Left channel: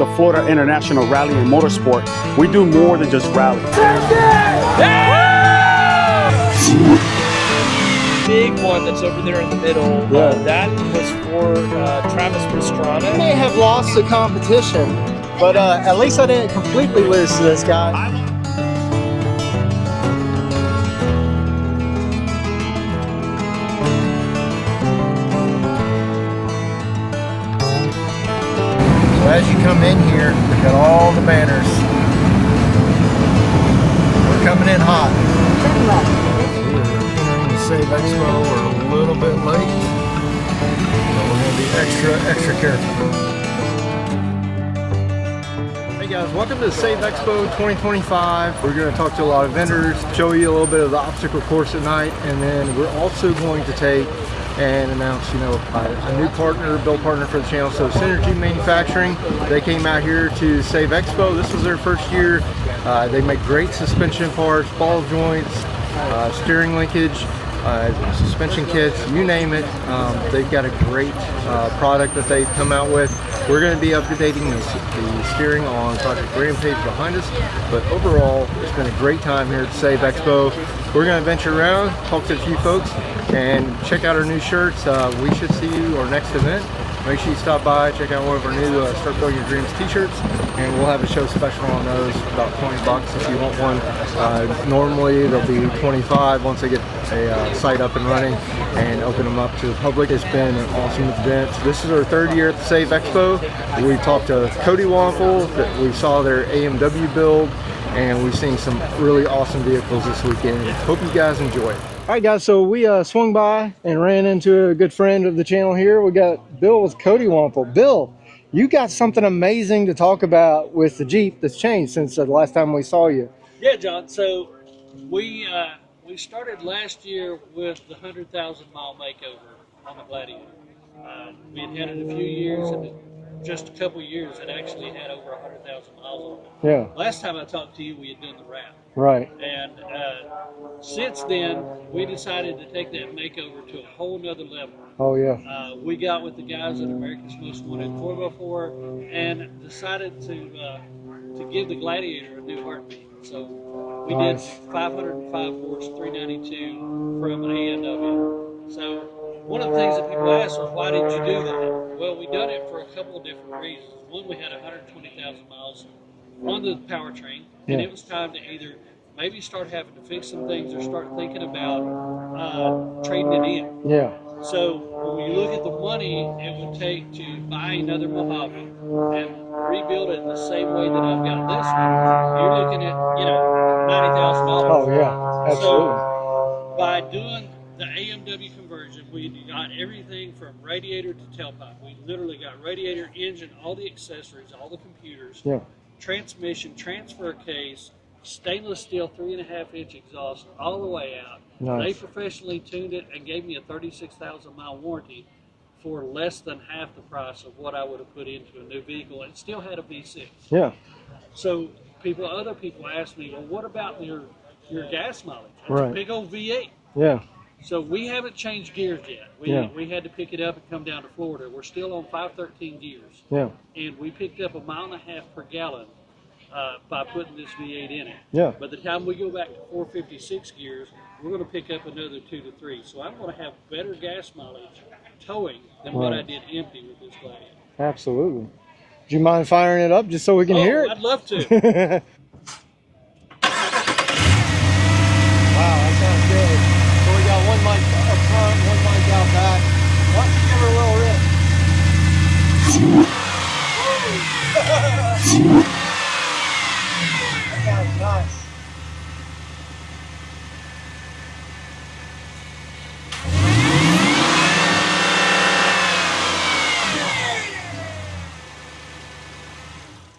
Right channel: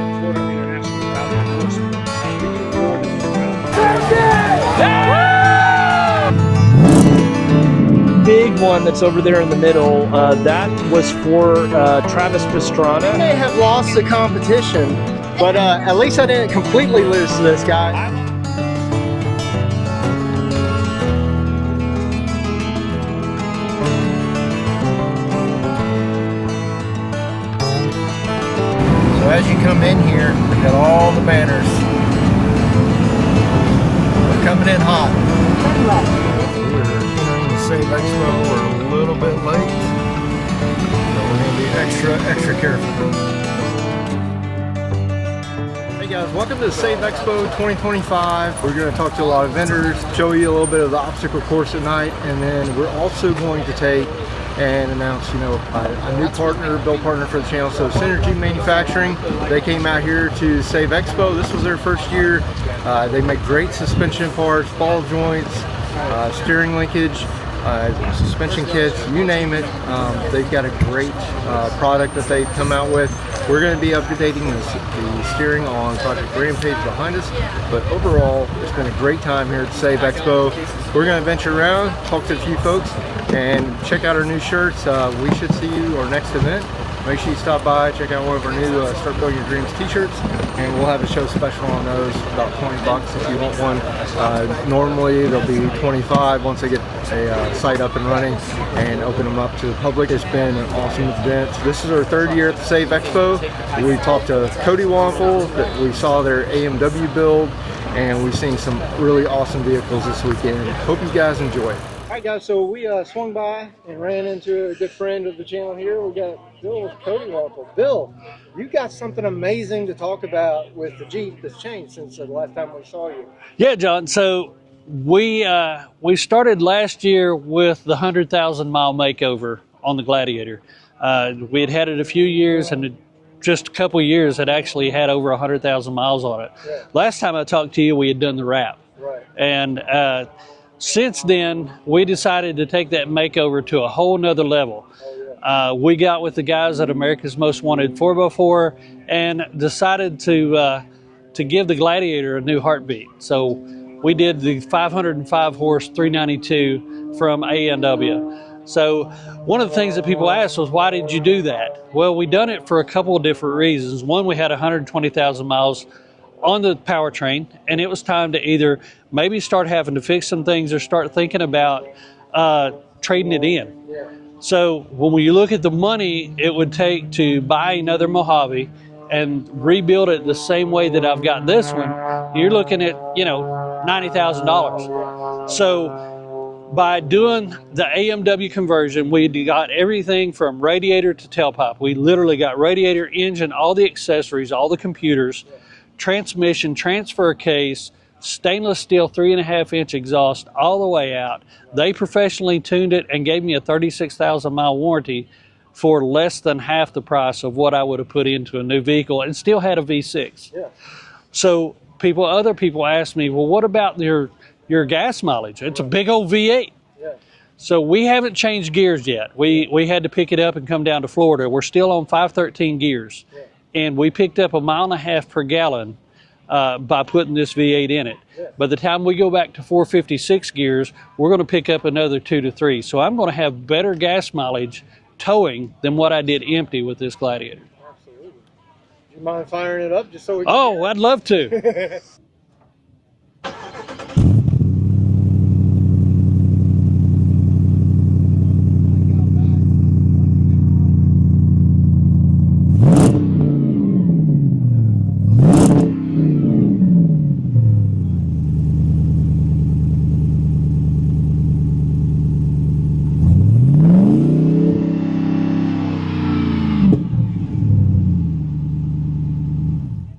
the Florida International Rally and Motorsport, we do more than just rally. Big one that's over there in the middle, that was for Travis Pastrana. I may have lost the competition, but at least I didn't completely lose to this guy. So as you come in here, we got all the banners. We're coming in hot. We're entering the SAVE Expo. We're a little bit late, so we're going to be extra careful. Hey guys, welcome to the SAVE Expo 2025. We're going to talk to a lot of vendors, show you a little bit of the obstacle course at night, and then we're also going to take and announce, a new partner, build partner for the channel. So Synergy Manufacturing, they came out here to SAVE Expo. This was their first year. They make great suspension parts, ball joints, steering linkage, suspension kits, you name it. They've got a great product that they've come out with. We're going to be updating the steering on Project Rampage behind us, but overall it's been a great time here at SAVE Expo. We're going to venture around, talk to a few folks, and check out our new shirts. We should see you our next event. Make sure you stop by, check out one of our new Start Building Your Dreams t-shirts, and we'll have a show special on those, about 20 bucks if you want one. Normally they'll be 25 once they get a site up and running and open them up to the public. It's been an awesome event. This is our third year at the SAVE Expo. We talked to Cody Wampel, that we saw their AMW build, and we've seen some really awesome vehicles this weekend. Hope you guys enjoy it. All right guys, so we swung by and ran into a good friend of the channel here. We got Bill with Cody Wampel. Bill, you got something amazing to talk about with the Jeep that's changed since the last time we saw you. Yeah, John, so we started last year with the 100,000-mile makeover on the Gladiator. We had it a few years, and just a couple of years had actually had over 100,000 miles on it. Yeah. Last time I talked to you, we had done the wrap. Right. And since then, we decided to take that makeover to a whole nother level. Oh yeah. We got with the guys at America's Most Wanted 4x4 and decided to give the Gladiator a new heartbeat. So we did the 505 horse 392 from A&W. So one of the things that people asked was, why did you do that? Well, we done it for a couple of different reasons. One, we had 120,000 miles on the powertrain, and it was time to either maybe start having to fix some things or start thinking about trading it in. Yeah. So when you look at the money it would take to buy another Mojave and rebuild it the same way that I've got this one, you're looking at, $90,000. Oh yeah. Absolutely. So by doing the AMW conversion, we got everything from radiator to tailpipe. We literally got radiator, engine, all the accessories, all the computers, transmission, transfer case, stainless steel 3.5-inch exhaust all the way out. Nice. They professionally tuned it and gave me a 36,000-mile warranty for less than half the price of what I would have put into a new vehicle, and still had a V6. Yeah. So other people ask me, well, what about your gas mileage? It's a big old V8. Yeah. So we haven't changed gears yet. We had to pick it up and come down to Florida. We're still on 513 gears. Yeah. And we picked up 1.5 miles per gallon by putting this V8 in it. Yeah. By the time we go back to 456 gears, we're going to pick up another 2 to 3. So I'm going to have better gas mileage towing than what I did empty with this Gladiator. Absolutely. Do you mind firing it up just so we can hear it? Oh, I'd love to.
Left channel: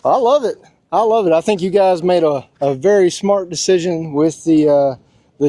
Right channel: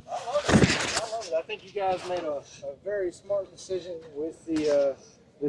I love it. I love it. I think you guys made a very smart decision with the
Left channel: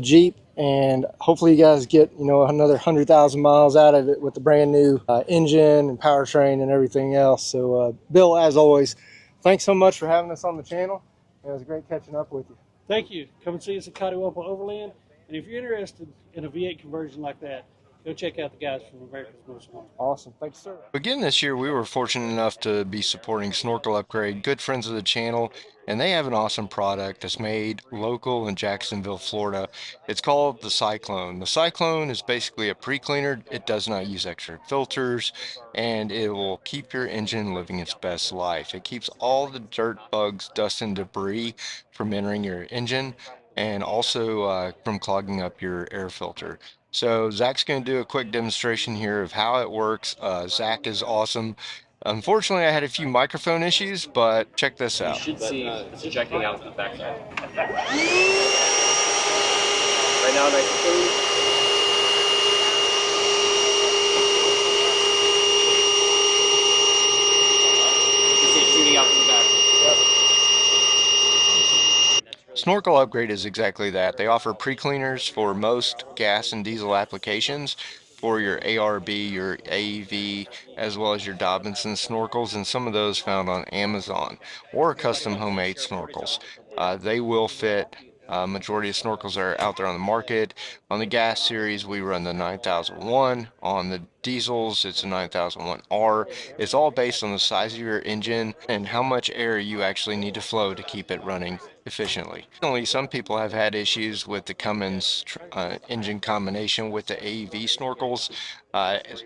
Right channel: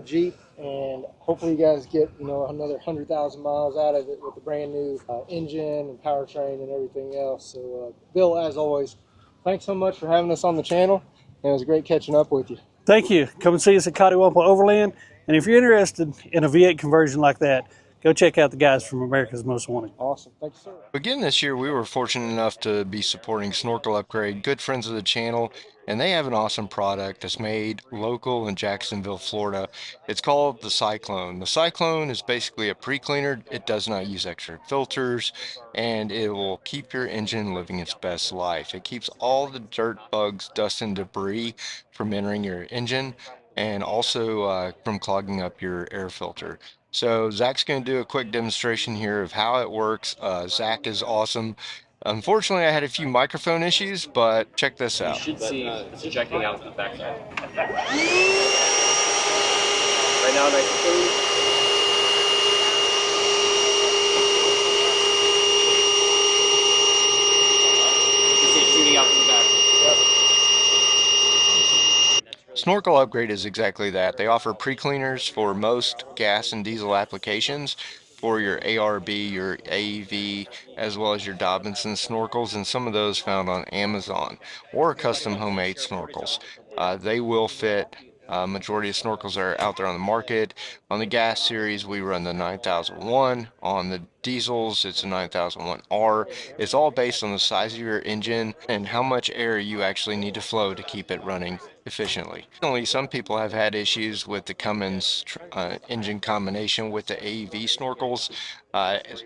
Jeep, and hopefully you guys get another 100,000 miles out of it with the brand new engine and powertrain and everything else. So Bill, as always, thanks so much for having us on the channel. It was great catching up with you. Thank you. Come and see us at Cody Wampel Overland, and if you're interested in a V8 conversion like that, go check out the guys from America's Most Wanted. Awesome. Thanks, sir. Again, this year we were fortunate enough to be supporting Snorkel Upgrade, good friends of the channel, and they have an awesome product that's made local in Jacksonville, Florida. It's called the Cyclone. The Cyclone is basically a pre-cleaner. It does not use extra filters, and it will keep your engine living its best life. It keeps all the dirt, bugs, dust, and debris from entering your engine, and also from clogging up your air filter. So Zach's going to do a quick demonstration here of how it works. Zach is awesome. Unfortunately, I had a few microphone issues, but check this out. You should see it's ejecting out the backside. Right now, nice and clean. You can see it shooting out from the back. Snorkel Upgrade is exactly that. They offer pre-cleaners for most gas and diesel applications for your ARB, your AEV, as well as your Dobinsons snorkels, and some of those found on Amazon, or custom homemade snorkels. They will fit majority of snorkels that are out there on the market. On the gas series, we run the 9001. On the diesels, it's a 9001R. It's all based on the size of your engine and how much air you actually need to flow to keep it running efficiently. Some people have had issues with the Cummins engine combination with the AEV snorkels.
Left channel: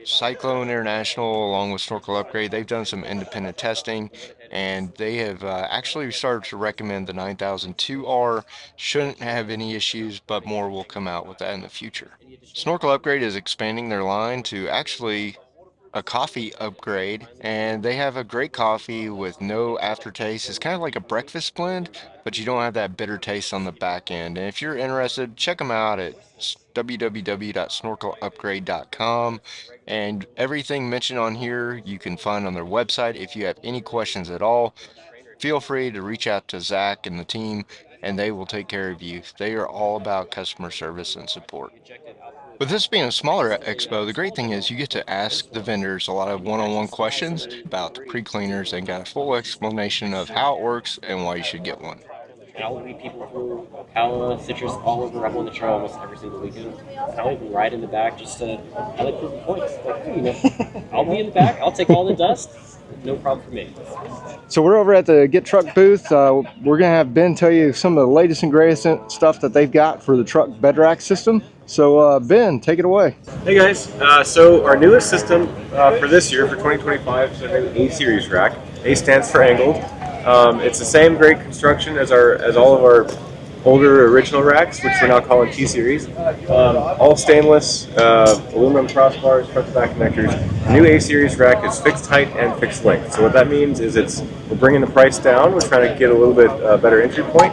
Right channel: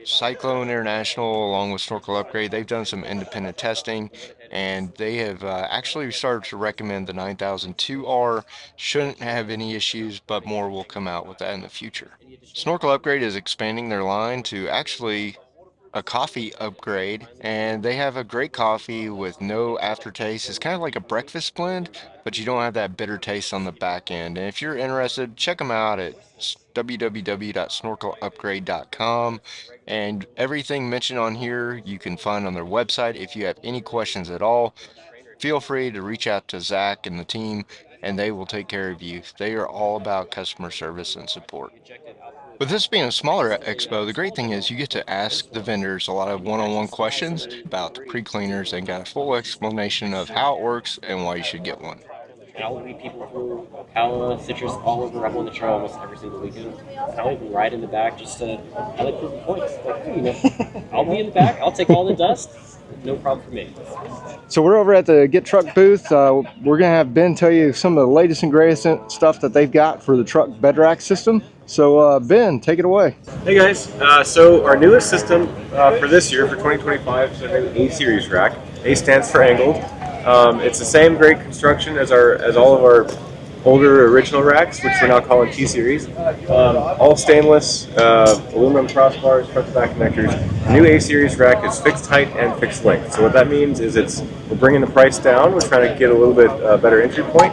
Cyclone International, along with Snorkel Upgrade, they've done some independent testing, and they have actually started to recommend the 9002R. Shouldn't have any issues, but more will come out with that in the future. Snorkel Upgrade is expanding their line to actually a coffee upgrade, and they have a great coffee with no aftertaste. It's kind of like a breakfast blend, but you don't have that bitter taste on the back end. And if you're interested, check them out at www.snorkelupgrade.com, and everything mentioned on here you can find on their website. If you have any questions at all, feel free to reach out to Zach and the team, and they will take care of you. They are all about customer service and support. With this being a smaller expo, the great thing is you get to ask the vendors a lot of one-on-one questions about the pre-cleaners and got a full explanation of how it works and why you should get one. And I'll lead people through Ocala, citrus, all over. I'm on the trail almost every single weekend. I'll even ride in the back just to, I like proving points. Like, you know, I'll be in the back, I'll take all the dust. No problem for me. So we're over at the Get Truck booth. We're going to have Ben tell you some of the latest and greatest stuff that they've got for the truck bed rack system. So Ben, take it away. Hey guys, so our newest system for this year, for 2025, is a new A-Series rack. A stands for angled. It's the same great construction as all of our older original racks, which we're now calling T-Series. All stainless, aluminum crossbars, front to back connectors. The new A-Series rack is fixed height and fixed length. So what that means is we're bringing the price down. We're trying to get a little bit better entry point.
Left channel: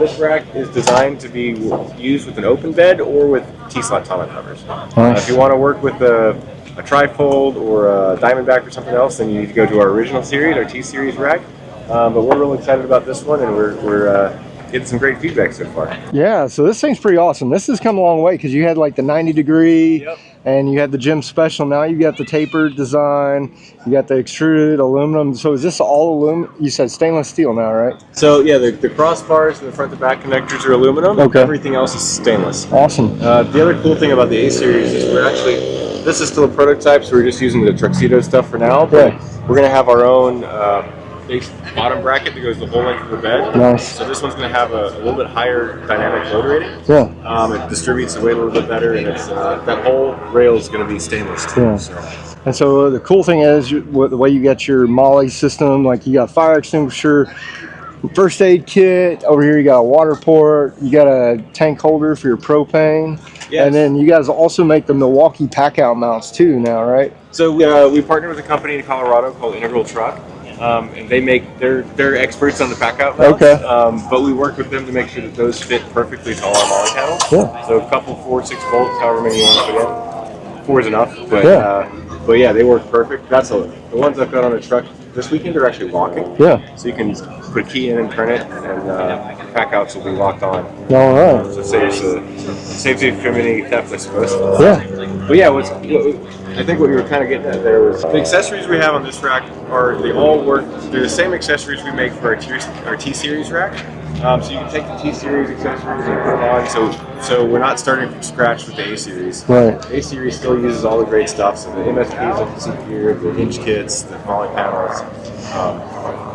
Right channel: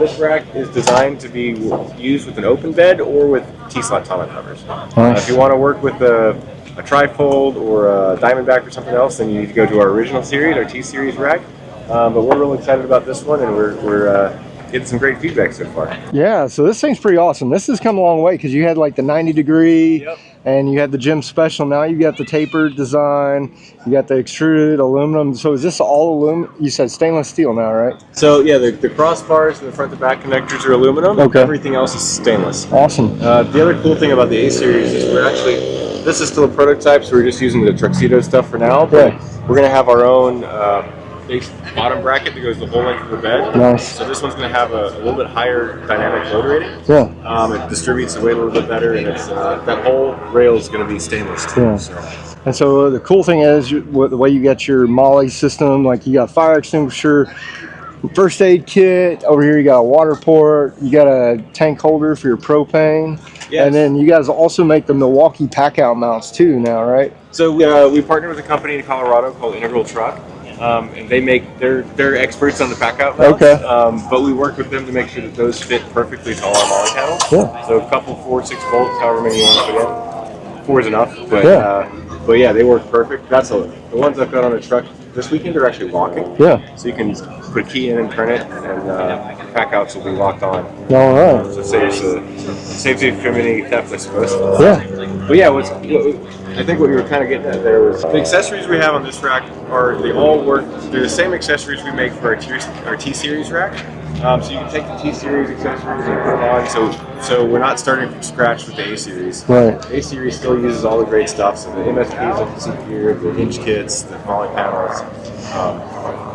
This rack is designed to be used with an open bed or with T-slot tonneau covers. If you want to work with a trifold or a Diamondback or something else, then you need to go to our original series, our T-Series rack. But we're really excited about this one, and we're getting some great feedback so far. Yeah, so this thing's pretty awesome. This has come a long way because you had like the 90-degree, Yep. and you had the Gym Special. Now you got the tapered design, you got the extruded aluminum. So is this all aluminum? You said stainless steel now, right? So yeah, the crossbars and the front to back connectors are aluminum. Okay. Everything else is stainless. Awesome. The other cool thing about the A-Series is this is still a prototype, so we're just using the Tuxedo stuff for now, but we're going to have our own base bottom bracket that goes the whole length of the bed. Nice. So this one's going to have a little bit higher dynamic load rating. Yeah. It distributes the weight a little bit better, and it's that whole rail is going to be stainless too. Yeah. So. And so the cool thing is the way you got your MOLLE system, like you got fire extinguisher, first aid kit. Over here you got a water port, you got a tank holder for your propane. Yes. And then you guys also make the Milwaukee pack out mounts too now, right? So we partnered with a company in Colorado called Integral Truck. And they're experts on the pack out mounts. Okay. But we work with them to make sure that those fit perfectly to all our MOLLE panels. Yeah. So a couple 4 or 6 bolts, however many you want to put in. 4 is enough. But yeah, they work perfect. The ones I've got on the truck this weekend are actually locking. Yeah. So you can put a key in and turn it, and pack outs will be locked on. All right. So it saves you from any theft, I suppose. Yeah. But yeah, I think what you were kind of getting at there was the accessories we have on this rack they're the same accessories we make for our T-Series rack, So you can take the T series accessories and put them on. So we're not starting from scratch with the A series. Right. A series still uses all the great stuff. So the MSPs that you see here, the hinge kits, the poly panels.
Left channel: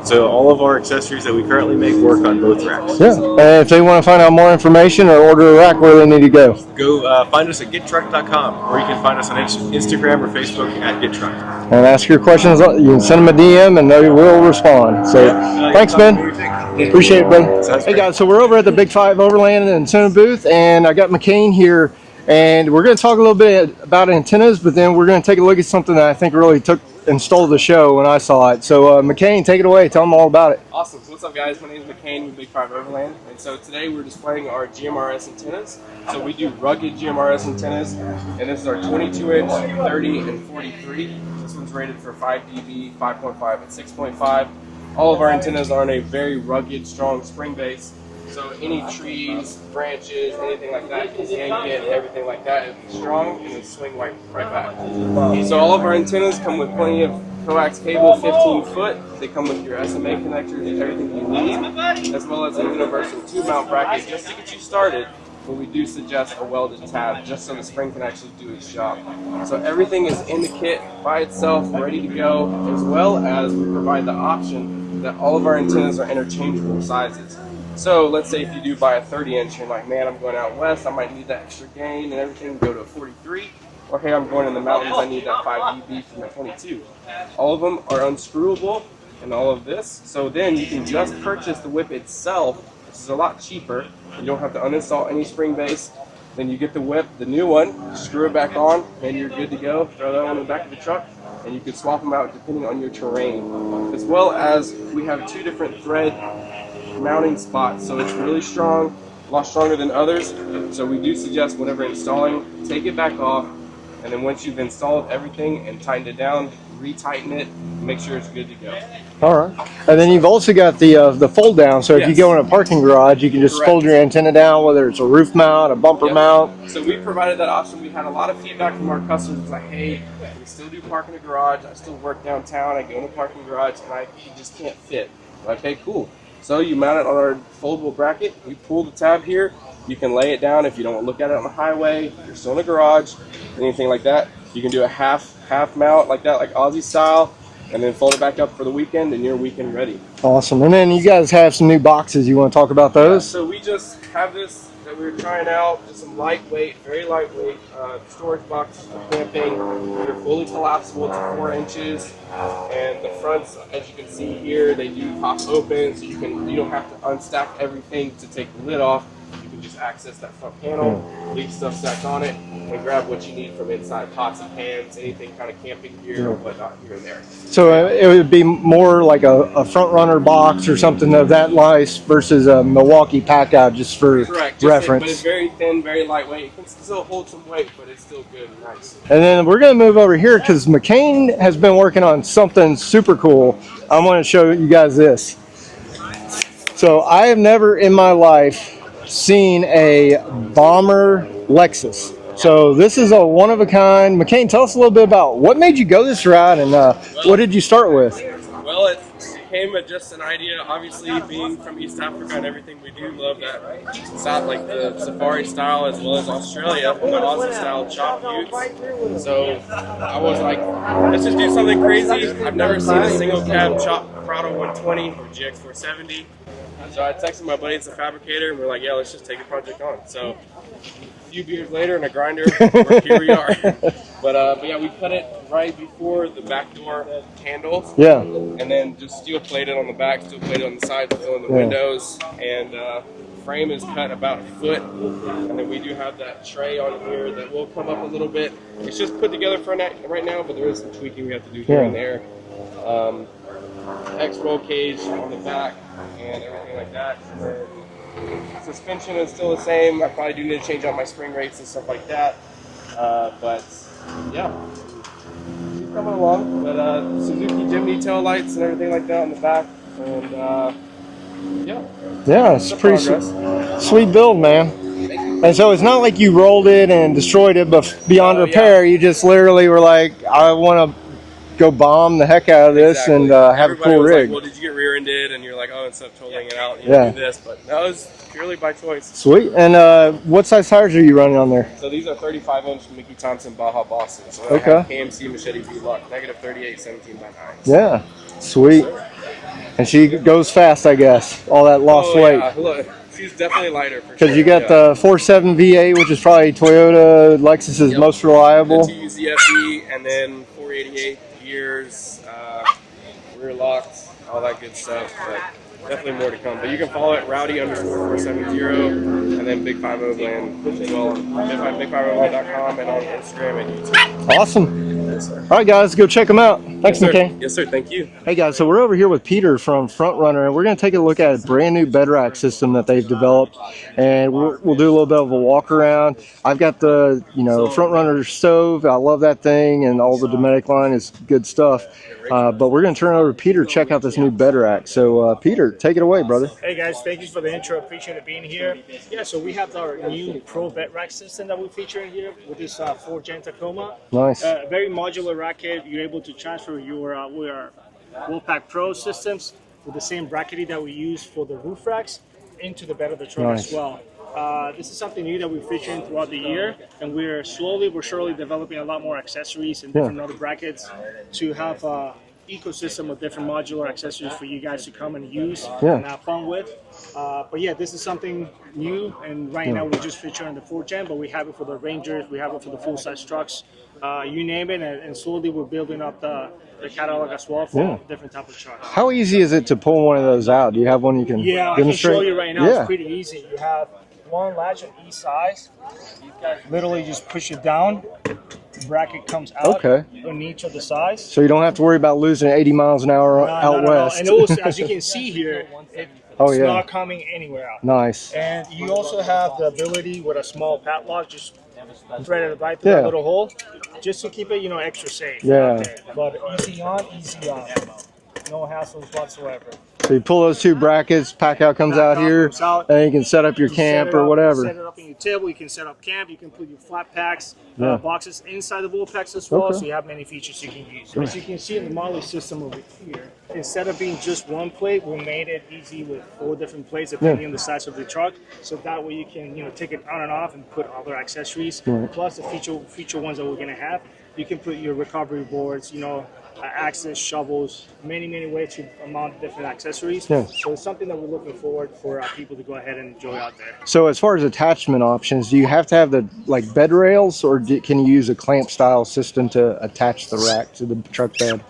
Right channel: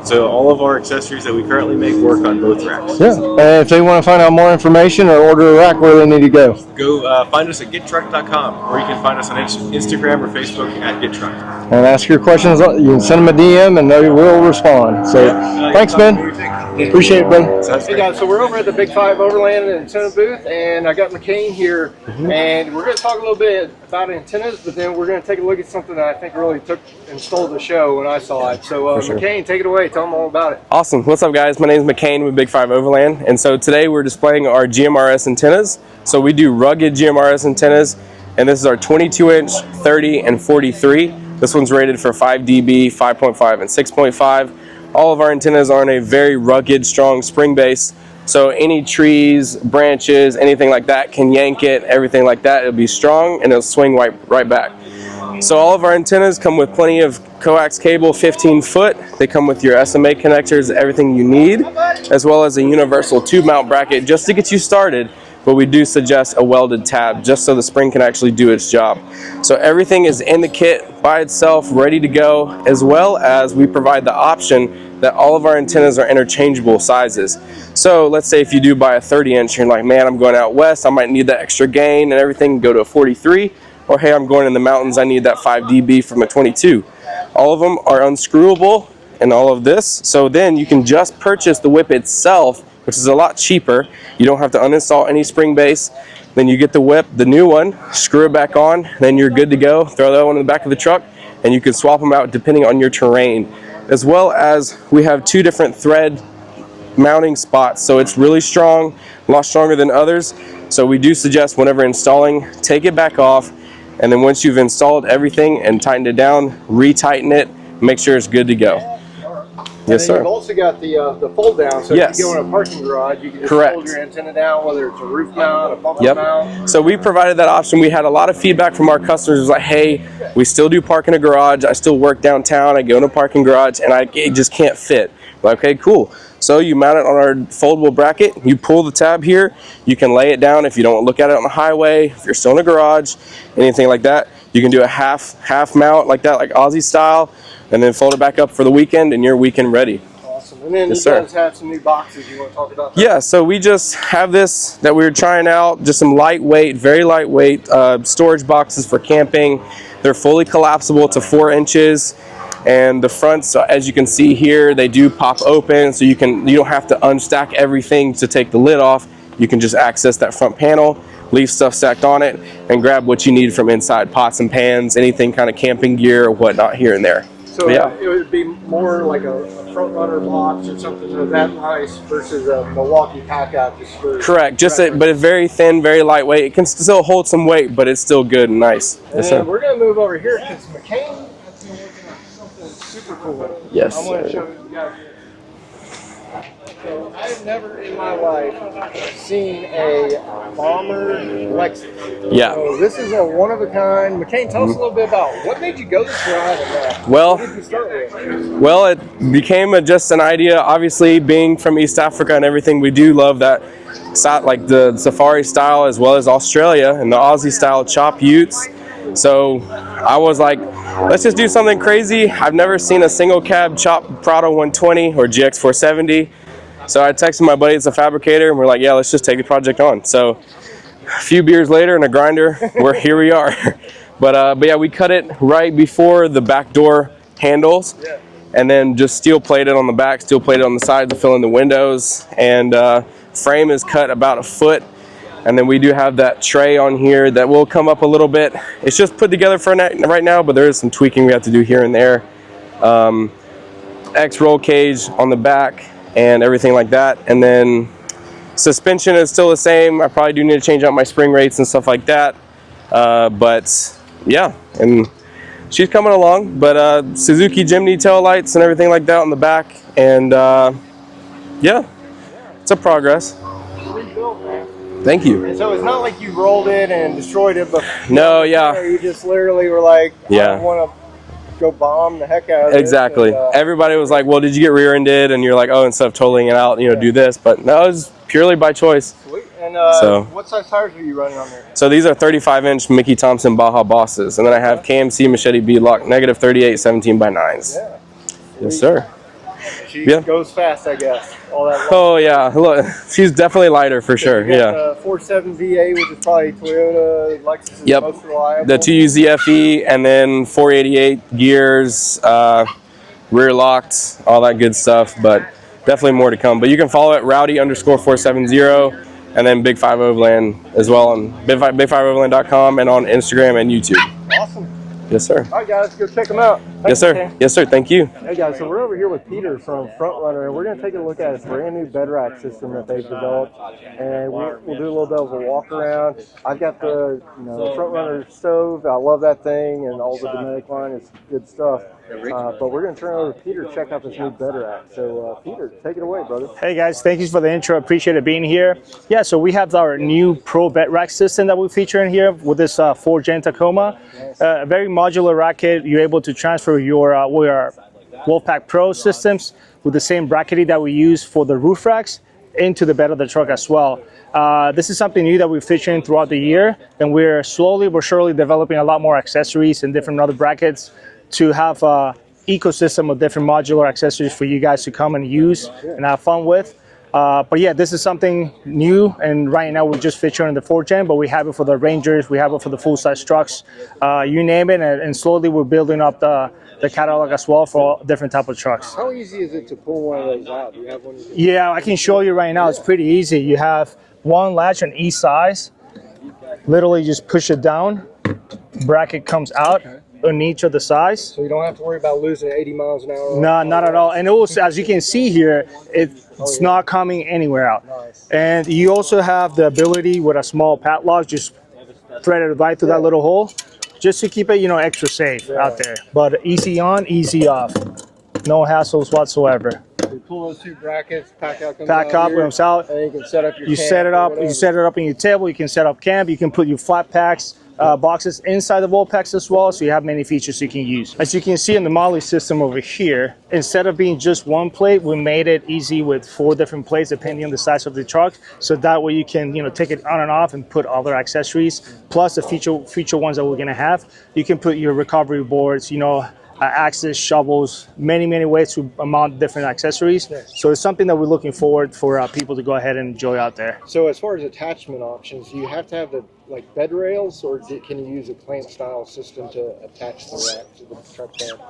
So all of our accessories that we currently make work on both racks. Yeah. And if they want to find out more information or order a rack, where do they need to go? Go find us at gettruck.com, or you can find us on Instagram or Facebook at gettruck. And ask your questions. You can send them a DM and they will respond. So thanks, Ben. Appreciate it, Ben. Hey guys, so we're over at the Big 5 Overland antenna booth, and I got McCain here, and we're going to talk a little bit about antennas, but then we're going to take a look at something that I think really took and stole the show when I saw it. So McCain, take it away. Tell them all about it. Awesome. What's up, guys? My name is McCain with Big 5 Overland, and so today we're displaying our GMRS antennas. So we do rugged GMRS antennas, and this is our 22-inch, 30, and 43. This one's rated for 5 dB, 5.5, and 6.5. All of our antennas are on a very rugged, strong spring base. So any trees, branches, anything like that can yank it, everything like that. It'll be strong and it'll swing right back. So all of our antennas come with plenty of coax cable, 15 foot. They come with your SMA connectors, everything you need, as well as a universal tube mount bracket just to get you started. But we do suggest a welded tab just so the spring can actually do its job. So everything is in the kit by itself, ready to go, as well as we provide the option that all of our antennas are interchangeable sizes. So let's say if you do buy a 30-inch, you're like, man, I'm going out west, I might need that extra gain and everything, go to a 43. Or hey, I'm going in the mountains, I need that 5 dB from a 22. All of them are unscrewable and all of this. So then you can just purchase the whip itself, which is a lot cheaper. You don't have to uninstall any spring base. Then you get the whip, the new one, screw it back on, then you're good to go. Throw that one in the back of the truck, and you can swap them out depending on your terrain. As well as we have 2 different thread mounting spots, so it's really strong, a lot stronger than others. So we do suggest whenever installing, take it back off, and then once you've installed everything and tightened it down, re-tighten it, make sure it's good to go. All right. And then you've also got the fold down, so if you go in a parking garage, you can just fold your antenna down, whether it's a roof mount, a bumper mount. So we provided that option. We had a lot of feedback from our customers. It was like, hey, we still do park in a garage, I still work downtown, I go in a parking garage, and it just can't fit. Like, okay, cool. So you mount it on our foldable bracket, you pull the tab here, you can lay it down if you don't look at it on the highway, if you're still in a garage, anything like that. You can do a half mount like that, like Aussie style, and then fold it back up for the weekend, and you're weekend ready. Awesome. And then you guys have some new boxes. You want to talk about those? Yeah, so we just have this that we were trying out, just some lightweight, very lightweight storage boxes for camping. They're fully collapsible to 4 inches. And the fronts, as you can see here, they do pop open, so you don't have to unstack everything to take the lid off. You can just access that front panel, leave stuff stacked on it, and grab what you need from inside, pots and pans, anything kind of camping gear or whatnot here and there. So it would be more like a front runner box or something of that nice versus a Milwaukee pack out, just for correct. But it's very thin, very lightweight. It can still hold some weight, but it's still good and nice. And then we're going to move over here because McCain has been working on something super cool. Yes. I want to show you guys this. So I have never in my life seen a bomber Lexus. Yeah. So this is a one-of-a-kind. McCain, tell us a little bit about what made you go this route, and what did you start with? Well, it became just an idea. Obviously, being from East Africa and everything, we do love that, like the safari style as well as Australia and the Aussie style chop utes. So I was like, let's just do something crazy. I've never seen a single cab chop Prado 120 or GX 470. So I texted my buddy, it's a fabricator, and we're like, yeah, let's just take the project on. So a few beers later and a grinder, here we are. But yeah, we cut it right before the back door handles. Yeah. And then just steel plated on the back, steel plated on the side to fill in the windows. And frame is cut about a foot. And then we do have that tray on here that will come up a little bit. It's just put together for right now, but there is some tweaking we have to do here and there. X roll cage on the back and everything like that. And then suspension is still the same. I probably do need to change out my spring rates and stuff like that. But yeah, and she's coming along. But Suzuki Jimny tail lights and everything like that on the back. And yeah, it's a progress. Sweet build, man. Thank you. And so it's not like you rolled it and destroyed it, but beyond repair, you just literally were like, I want to go bomb the heck out of this. Exactly. And, everybody was like, well, did you get rear-ended? And you're like, oh, instead of totaling it out, you know, do this. But no, it was purely by choice. Sweet. And what size tires are you running on there? So these are 35-inch Mickey Thompson Baja Bosses. And then I have KMC Machete V-Lock negative 38 17x9s. Yeah. Sweet. Yes, sir. And she goes fast, I guess. All that lost weight. Yeah. Look, she's definitely lighter for sure. You got the 4.7 V8, which is probably Toyota Lexus's most reliable. The 2U ZFE, and then 488 gears, rear locked, all that good stuff. But definitely more to come. But you can follow it rowdy_470, and then Big 5 Overland as well on big5overland.com and on Instagram and YouTube. Awesome. Yes, sir. All right, guys, go check them out. Thanks, yes, sir. McKay. Yes, sir. Thank you. Hey, guys, so we're over here with Peter from Front Runner, and we're going to take a look at a brand new bed rack system that they've developed, and we'll do a little bit of a walk around. I've got the, Front Runner stove. I love that thing, and all the Dometic line is good stuff. But we're going to turn it over to Peter to check out this new bed rack. So, Peter, take it away, brother. Hey, guys. Thank you for the intro. Appreciate it being here. Yeah, so we have our new Pro bed rack system that we feature in here with this 4th-gen Tacoma. Nice. A very modular racket. You're able to transfer your Wolfpack Pro systems with the same bracketry that we use for the roof racks into the bed of the truck as well. This is something new that we're featuring throughout the year, and we're slowly but surely developing a lot more accessories and different other brackets to have an ecosystem of different modular accessories for you guys to come and use and have fun with. But yeah, this is something new, and right now we're just featuring the 4th-gen, but we have it for the Rangers, we have it for the full-size trucks, you name it, and slowly we're building up the catalog as well for different type of trucks. How easy is it to pull one of those out? Do you have one you can I can show you right now. It's pretty easy. You have one latch on each size. Literally just push it down. Bracket comes out on each of the sides. So you don't have to worry about losing 80 miles an hour. No, not at all. And also, as you can see here, it's not coming anywhere out. Nice. And you also have the ability with a small padlock, just thread it right through that little hole, just to keep it, extra safe out there. But easy on, easy off. No hassles whatsoever. So you pull those two brackets, pack out comes out here, and you can set up your camp or whatever. You set it up in your table, you can set up camp, you can put your flat packs, boxes inside the wall packs as well, so you have many features you can use. As you can see in the Molly system over here, instead of being just one plate, we made it easy with 4 different plates depending on the size of the truck, so that way you can take it on and off and put other accessories, plus the feature ones that we're going to have. You can put your recovery boards, axes, shovels, many ways to mount different accessories. So it's something that we're looking forward for people to go ahead and enjoy out there. So as far as attachment options, do you have to have the bed rails, or can you use a clamp style system to attach the rack to the truck bed?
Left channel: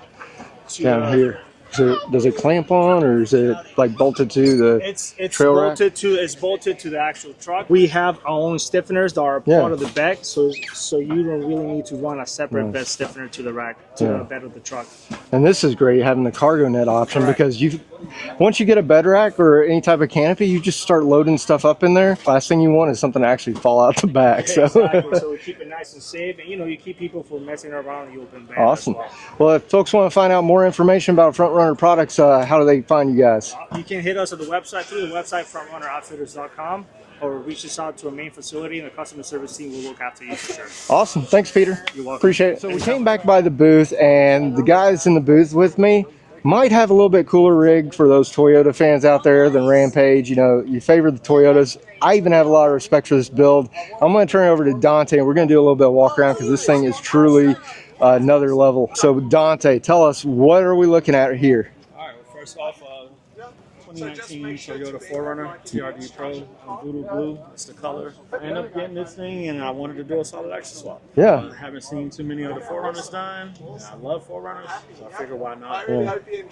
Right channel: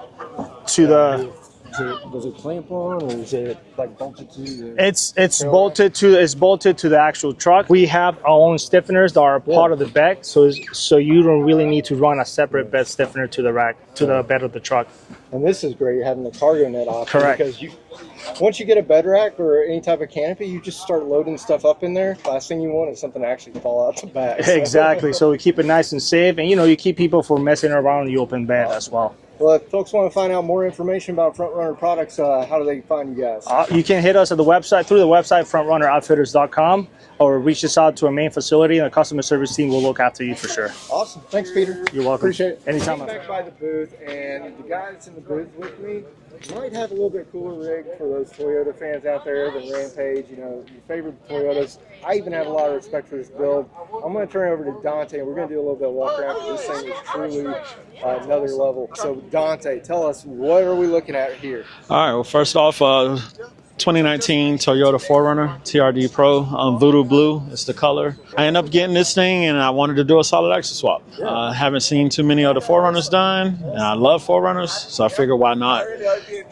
Here. Does it clamp on, or is it bolted to the? It's bolted to the actual truck. We have our own stiffeners that are part of the bed, so you don't really need to run a separate bed stiffener to the rack the bed of the truck. And this is great having the cargo net option, because once you get a bed rack or any type of canopy, you just start loading stuff up in there. Last thing you want is something to actually fall out the back. So. Exactly. So we keep it nice and safe, and you keep people from messing around the open bed as well. Well, if folks want to find out more information about Front Runner products, how do they find you guys? You can hit us at the website, through the website, frontrunneroutfitters.com, or reach us out to our main facility, and the customer service team will look after you for sure. Awesome. Thanks, Peter. You're welcome. Appreciate it. So we came back by the booth, and the guys in the booth with me might have a little bit cooler rig for those Toyota fans out there than Rampage. You favor the Toyotas. I even have a lot of respect for this build. I'm going to turn it over to Dante, and we're going to do a little bit of walk around, because this thing is truly another level. So Dante, tell us, what are we looking at here? All right, well, first off, 2019 Toyota 4Runner TRD Pro, Voodoo Blue, it's the color. I ended up getting this thing, and I wanted to do a solid axle swap. Haven't seen too many other 4Runners done, and I love 4Runners, so I figured why not.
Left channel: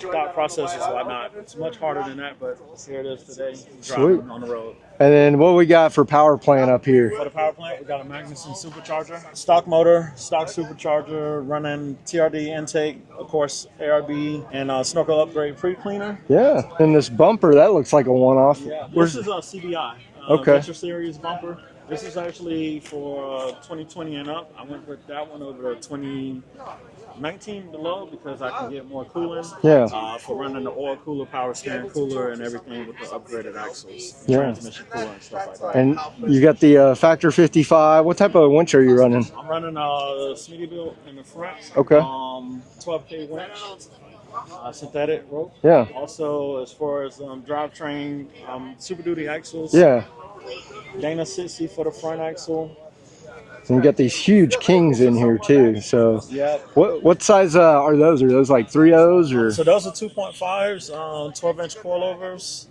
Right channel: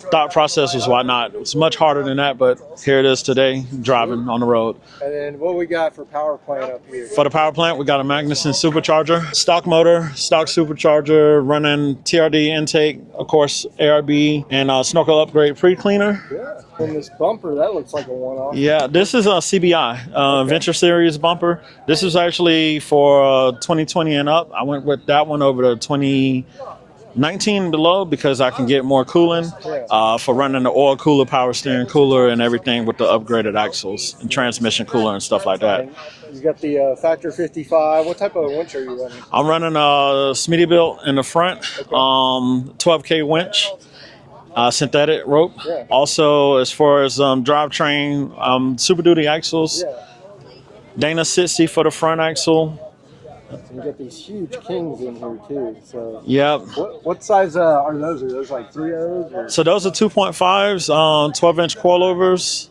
Thought process was why not. It's much harder than that, but here it is today, driving on the road. And then what we got for power plant up here? For the power plant, we got a Magnuson supercharger, stock motor, stock supercharger, running TRD intake, of course, ARB, and Snorkel upgrade pre-cleaner. Yeah, and this bumper, that looks like a one-off. Yeah, this is a CBI, Venture Series bumper. This is actually for 2020 and up. I went with that one over the 20 19 below because I can get more cooling for running the oil cooler, power steering cooler, and everything with the upgraded axles and transmission cooler and stuff like that. And you got the Factor 55. What type of winch are you running? I'm running a Smittybilt in the front, 12K winch, synthetic rope. Yeah. Also, as far as drivetrain, Super Duty axles. Yeah. Dana 60 for the front axle. And you got these huge Kings in here too. So yep. What size are those? Are those like 3.0s or? So those are 2.5s, 12-inch coilovers.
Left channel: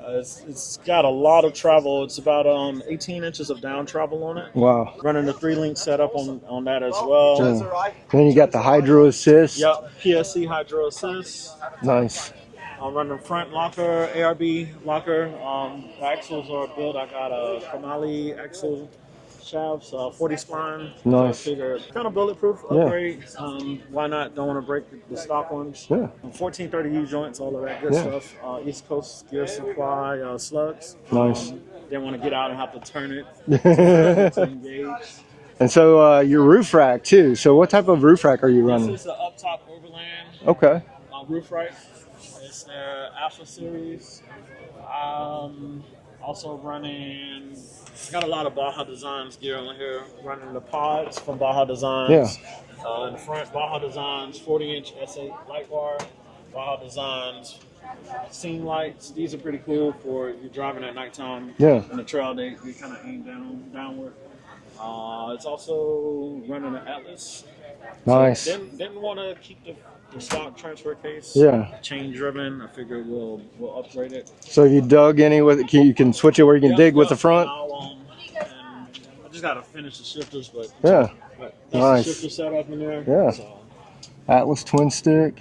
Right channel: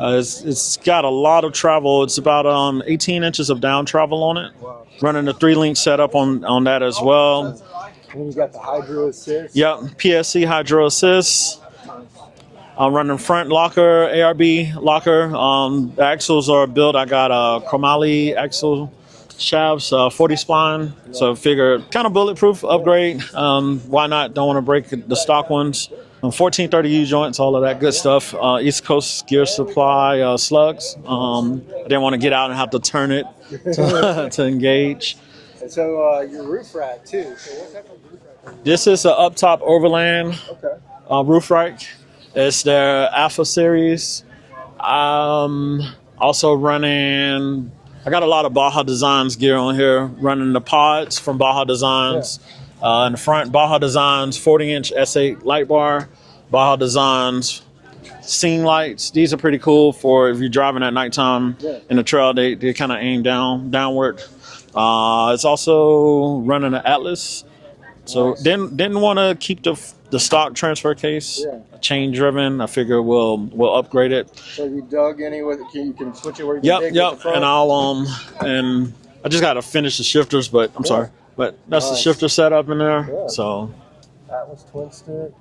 It's got a lot of travel. It's about 18 inches of down travel on it. Wow. Running a 3-link setup on that as well. Yeah. Then you got the Hydro Assist. Yep, PSC Hydro Assist. Nice. I'm running front locker, ARB locker. The axles are built. I got a chromoly axle shafts, 40 spline. Nice. So figure kind of bulletproof upgrade. Why not? Don't want to break the stock ones. 1430U joints, all of that good stuff. East Coast gear supply slugs. I didn't want to get out and have to turn it to engage. And so your roof rack too. So what type of roof rack are you running? This is an up top Overland roof rack. It's their Alpha series. Also running, I got a lot of Baja Designs gear on here, running the pods from Baja Designs. In the front, Baja Designs 40-inch S8 light bar, Baja Designs scene lights. These are pretty cool for if you're driving at nighttime in the trail. They kind of aim downward. It's also running an Atlas. Nice. So didn't want to keep the stock transfer case. Chain driven. I figure we'll upgrade it. So you dug any with it? You can switch it where you can dig with the front. And I'll and I just got to finish the shifters, but I'm sorry, but that's the shifter setup in there. So Atlas twin stick.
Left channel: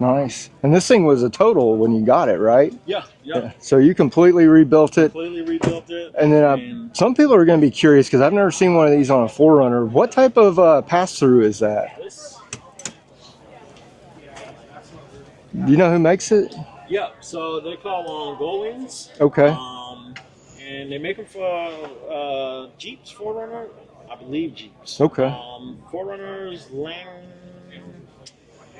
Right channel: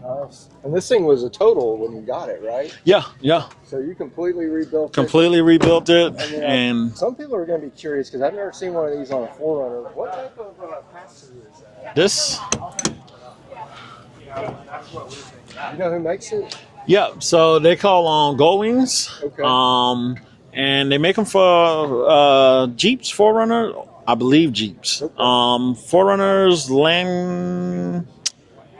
Nice. And this thing was a total when you got it, right? Yeah. So you completely rebuilt it. Completely rebuilt it. And then some people are going to be curious because I've never seen one of these on a 4Runner. What type of pass-through is that? This. You know who makes it? Yeah. So they call Gold Wings. Okay. And they make them for Jeeps, 4Runner. I believe Jeeps. Okay. 4Runners,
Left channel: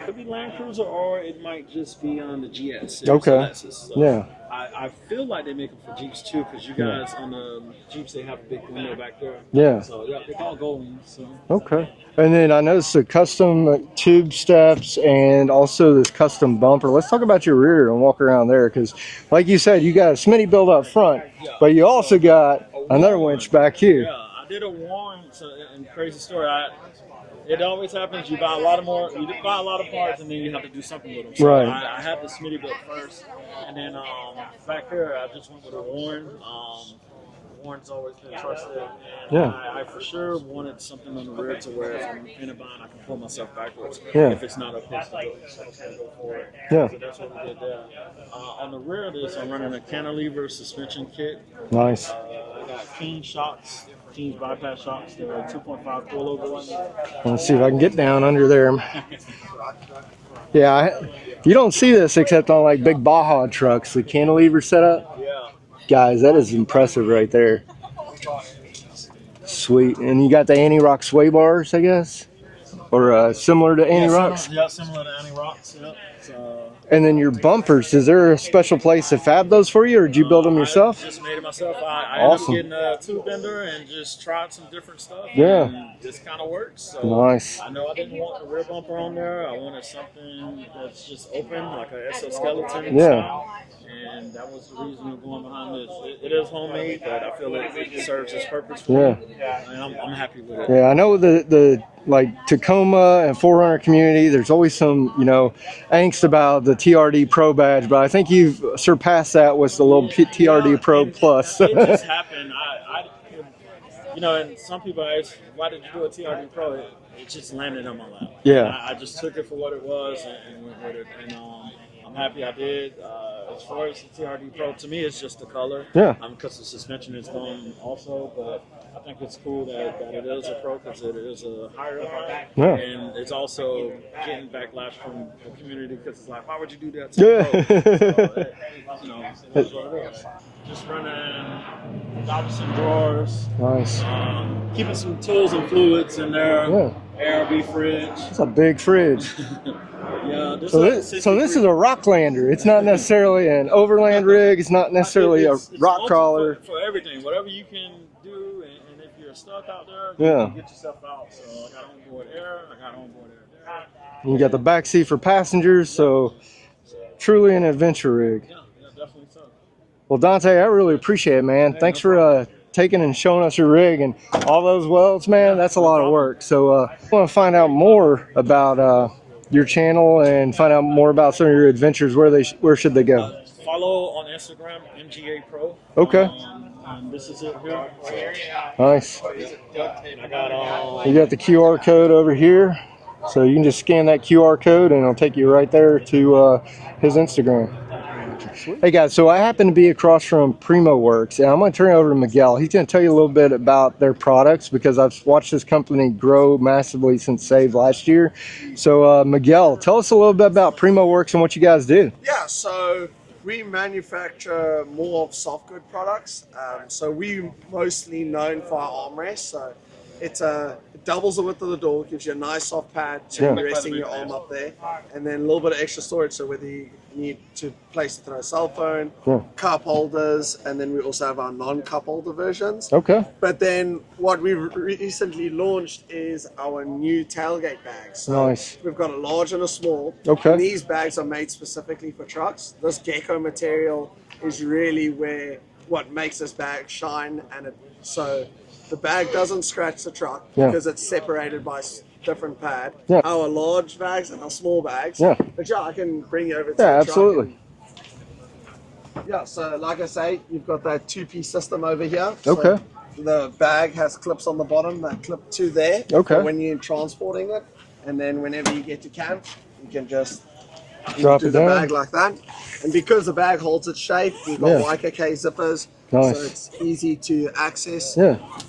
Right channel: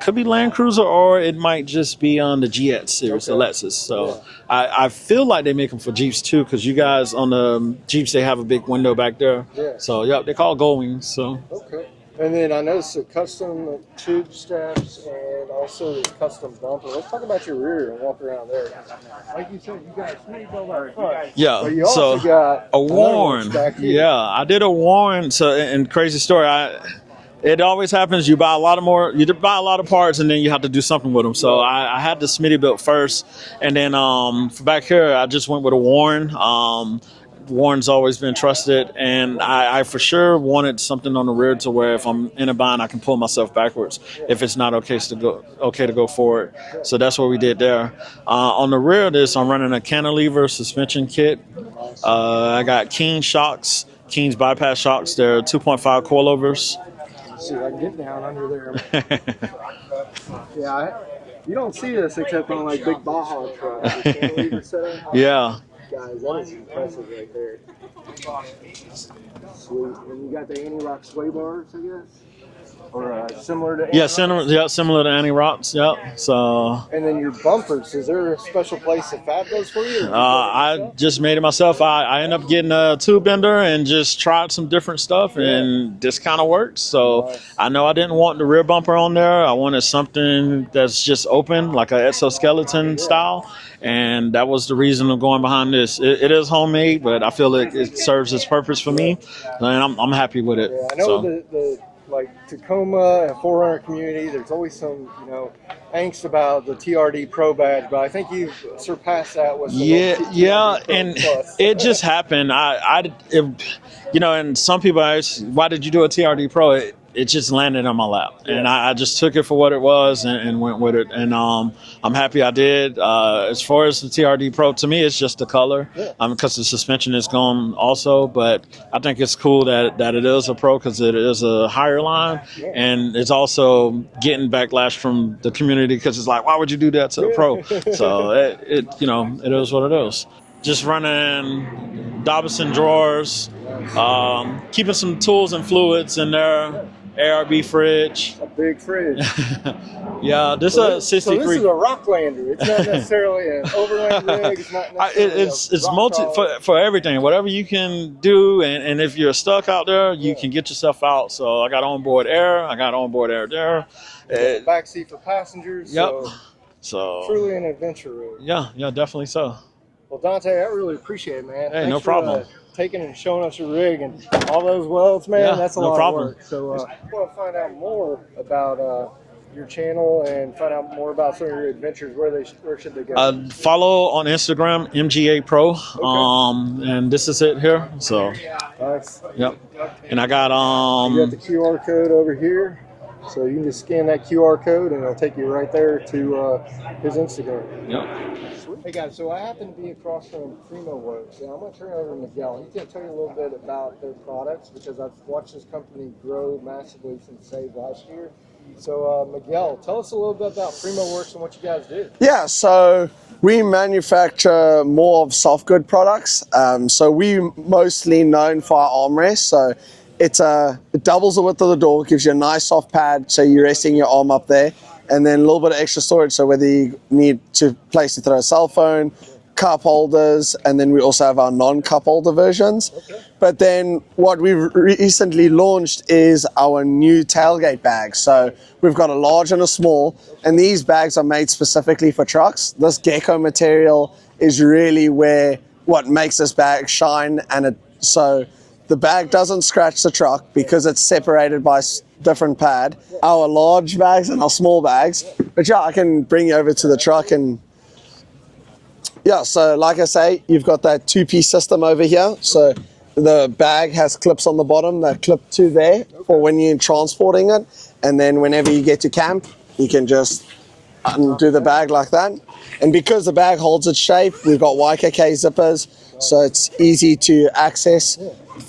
could be Land Cruiser, or it might just be on the GX series, the Lexus. So I feel like they make them for Jeeps too, because you guys on the Jeeps, they have a big window back there. So they call it Gold Wings. So And then I noticed the custom tube steps and also this custom bumper. Let's talk about your rear and walk around there, because like you said, you got a Smittybilt up front. But you also got another one back here. Yeah, I did a Warren. So, and crazy story, it always happens. You buy a lot of parts, and then you have to do something with them. So I had the Smittybilt first, and then for back here, I just went with a Warren. Warren's always been trusted, and I for sure wanted something on the rear to where if I'm in a bind, I can pull myself backwards if it's not okay to go forward. So that's what we did there. On the rear of this, I'm running a cantilever suspension kit. Nice. I got Keen's bypass shocks. They're 2.5 coilovers. Let's see if I can get down under there. You don't see this except on like big Baja trucks, the cantilever setup. Guys, that is impressive right there. Sweet. And you got the anti-rock sway bars, I guess? Or similar to anti-rocks? Similar to anti-rocks, So. And then your bumpers, is there a special place to fab those for you, or did you build them yourself? I just made it myself. I ended up getting a tube bender and just tried some different stuff, and this kind of works. So I know I didn't want the rear bumper on there. I wanted something that's just open, like an exoskeleton style. And that was the reason of going behind this. It is homemade, but I feel it serves its purpose for me, and I'm happy with it. I know the like Tacoma and 4Runner community, there's always some, angst about the TRD Pro badge, but I think you've surpassed that with the little TRD Pro Plus. It just happened. And some people ask, why did you do a TRD Pro? It just landed on my lap. And I just took it for what it was and went with it. And I'm happy I did. As far as the TRD Pro, to me, it's just the color. Because the suspension is gone also. But I think it's cool that it is a Pro, because it is a higher line. And it's also getting backlash from the community, because it's like, why would you do that to a Pro? So it is what it is. Just running Dobinson drawers, keeping some tools and fluids in there, ARB fridge. It's a big fridge. Yeah, this So is a 63. this is a Rocklander. It's not necessarily an overland rig. It's not necessarily it's a rock crawler. for everything. Whatever you can do, and if you're stuck out there, you Yeah. can get yourself out. So I got onboard air. I got onboard air there. You got the back seat for passengers. Yep. So truly an adventure rig. Yeah, definitely so. Well, Dante, I really appreciate it, man. Hey, Thanks no for problem. taking and showing us your rig and all those welds, man. Yeah, That's a no lot problem. of work. So I want to find out more about your channel and find out more about some of your adventures. Where should they go? Follow on Instagram, MGA Pro. Okay. And this is it here. So Nice. yep. And I got You got the QR code over here. So you can just scan that QR code and it'll take you right there to his Instagram. Yep. Hey guys, so I happen to be across from Primo Works, and I'm going to turn it over to Miguel. He's going to tell you a little bit about their products because I've watched this company grow massively since SAVE last year. So Miguel, tell us a little bit about Primo Works and what you guys do. Yeah, so we manufacture more of soft good products. So we mostly known for our armrest. So it doubles the width of the door, gives you a nice soft pad, so you're resting your arm up there, and then a little bit of extra storage, so whether you need to place to throw a cell phone, cup holders, and then we also have our non-cup holder versions. Okay. But then what we've recently launched is our new tailgate bags. So we've got a large and a small, and these bags are made specifically for trucks. This gecko material is really what makes this bag shine, and so the bag doesn't scratch the truck because it's separated by different pad. Our large bags and our small bags. But I can bring you over to the truck and so like I say, you've got that two-piece system over here. So the bag has clips on the bottom that clip to there for when you're transporting it, and then whenever you get to camp, you can just undo the bag like that. And because the bag holds its shape, we've got YKK zippers, so it's easy to access.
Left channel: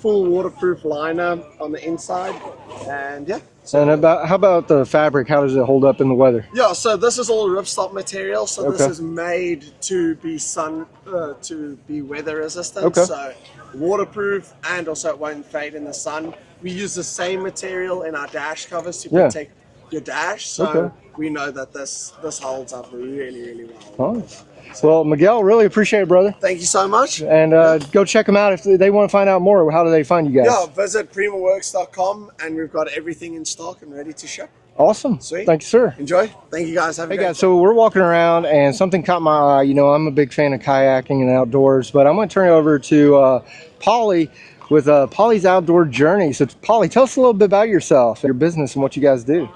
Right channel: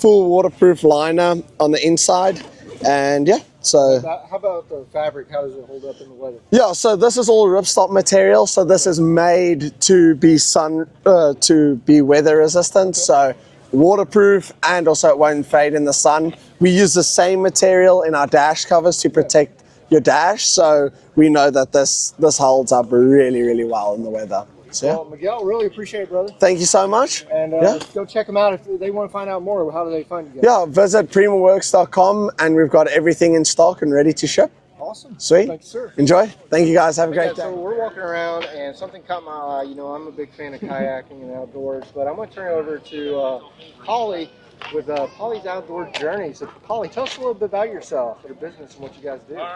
Full waterproof liner on the inside, and so. And how about the fabric? How does it hold up in the weather? Yeah, so this is all ripstop material. So this is made to be weather resistant. So waterproof, and also it won't fade in the sun. We use the same material in our dash covers to protect your dash. So we know that this holds up really, really well in the weather. So, well, Miguel, really appreciate it, brother. Thank you so much. And go check them out if they want to find out more. How do they find you guys? Yeah, visit primoworks.com, and we've got everything in stock and ready to ship. Awesome. Sweet. Thank you, sir. Enjoy. Thank you, guys. Have a great day. So we're walking around, and something caught my eye. You know, I'm a big fan of kayaking and outdoors, but I'm going to turn it over to Polly with Polly's Outdoor Journey. So, Polly, tell us a little bit about yourself, your business, and what you guys do.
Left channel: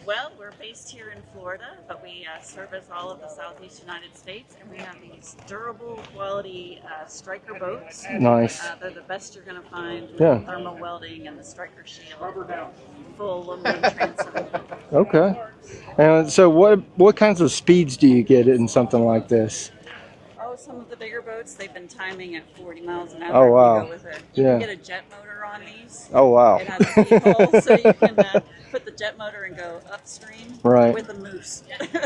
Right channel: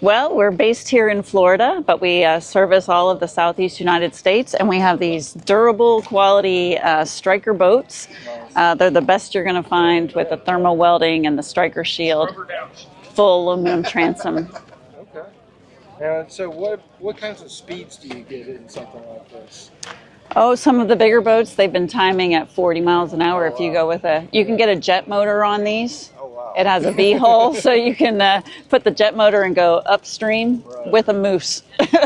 Well, we're based here in Florida, but we service all of the Southeast United States, and we have these durable quality striker boats. Nice. They're the best you're going to find with the thermal welding and the striker shield, full aluminum transom. Okay. So what kinds of speeds do you get in something like this? Oh, some of the bigger boats, they've been timing at 40 miles an hour if you go with you can get a jet motor on these. Oh, wow. It has a V-hull, so you can put the jet motor and go upstream with a moose.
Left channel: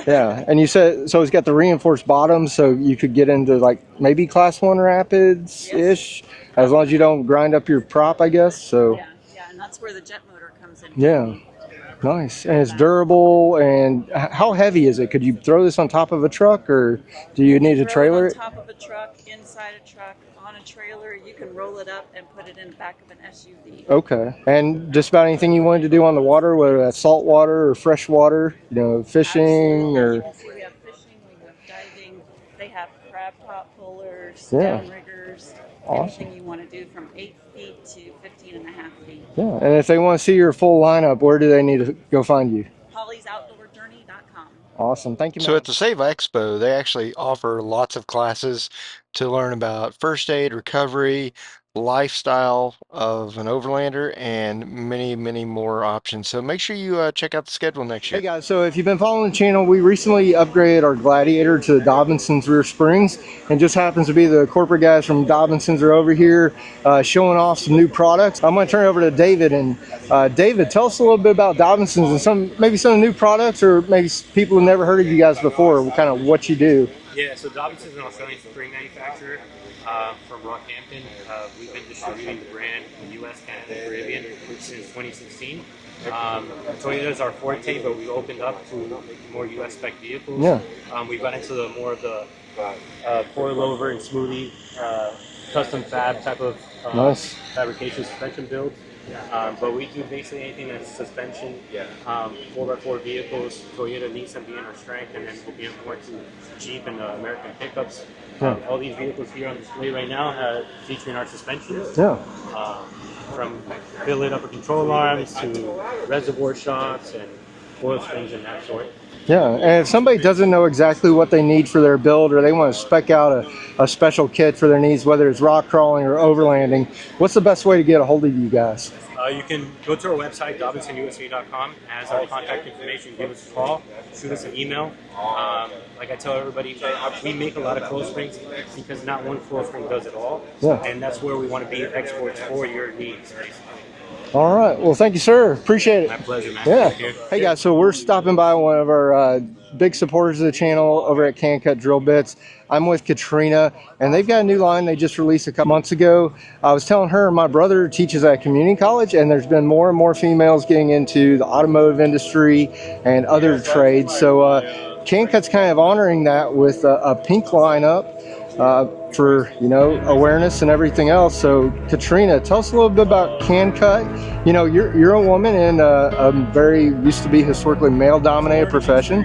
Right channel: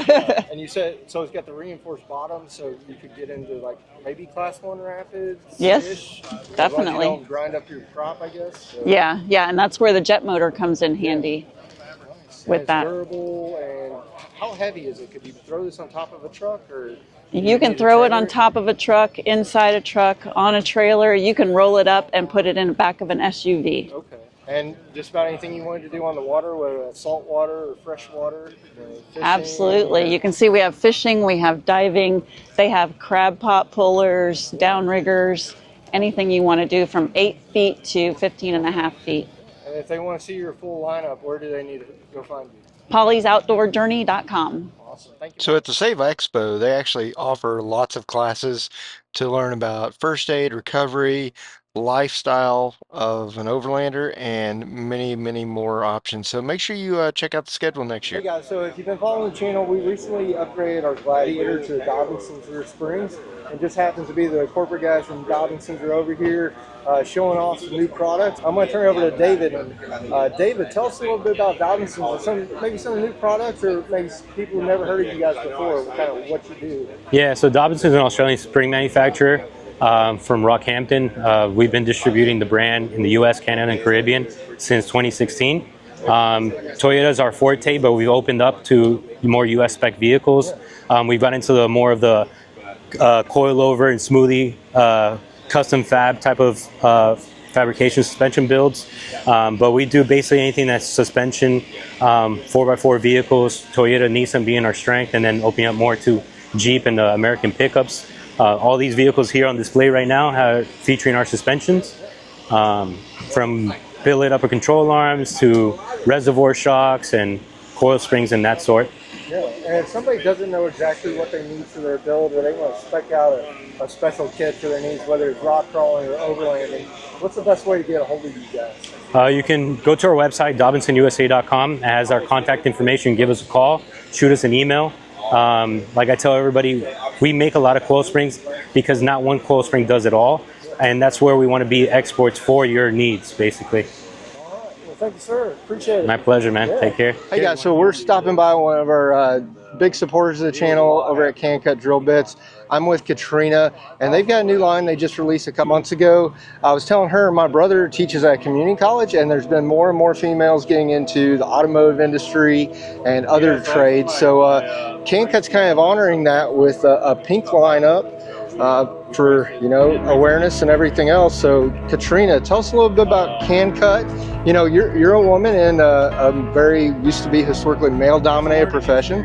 And you said, so it's got the reinforced bottom, so you could get into like maybe class 1 rapids-ish, as long as you don't grind up your prop, I guess. So Yeah, and that's where the jet motor comes in handy. Nice. And it's durable. And how heavy is it? Could you throw this on top of a truck, or do you can need to throw it trailer on top of a truck, inside a truck, on a trailer. You can roll it up and put it in the back of an SUV. Okay. And just about anything you wanted to do on the water, whether that's salt water or fresh water, you know, fishing? Absolutely. You can see we have fishing, we have diving, they have crab pot pullers, downriggers. Anything you want to do from 8 feet to 15.5 feet. Yeah, and if they want to see your full lineup, where do they need to go find you? Polly'sOutdoorJourney.com. Awesome, thank you. So at the SAVE Expo, they actually offer lots of classes to learn about first aid, recovery, lifestyle of an overlander, and many, many more options. So make sure you check out the schedule next year. Hey guys, so if you've been following the channel, we recently upgraded our Gladiator to the Dobinsons rear springs, and just happens to be the corporate guys from Dobinsons are over here showing off some new products. I'm going to turn it over to David, and David, tell us a little bit about Dobinsons and maybe some new products, or maybe people who never heard of you guys before, kind of what you do. Yeah, so Dobinsons is an Australian spring manufacturer. From Rockhampton. We've been distributing the brand in the US, Canada, and Caribbean since 2016. Toyota is our forte, but we've opened up to more US spec vehicles. We've got into more of the coilover and smoothie custom fab type of fabrication suspension builds. But we do basically anything that's suspension, 4x4 vehicles, Toyota, Nissan being our strength, and then opening up more to Jeep and American pickups. All these vehicles here on display right now are featuring our suspensions. From billet upper control arms to reservoir shocks and coil springs and that sort. And if somebody doesn't know exactly what they need for their build, or they want to spec out a special kit for their needs, whether it's rock crawling or overlanding, what's the best way to get a hold of you guys? You can go to our website, DobinsonUSA.com. It has our contact information. Give us a call, shoot us an email. Like I tell everybody, we make a lot of coil springs because not one coil spring does it all. And that's where we want to be exports for your needs, basically. All right. Well, thank you, sir. Appreciate it. My pleasure, man. Take care. Hey, guys. So we're stopping by one of our big supporters of the channel over at Can Cut Drill Bits. I'm with Katrina, and they've got a new line they just released a couple months ago. I was telling her my brother teaches at a community college, and there's been more and more females getting into the automotive industry and other trades. So Can Cut's kind of honoring that with a pink lineup. For, you know, awareness and everything else. So Katrina, tell us a little bit about Can Cut. You know, you're a woman in a very used to be historically male dominated profession.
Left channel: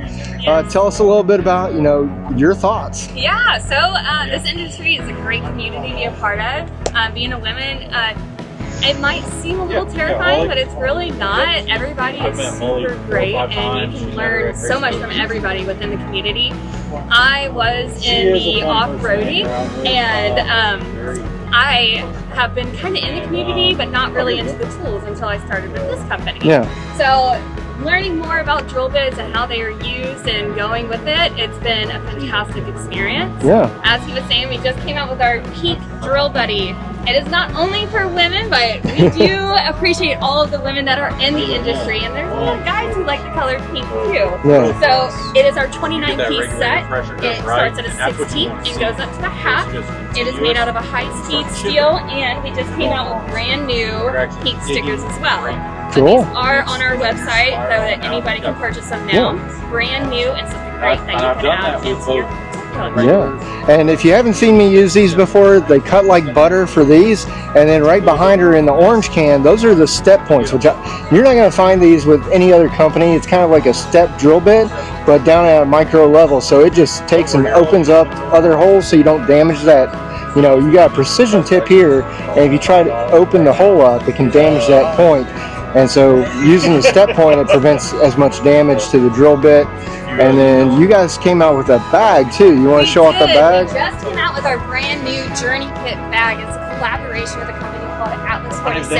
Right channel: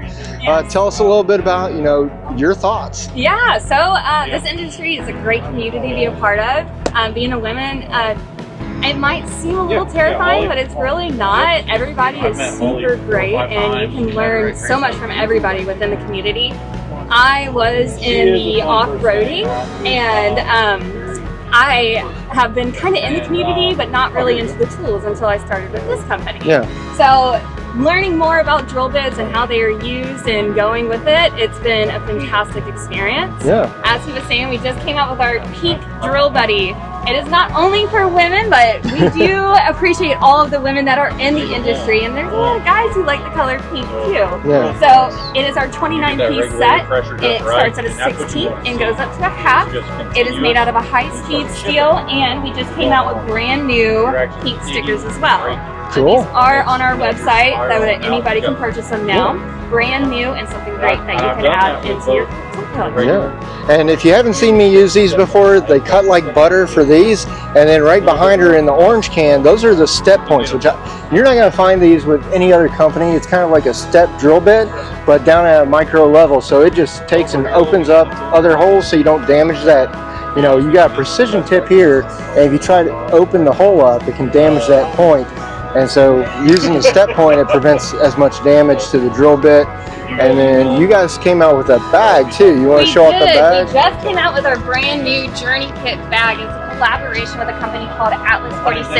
Tell us a little bit about, you know, your thoughts. Yeah, so this industry is a great community to be a part of. Being a woman, it might seem a little terrifying, but it's really not. Everybody is super great, and you can learn so much from everybody within the community. I was in the off-roading, and I have been kind of in the community, but not really into the tools until I started with this company. So learning more about drill bits and how they are used and going with it, it's been a fantastic experience. As he was saying, we just came out with our pink drill buddy. It is not only for women, but we do appreciate all of the women that are in the industry, and there's a lot of guys who like the color pink too. So it is our 29-piece set. It starts at a 16 and goes up to a half. It is made out of a high-speed steel, and we just came out with brand new pink stickers as well. So these are on our website so that anybody can purchase them now. Brand new and something great that you can add into your And if you haven't seen me use these before, they cut like butter for these, and then right behind her in the orange can, those are the step points, which you're not going to find these with any other company. It's kind of like a step drill bit, but down at a micro level, so it just takes and opens up other holes so you don't damage that. You know, you got a precision tip here, and if you try to open the hole up, it can damage that point. And so using the step point, it prevents as much damage to the drill bit. And then you guys came out with a bag too. You want to show off the bag? We just came out with our brand new Journey Kit bag. It's a collaboration with a company called Atlas 46.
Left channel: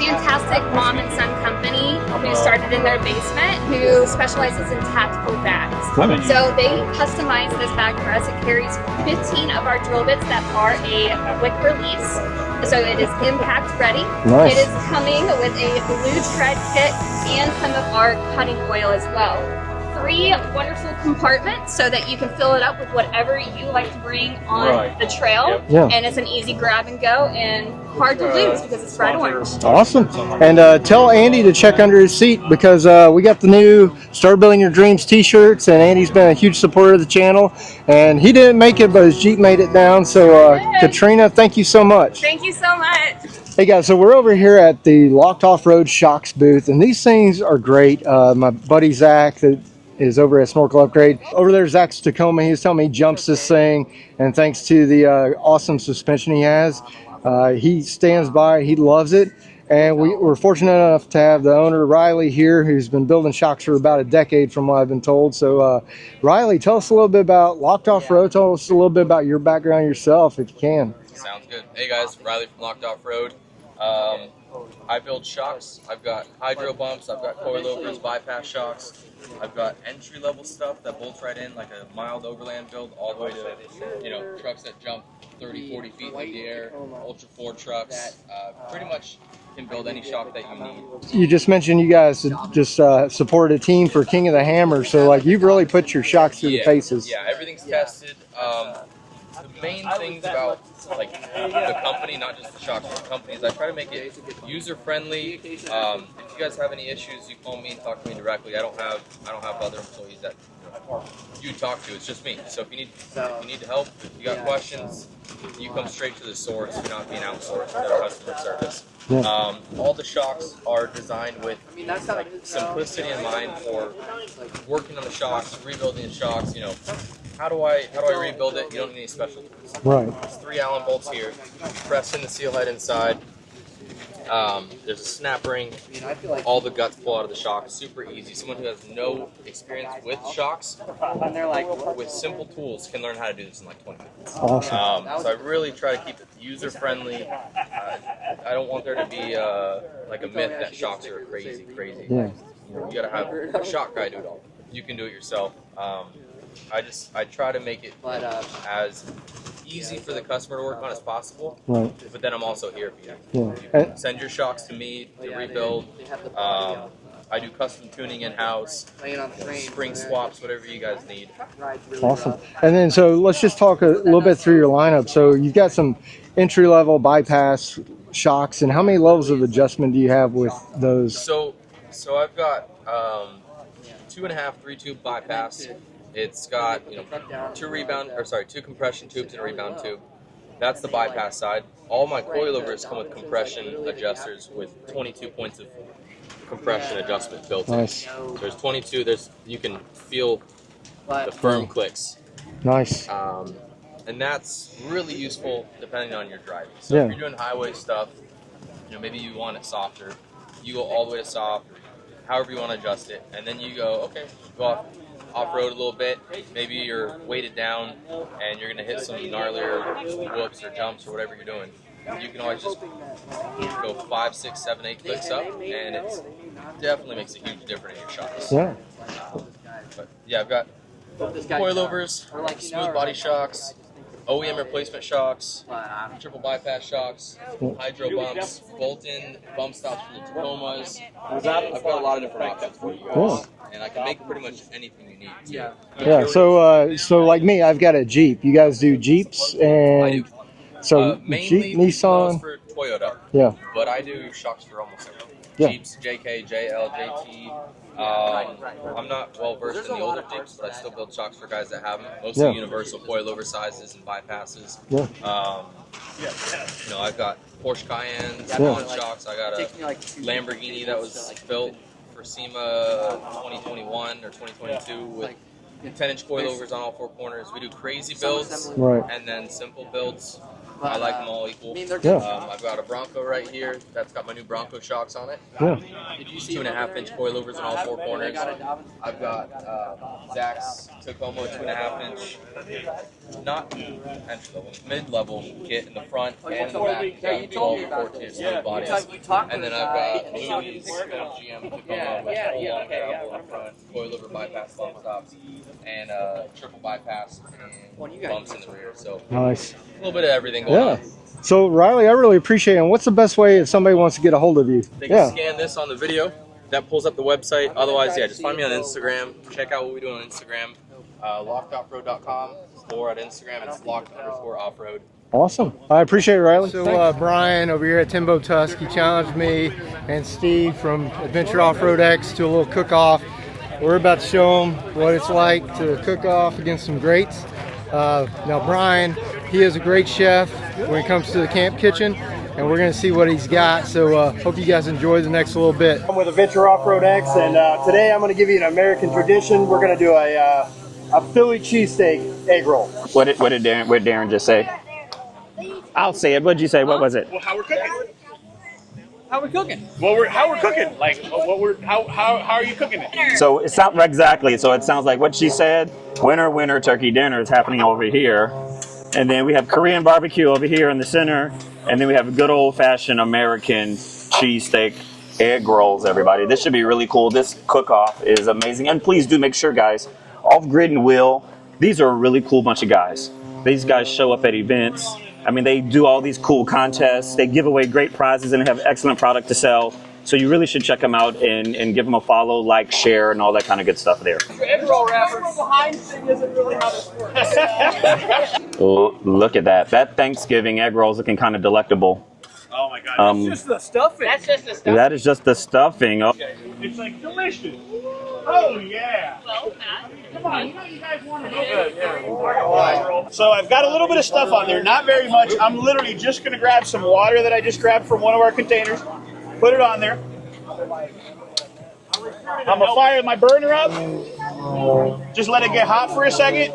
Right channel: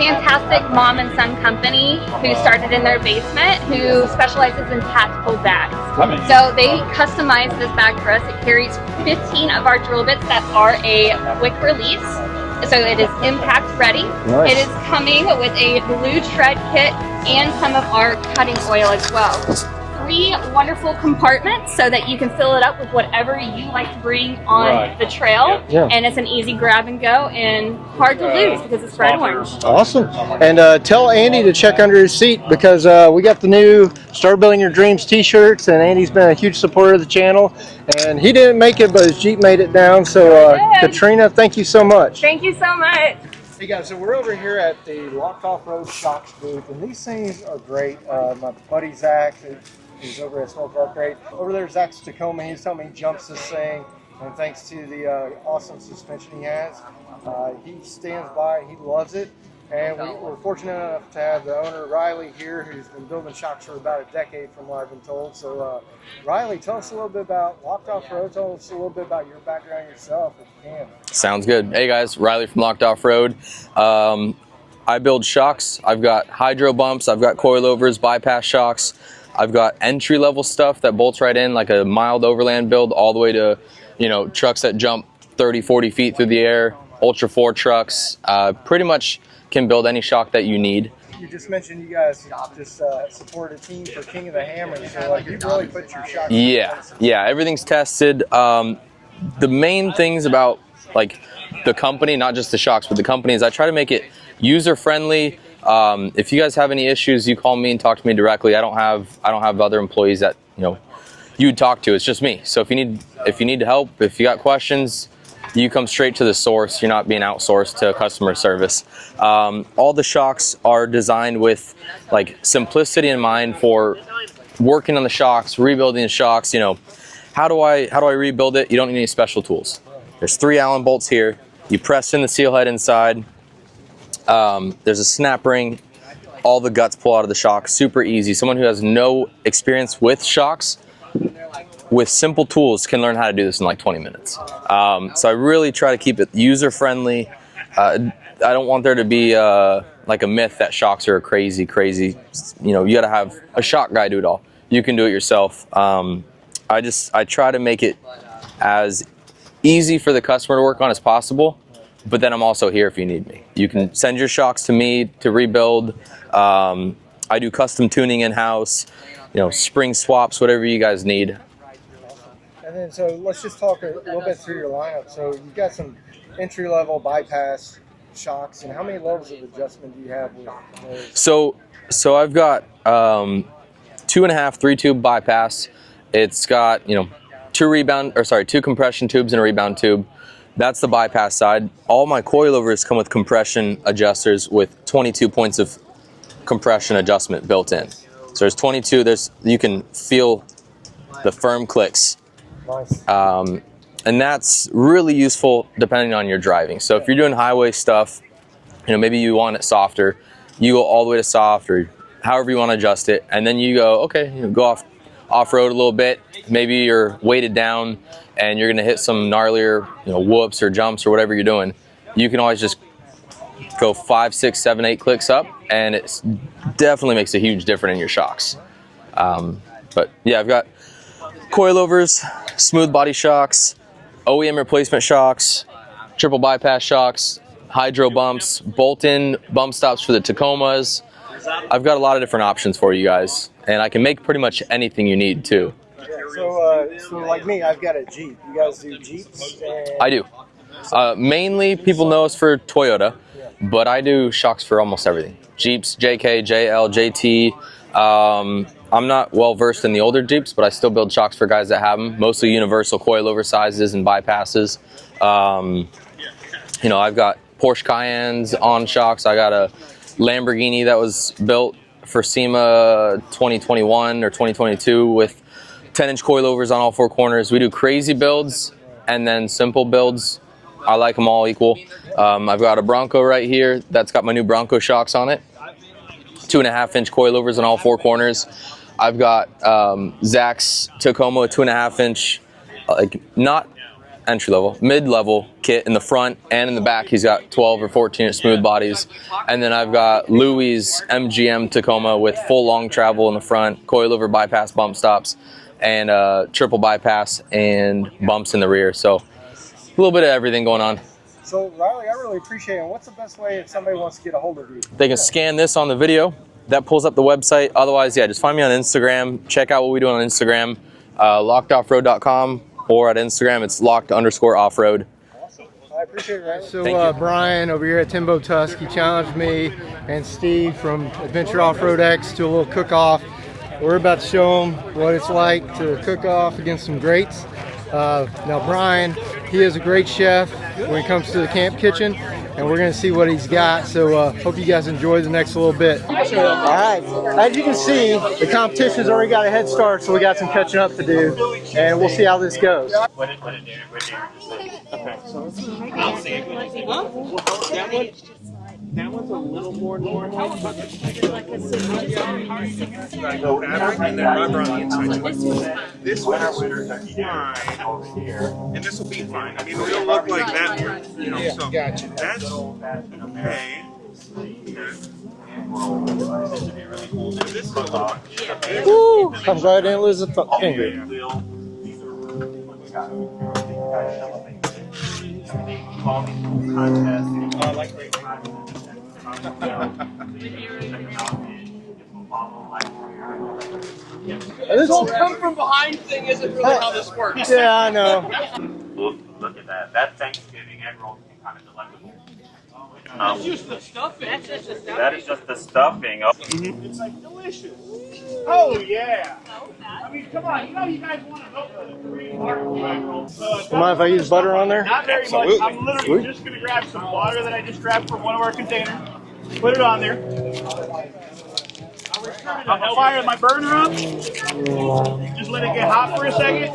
Fantastic mom and son company who started in their basement, who specializes in tactical bags. So they customized this bag for us. It carries 15 of our drill bits that are a quick release. So it is impact ready. It is coming with a blue tread kit and some of our cutting oil as well. 3 wonderful compartments so that you can fill it up with whatever you like to bring on the trail. And it's an easy grab and go and hard to lose because it's red orange. Awesome. And tell Andy to check under his seat because we got the new Start Building Your Dreams t-shirts, and Andy's been a huge supporter of the channel, and he didn't make it, but his Jeep made it down. So Katrina, thank you so much. Thank you so much. Hey guys, so we're over here at the Locked Off-Road Shocks booth, and these things are great. My buddy Zach that is over at Snorkel Upgrade. Over there, Zach's Tacoma, he was telling me he jumps this thing, and thanks to the awesome suspension he has, he stands by, he loves it. And we're fortunate enough to have the owner, Riley, here, who's been building shocks for about a decade from what I've been told. So Riley, tell us a little bit about Locked Off-Road. Tell us a little bit about your background yourself, if you can. Sounds good. Hey guys, Riley from Locked Off-Road. I build shocks. I've got hydro bumps, I've got coilovers, bypass shocks. I've got entry-level stuff that bolts right in, like a mild overland build, all the way to, you know, trucks that jump 30, 40 feet through the air, Ultra 4 trucks. Pretty much can build any shock that you need. You just mentioned you guys just supported a team for King of the Hammer, so like you've really put your shocks in the faces. Yeah, everything's tested. The main things about like the company, not just the shocks, but the company, is I try to make it user friendly. If you guys have any issues, you call me and talk to me directly. I don't have other employees that you'd talk to. It's just me. So if you need help, if you got questions, you come straight to the source. You're not being outsourced to customer service. All the shocks are designed with like simplicity in mind for working on the shocks, rebuilding the shocks. How do I rebuild it? You don't need any special tools. Right. There's 3 Allen bolts here. You press in the seal head inside. There's a snap ring. All the guts pull out of the shock. Super easy. Someone who has no experience with shocks, with simple tools, can learn how to do this in like 20 minutes. Awesome. So I really try to keep it user friendly. I don't want there to be like a myth that shocks are crazy. You got to have a shock guy do it all. You can do it yourself. I try to make it as easy for the customer to work on as possible, but then I'm also here if you need me. You can send your shocks to me to rebuild. I do custom tuning in-house, spring swaps, whatever you guys need. Awesome. And then so let's just talk a little bit through your lineup. So you've got some entry-level bypass shocks, and how many levels of adjustment do you have with those? So I've got 2.5 3-tube bypass. It's got 2 compression tubes and a rebound tube. That's the bypass side. All my coilovers come with compression adjusters with 22 points of compression adjustment built in. So there's 22. You can feel the firm clicks. Nice. And that's really useful depending on your driving. So if you're doing highway stuff, maybe you want it softer, you go all the way to soft, or however you want to adjust it, and then you go, okay, go off-road a little bit. Maybe you're weighted down and you're going to hit some gnarlier whoops or jumps or whatever you're doing. You can always just go 5, 6, 7, 8 clicks up, and it definitely makes a huge difference in your shocks. But yeah, I've got coilovers, smooth body shocks, OEM replacement shocks, triple bypass shocks, hydro bumps, bolt-in bump stops for the Tacomas. I've got a lot of different options for you guys, and I can make pretty much anything you need too. Yeah, so like me, I've got a Jeep. You guys do Jeeps? And I do. So mainly Jeep, people know us Nissan? for Toyota, Yeah. but I do shocks for almost everything. Jeeps, JK, JL, JT. I'm not well versed in the older Jeeps, but I still build shocks for guys that have them, mostly universal coilover sizes and bypasses. I've got Porsche Cayennes on shocks. I got a Lamborghini that was built for SEMA 2021 or 2022 with 10-inch coilovers on all 4 corners. We do crazy builds and then simple builds. I like them all equal. I've got a Bronco right here that's got my new Bronco shocks on it. 2.5-inch coilovers on all 4 corners. I've got Zach's Tacoma 2.5-inch, not entry-level, mid-level kit in the front and in the back. He's got 12 or 14-inch smooth bodies. And then I've got Louis' MGM Tacoma with full long travel in the front, coilover bypass bump stops, and triple bypass and bumps in the rear. So nice. A little bit of everything going on. So Riley, I really appreciate it. And what's the best way if somebody wants to get a hold of you? They can scan this on the video. That pulls up the website. Otherwise, just find me on Instagram. Check out what we do on Instagram, lockedoffroad.com, or at Instagram, it's locked_offroad. Awesome. I appreciate it, Riley. So Brian over here at Timbo Tusk, he challenged me and Steve from Adventure Off-Road X to a little cook-off. We're about to show them what it's like to cook off against some greats. Now Brian, he is a great chef when it comes to the camp kitchen, and we're going to see what he's got. So hope you guys enjoy the next little bit. As you can see, the competition's already got a head start, so we got some catching up to do, and we'll see how this goes. What did Darren just say? I'll say it. What did you say? What was it? How we cooking? How we're cooking? Like, how are you cooking it? So it sounds exactly. So it sounds like what she said. Winter turkey dinner is happening over here, and then we have Korean barbecue over here in the center, and then we have good old-fashioned American cheesesteak egg rolls. Everybody, this should be really cool. This cook-off is amazing, and please do make sure, guys, off Grid and Wheel. These are a really cool bunch of guys. These guys show up at events. I mean, they do all these cool contests. They give away great prizes and have excellent product to sell. So you really should check them out and give them a follow, like, share, and all that kind of good stuff there. This whole come from behind thing isn't really how this works. Yeah, I know. Oh, look at that. That Thanksgiving egg roll is looking kind of delectable. Oh my god, that's just the stuffing. That's just the stuffing. That is just the stuffing. Oh. It's like delicious. Oh yeah. I mean, come on, you know you guys want to do it. So I've got a little bit of stuff on there, not very much. I'm literally just going to grab some water that I just grabbed from one of our containers, put it on there. I'm gonna fire my burner up. Just let it get hot for a second.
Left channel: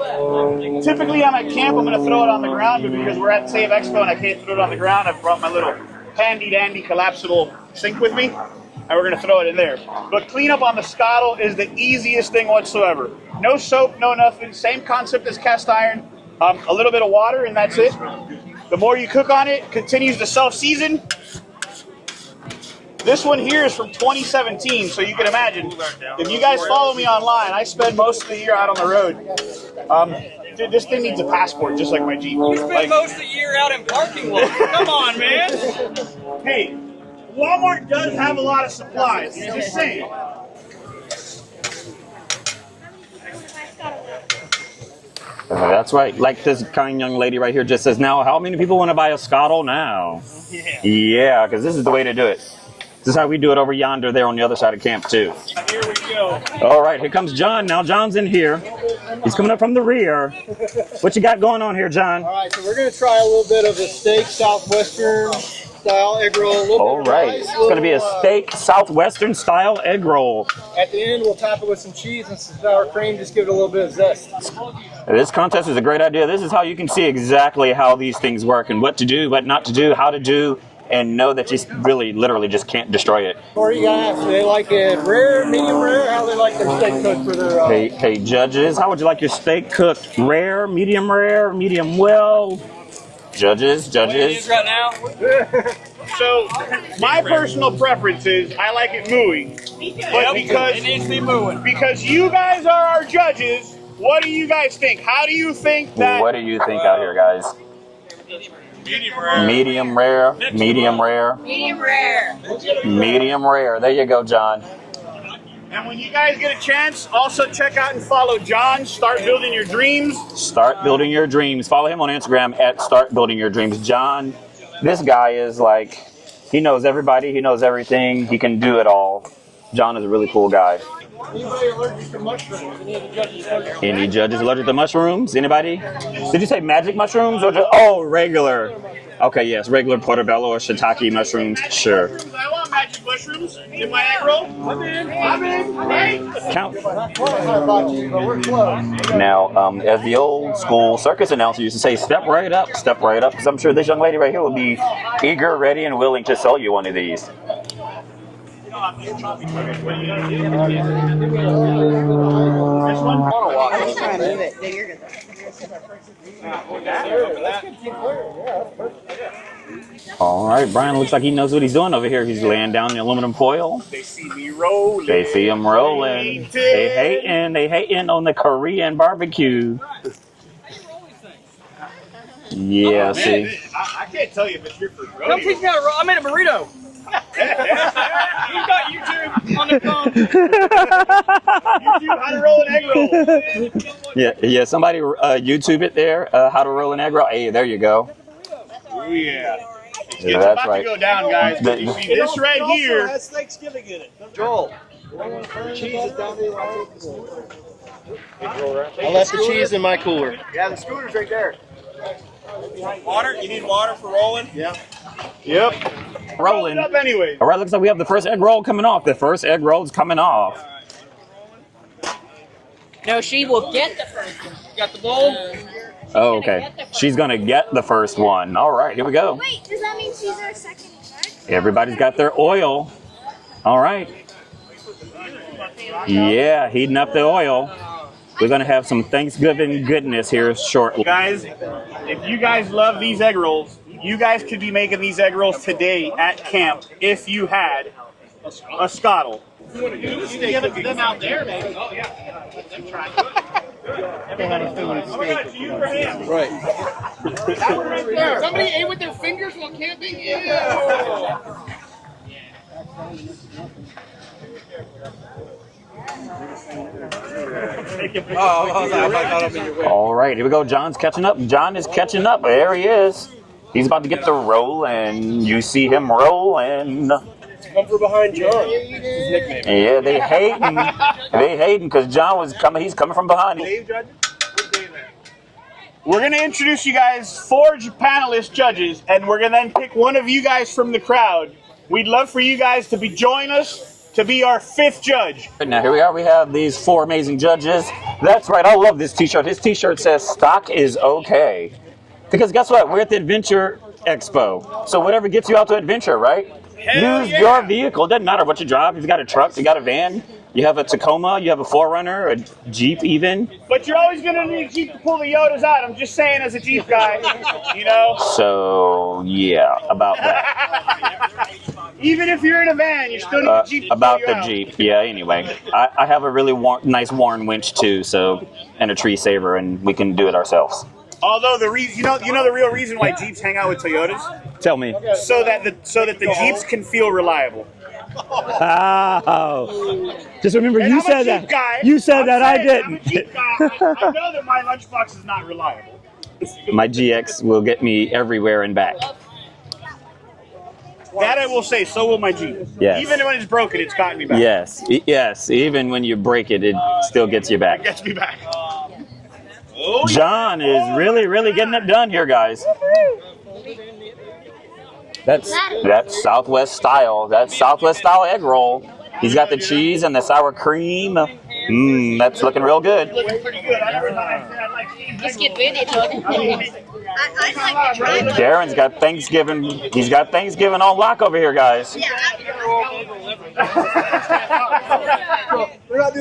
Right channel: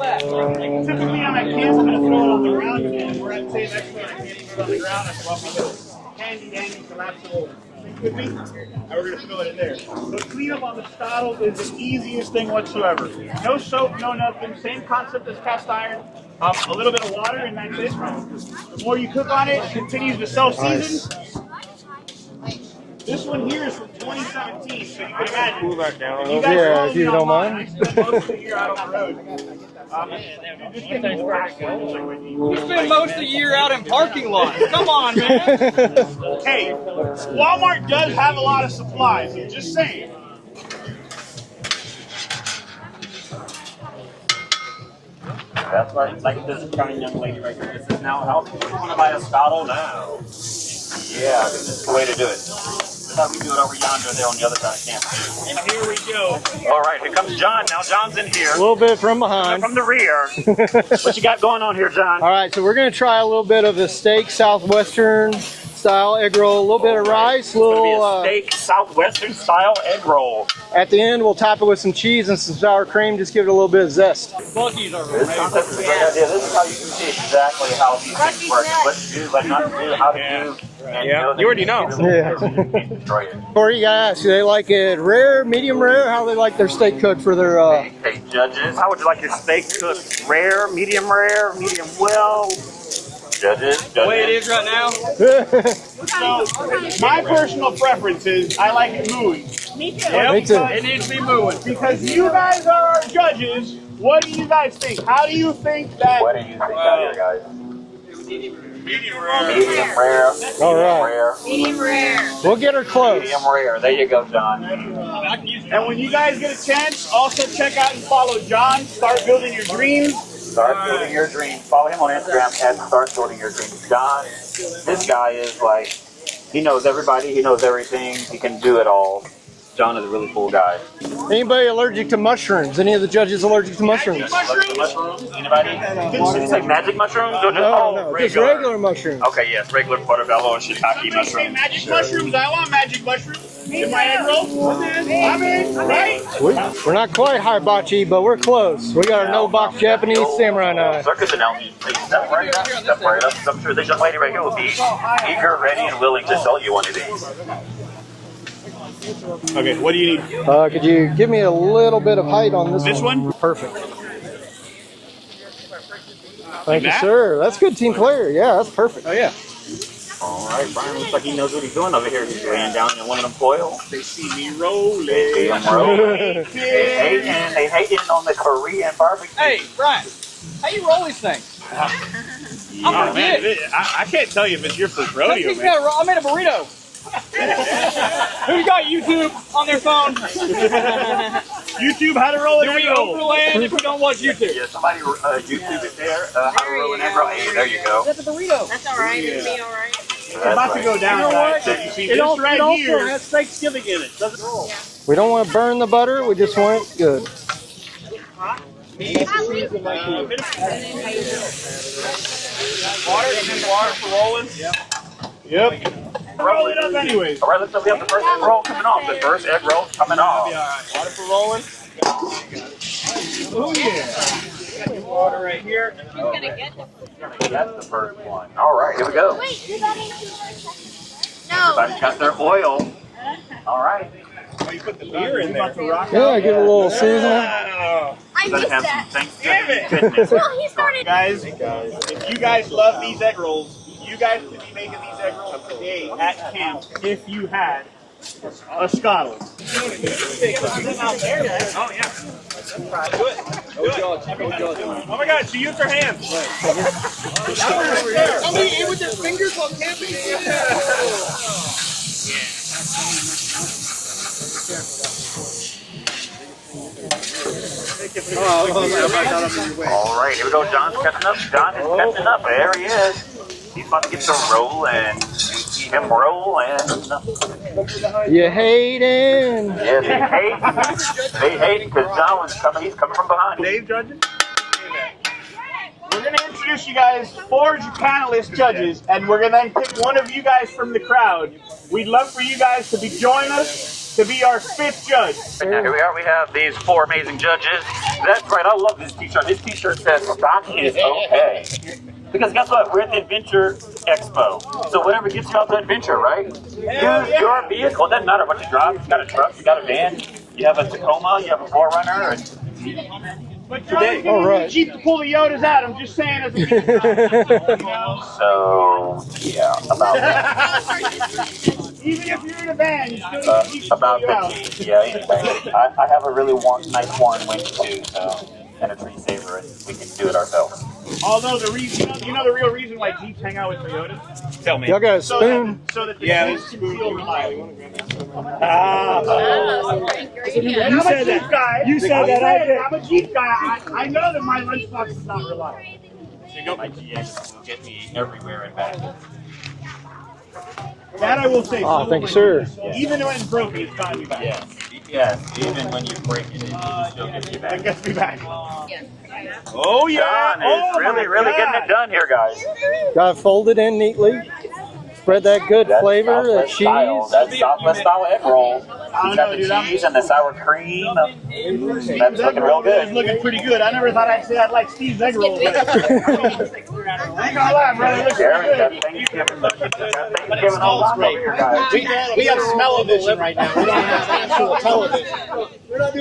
Typically, I'm at camp. I'm gonna throw it on the ground, but because we're at SAVE Expo and I can't throw it on the ground, I've brought my little handy-dandy collapsible sink with me, and we're gonna throw it in there. But cleanup on the Scotle is the easiest thing whatsoever. No soap, no nothing. Same concept as cast iron. A little bit of water, and that's it. The more you cook on it, it continues to self-season. This one here is from 2017, so you can imagine. If you guys follow me online, I spend most of the year out on the road. Dude, this thing needs a passport, just like my Jeep. You spend most of the year out in parking lots. Come on, man. Hey, Walmart does have a lot of supplies. Just saying. That's right. Like this kind young lady right here just says, now how many people want to buy a Scotle now? Yeah, because this is the way to do it. This is how we do it over yonder there on the other side of camp too. Here we go. All right, here comes John. Now John's in here. A little bit from behind. He's coming up from the rear. What you got going on here, John? All right, so we're going to try a little bit of a steak southwestern style egg roll, a little bit of rice. It's going to be a steak southwestern style egg roll. At the end, we'll top it with some cheese and some sour cream, just give it a little bit of zest. This contest is a great idea. This is how you can see exactly how these things work and what to do, what not to do, how to do, and know that you really, literally just can't destroy it. What are you going to ask? Do they like it rare, medium rare? How do they like their steak cooked for their... Hey, judges, how would you like your steak cooked? Rare, medium well? Judges. The way it is right now. So, my personal preference is I like it mooey. But because it needs to be mooing. Because you guys are our judges, what do you guys think? How do you think that... What do you think out here, guys? Medium rare. Medium rare. Medium rare. Medium rare. We'll get her close. Medium rare. There you go, John. And when you guys get a chance, also check out and follow John. Start Building Your Dreams. Start Building Your Dreams. Follow him on Instagram at Start Building Your Dreams. John, this guy is like, he knows everybody. He knows everything. He can do it all. John is a really cool guy. Anybody allergic to mushrooms? Any of the judges allergic to mushrooms? Any judges allergic to mushrooms? Anybody? Did you say magic mushrooms or just regular? Just regular mushrooms. Okay, yes, regular portobello or shiitake mushrooms. Magic Sure. mushrooms. I want magic mushrooms in my egg roll. I'm in, right? We're not quite hibachi, but we're close. We got Now, no Japanese the old samurai school knife. circus announcer used to say, step right up, because I'm sure this young lady right here will be eager, ready, and willing to sell you one of these. Okay, what do you need? Could you give me a little bit of height on this one? Thank you, sir. That's good team player. Yeah, that's perfect. Oh, yeah. All right, Brian looks like he knows what he's doing over here. He's laying down the aluminum foil. They see me rolling. They see him rolling. They hating on the Korean barbecue. Hey, Brian, how you roll these things? Yeah, Man, see. I can't tell you if it's your first rodeo. I made a burrito. Who's got YouTube on their phone? YouTube, how to roll an egg roll. If you don't watch YouTube. Yeah, somebody YouTube it there, how to roll an egg roll. Hey, there you go. That's a burrito. That's all right. Yeah. It'll be all right. It's that's about to go down, guys. You see this right here. It has Thanksgiving in it. Doesn't roll. We don't want to burn the butter. We just want it good. I left the cheese in my cooler. Yeah, the screws right there. Water? You need water for rolling? Yeah. Yep. Rolling up anyways. All right, looks like we have the first egg roll coming off. The first egg roll's coming off. Water for rolling? No, she will get the first. Got the water right here. Oh, okay. She's going to get the first one. All right, here we go. Wait, does that mean she's our second? Everybody's got their oil. All right. You put the beer in there. Yeah, heating up the oil. We're going to have some Thanksgiving goodness here shortly. Guys, if you guys love these egg rolls, you guys could be making these egg rolls today at camp if you had a Scotle. Give it to them out there, man. Oh, yeah. Try to do it. Oh my God, she used her hands. Right. Somebody ate with their fingers while camping? All right, here we go. John's catching up. John is catching up. There he is. He's about to get the rolling. You see him rolling. You hating? Yeah, they hating. They hating because John was coming. He's coming from behind. We're going to introduce you guys 4 panelist judges, and we're going to then pick one of you guys from the crowd. We'd love for you guys to join us to be our 5th judge. Now here we are. We have these 4 amazing judges. That's right. I love this T-shirt. This T-shirt says "Stock is okay." Because guess what? We're at the Adventure Expo. So whatever gets you out to adventure, right? Use your vehicle. It doesn't matter what you drive. If you got a truck, you got a van, you have a Tacoma, you have a 4Runner, a Jeep even. But you're always going to need a Jeep to pull the Yodas out. I'm just saying as a Jeep guy, you know? So, yeah, about that. Even if you're in a van, you still need a Jeep to About pull the you out. Jeep, yeah, anyway. I have a really nice Warren winch too, so, and a tree saver, and we can do it ourselves. Although the reason, you know the real reason why Jeeps hang out with Toyotas? Tell me. So that the Jeeps can feel reliable. Just remember, And you I'm a said Jeep that. guy. You said that, I didn't. I'm a Jeep guy. I know that my lunchbox is not reliable. My GX will get me everywhere and back. That I will say, so will my Jeep. Yes. Even when it's broken, it's gotten me back. Yes. Even when you break it, it still gets you back. It gets me back. Oh, John is really getting it done here, guys. Got it folded in neatly. Spread that good That's flavor. Southwest cheese. style. That's Southwest style egg roll. He's got the cheese and the sour cream. That's looking real good. It's looking pretty good. I never thought I'd say I'd like Steve's egg roll. Darren's got Thanksgiving. He's got Thanksgiving on lock over here, guys. We got smell-o-vision right now.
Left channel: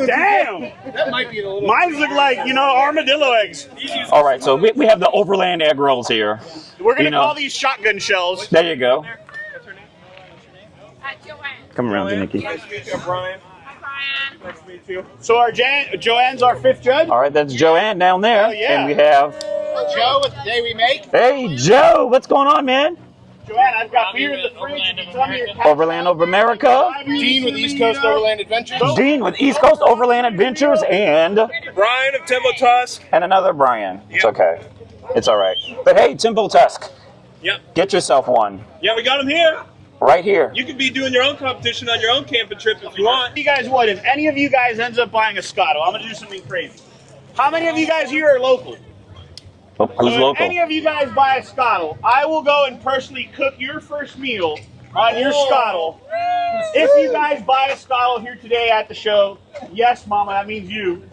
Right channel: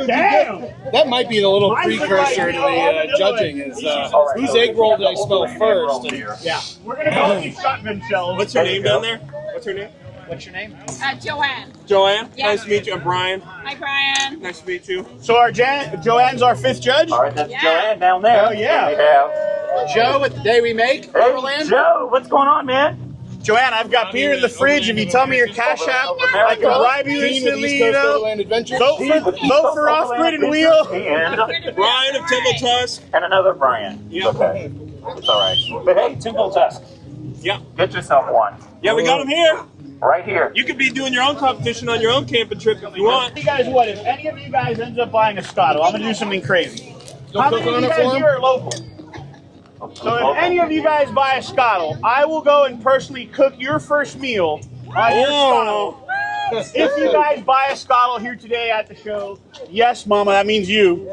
Damn! That might be the little. Mine look like, armadillo eggs. All right, so we have the Overland egg rolls here. Yeah. We're going to call these shotgun shells. There you go. What's her name? What's your name? Joanne. Come Joanne, around, Nikki. nice to meet you. I'm Brian. Hi, Brian. Nice to meet you. So our Joanne's our 5th judge? All right, that's Joanne down there. Oh, yeah. And we have... Joe with the day we make. Hey, Joe, what's going on, man? Joanne, I've got beer in the fridge. If you tell me your cash Overland out, Over America. Dean with East Coast Overland Adventures. Dean with East Coast Overland Adventures and... Brian of Temple Tusk. And another Brian. It's okay. It's all right. But hey, Temple Tusk. Yeah. Get yourself one. Yeah, we got them here. Right here. You could be doing your own competition on your own camping trip if you want. You guys would. If any of you guys ends up buying a Scotle, I'm going to do something crazy. How many of you guys here are local? So if any of you guys buy a Scotle, I will go and personally cook your first meal on your Scotle. If you guys buy a Scotle here today at the show, yes, Mama, that means you.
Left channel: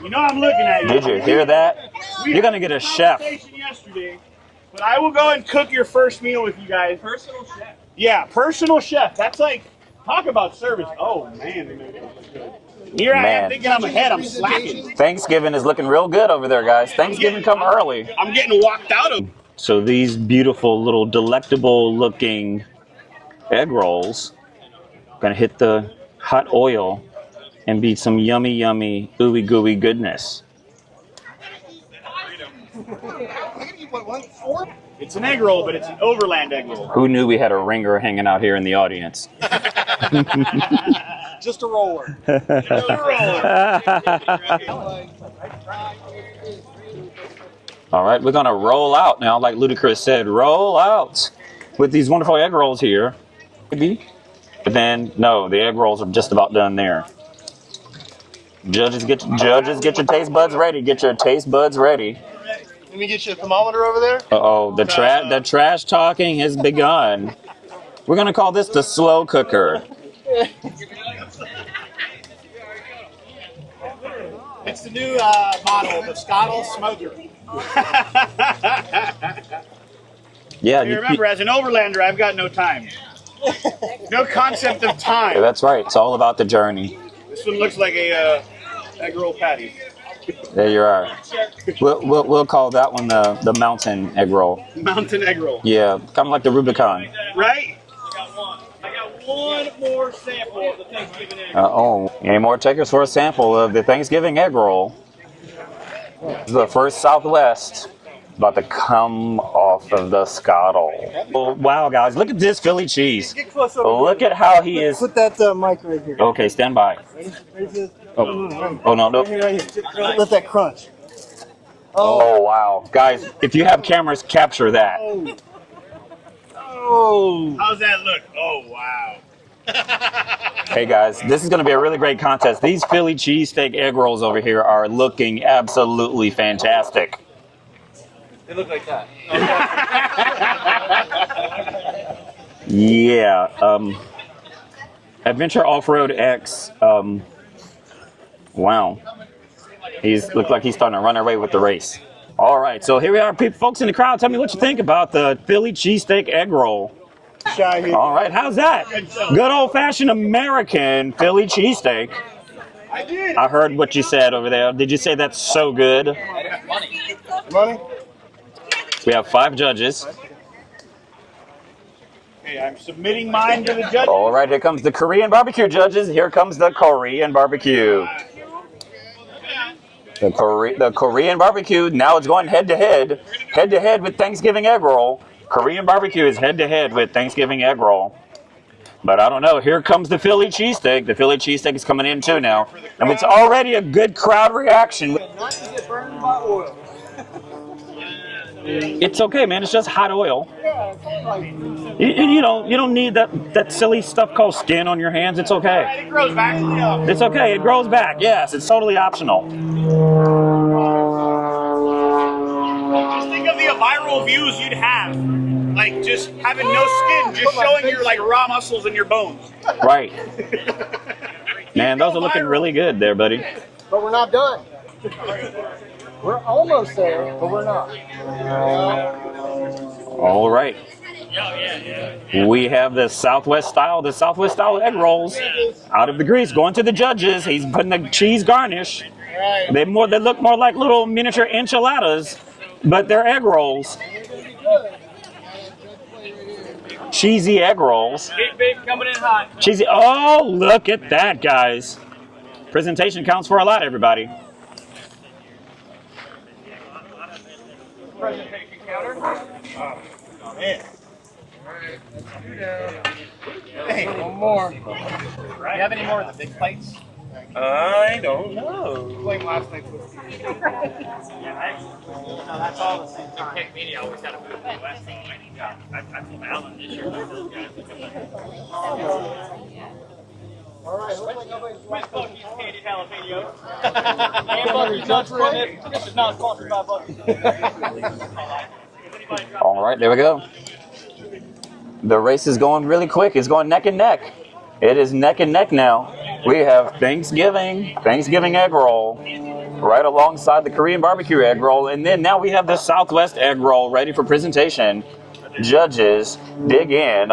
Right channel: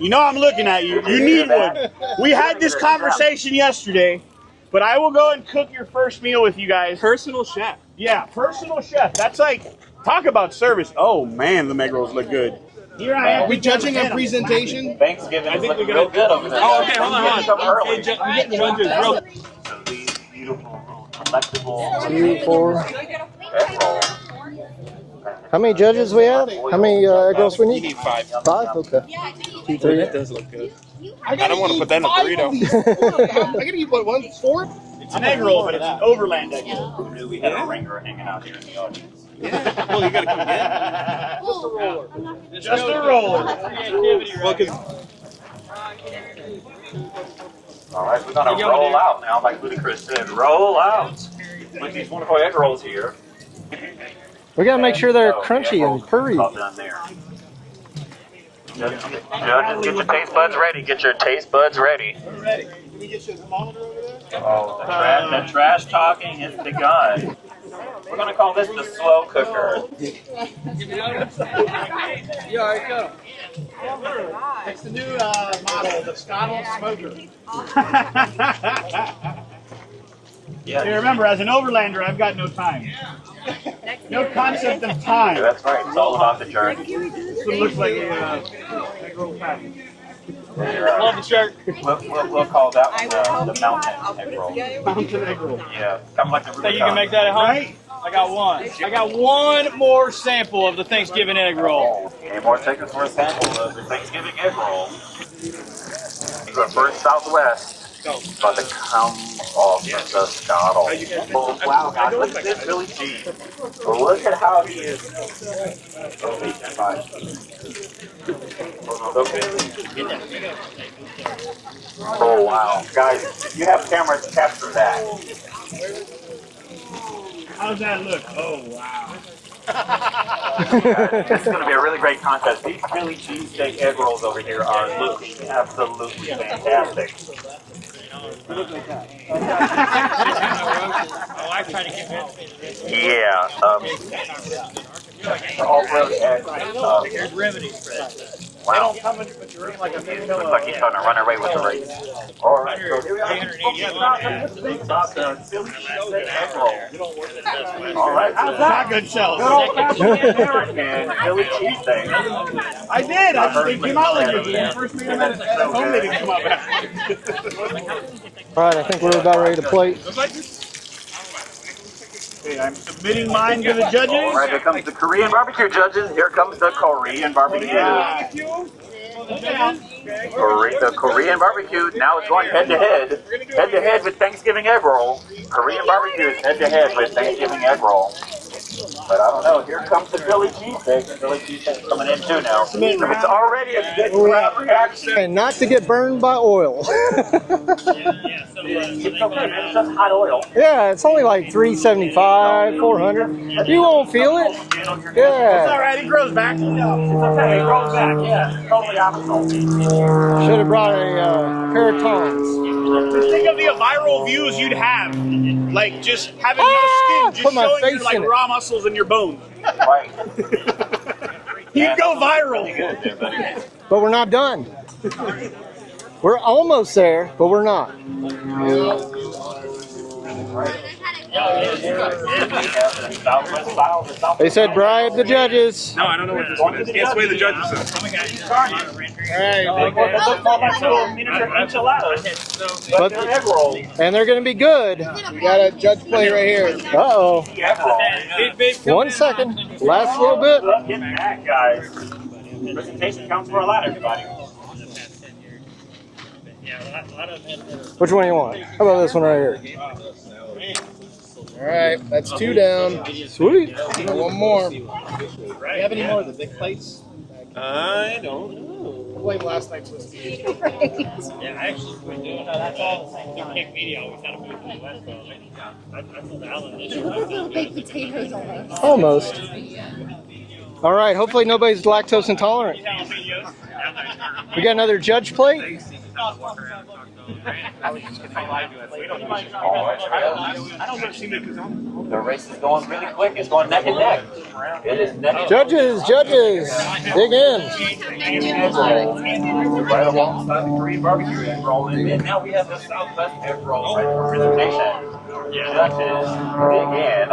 You know I'm looking at you. Did you You hear need that? one. We You're had gonna this get a chef. conversation yesterday, but I will go and cook your first meal with you guys. Personal chef. Yeah, personal chef. That's like, talk about service. Oh man, the egg rolls look good. Here I am, big judging a presentation. Thanksgiving is looking real good over there, guys. Thanksgiving come early. I'm getting walked out. So these beautiful little delectable looking egg rolls. Gonna hit How many judges we hot had? oil How many egg rolls we and need? be some yummy, ooey gooey goodness. I don't want to put that in a burrito. I'm gonna eat what, 4? It's an egg roll, but it's an Overland egg roll. Who knew we had a ringer hanging out here in the audience? Just a roller. Just a roller. All right, we're gonna roll out now, like Ludacris said, roll out with these wonderful egg rolls here. We gotta make sure they're no, crunchy the egg rolls are and just furry. about done there. Judges, get your taste buds ready. Get your taste buds ready. Let me get you a thermometer over there. Uh-oh, the trash talking has begun. We're gonna call this the slow cooker. It's the new model, the Scotle Smoker. Yeah, You remember, as an Overlander, I've got no time. No concept of time. Yeah, that's right. It's all about the journey. This one looks like a egg roll patty. There you are. We'll call that one the mountain egg roll. Mountain egg roll. Yeah, kind of like the Rubicon. Right? I got one. I got one more sample of the Thanksgiving egg roll. Uh-oh. Any more takers for a sample of the Thanksgiving egg roll? The first Southwest about to come off of the Scotle. Oh, wow, guys, look at this Philly cheese. Look at how he is. Put that mic right there. Okay, stand by. Oh no. Let that crunch. Oh, wow. Guys, if you have cameras, capture that. Oh, how's that look? Oh, wow. Hey guys, this is going to be a really great contest. These Philly cheesesteak egg rolls over here are looking absolutely fantastic. They look like that. Yeah. Adventure Off-Road X. Wow. He's looked like he's starting to run away with the race. All right, so here we are, folks in the crowd. Tell me what you think about the Philly cheesesteak egg roll. All right, how's that? Good old-fashioned American Philly cheesesteak. I did. I heard what you said over there. Did you say that's so good? All right, I think We we're have about 5 ready to play. judges. Okay, I'm submitting mine to the judges. All right, here comes the Korean barbecue judges. Here comes the Korean barbecue. The Korean barbecue, now it's going head-to-head with Thanksgiving egg roll. Korean barbecue is head-to-head with Thanksgiving egg roll. But I don't know, here comes the Philly cheesesteak. The Philly cheesesteak is coming in too now. I mean, it's already a good crowd reaction. And not to get burned by oil. It's okay, man, it's just hot oil. Yeah, it's only like $3.75. You don't need that silly stuff called skin on your hands. It's okay. All right, it grows back. It's okay, it grows back. Yes, it's totally optional. Should have brought a pair of tongs. Just think of the viral views you'd have. Like just having no skin, just Put my showing face your like in it. raw muscles in your bones. Right. Man, those are looking really good there, buddy. But we're not done. We're almost there, but we're not. All right. We have the Southwest style, They Southwest said style egg drive rolls. the judges. Out of the grease, going to the judges. He's putting the cheese garnish. They look more like little miniature enchiladas, but they're egg rolls. And they're going to be good. You got a judge plate right here. Uh-oh. Cheesy egg rolls. 1 second. Cheesy. Last little Oh, bit. look at that, guys. Presentation counts for a lot, everybody. Which one do you want? How about this one right here? All right, that's 2 down. Sweet. One more. Do you have any more of the big plates? I don't know. Blame last night's whiskey. Yeah, actually, we do. No, that's all the same time. Tech Media always had to move to the West. So I told Alan this year. Almost. All right, hopefully nobody's lactose intolerant. You got another judge plate? All right, there we go. The race is going really quick. It's going neck and neck. It is neck and neck now. Judges. We have Thanksgiving egg roll right alongside the Korean barbecue egg roll. And then now we have the Southwest egg roll ready for presentation. Judges, dig in.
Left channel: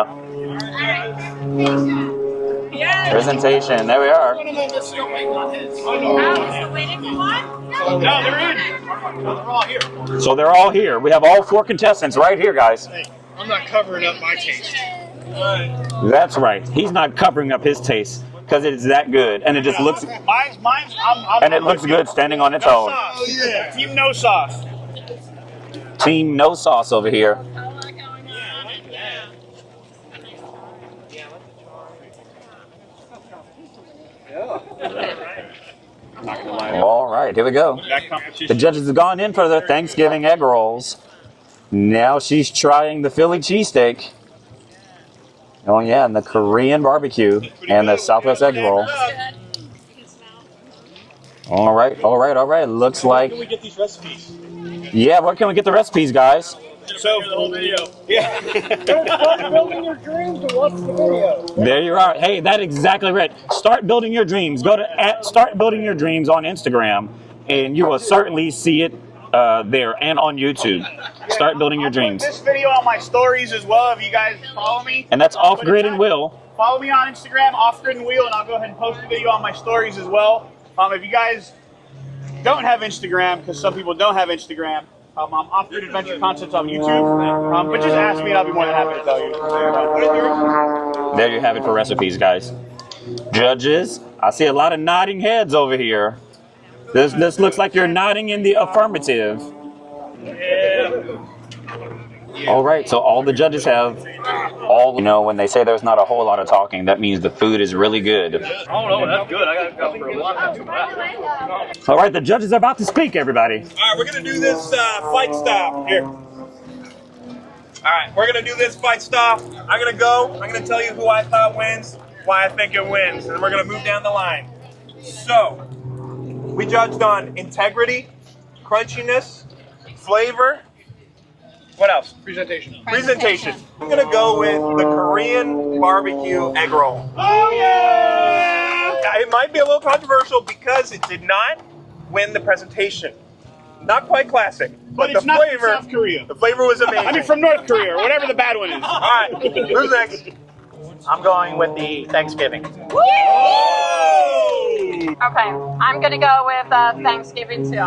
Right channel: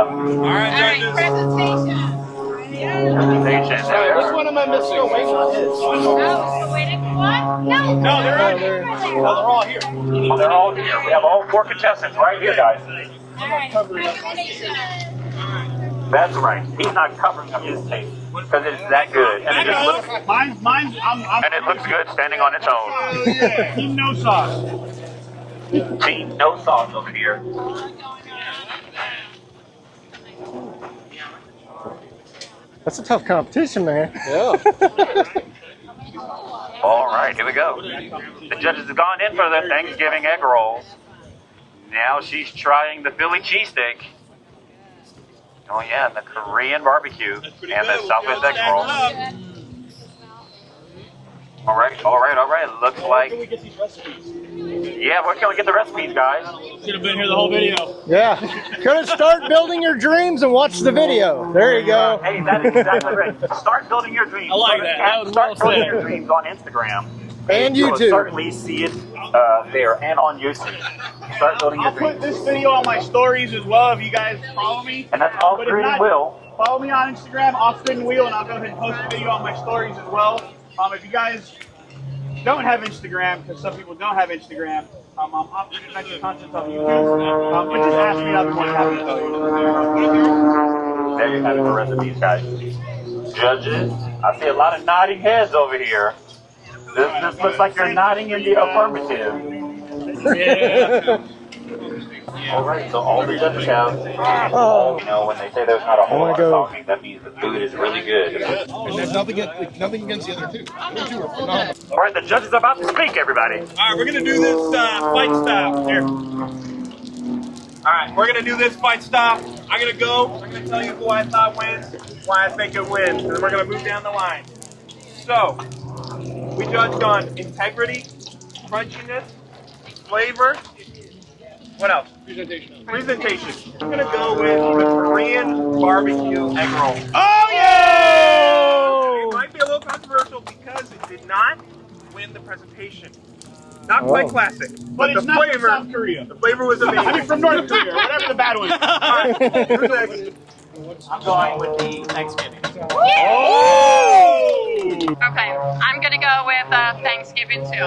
Presentation. There we are. One of them is still waiting on his. No, they're all here. So they're all here. We have all 4 contestants right here, guys. I'm not covering up my taste. That's right. He's not covering up his taste because it is that good, and it just looks. Mine's. And it looks good standing on its own. Yeah, team no sauce. Team no sauce over here. That's a tough competition, man. Yeah. All right, here we go. The judges have gone in for the Thanksgiving egg rolls. Now she's trying the Philly cheesesteak. Oh yeah, and the Korean barbecue and the Southwest egg roll. All right. Looks like. Where can we get these recipes? Yeah, where can we get the recipes, guys? Should have been here the whole video. Yeah. Go start building your dreams and watch the video. There you go. Are. Hey, that's exactly right. Start building your dreams. Go to Start Building Your Dreams on Instagram. And you will YouTube. certainly see it there and on YouTube. Start building your dreams. I'll put this video on my stories as well if you guys follow me. And that's Off Grid and Will. Follow me on Instagram, Off Grid and Wheel, and I'll go ahead and post the video on my stories as well. If you guys don't have Instagram, because some people don't have Instagram, I'm Off Grid Adventure Concepts on YouTube. But just ask me and I'll be more than happy to tell you. There you have it for recipes, guys. Judges, I see a lot of nodding heads over here. This looks like you're nodding in the affirmative. Yeah. All right, so all the judges have, when they say there's not a whole lot of talking, that means the food is really good. All right, the judges are about to speak, everybody. All right, we're going to do this fight style. Here. All right, we're gonna do this fight style. I'm gonna go. I'm gonna tell you who I thought wins, why I think it wins, and then we're gonna move down the line. So, we judged on integrity, crunchiness, flavor. What else? Presentation. Presentation. I'm gonna go with the Korean barbecue egg roll. Oh yeah! It might be a little controversial because it did not win the presentation. Not quite classic, but it's the not flavor. from South Korea. The flavor was amazing. I mean, from North Korea, or whatever the bad one is. All right, who's next? I'm going with the Thanksgiving. Okay, I'm gonna go with Thanksgiving too.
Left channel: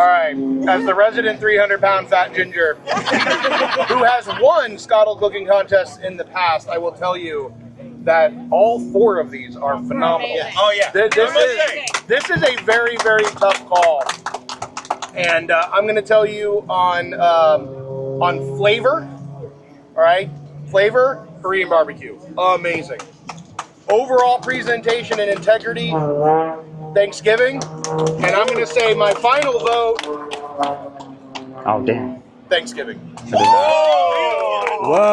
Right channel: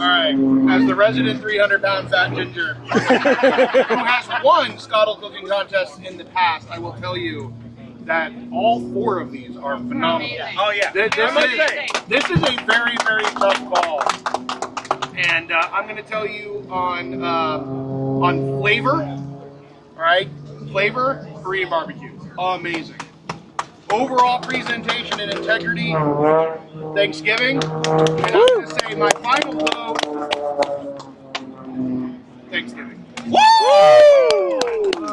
All right, as the resident 300-pound fat ginger who has won Scotle cooking contests in the past, I will tell you that all 4 of these are phenomenal. Oh yeah. This is a very, very tough call, and I'm going to tell you on flavor. All right, flavor, Korean barbecue, amazing. Overall presentation and integrity, Thanksgiving, and I'm going to say my final vote. Oh damn. Thanksgiving. Whoa!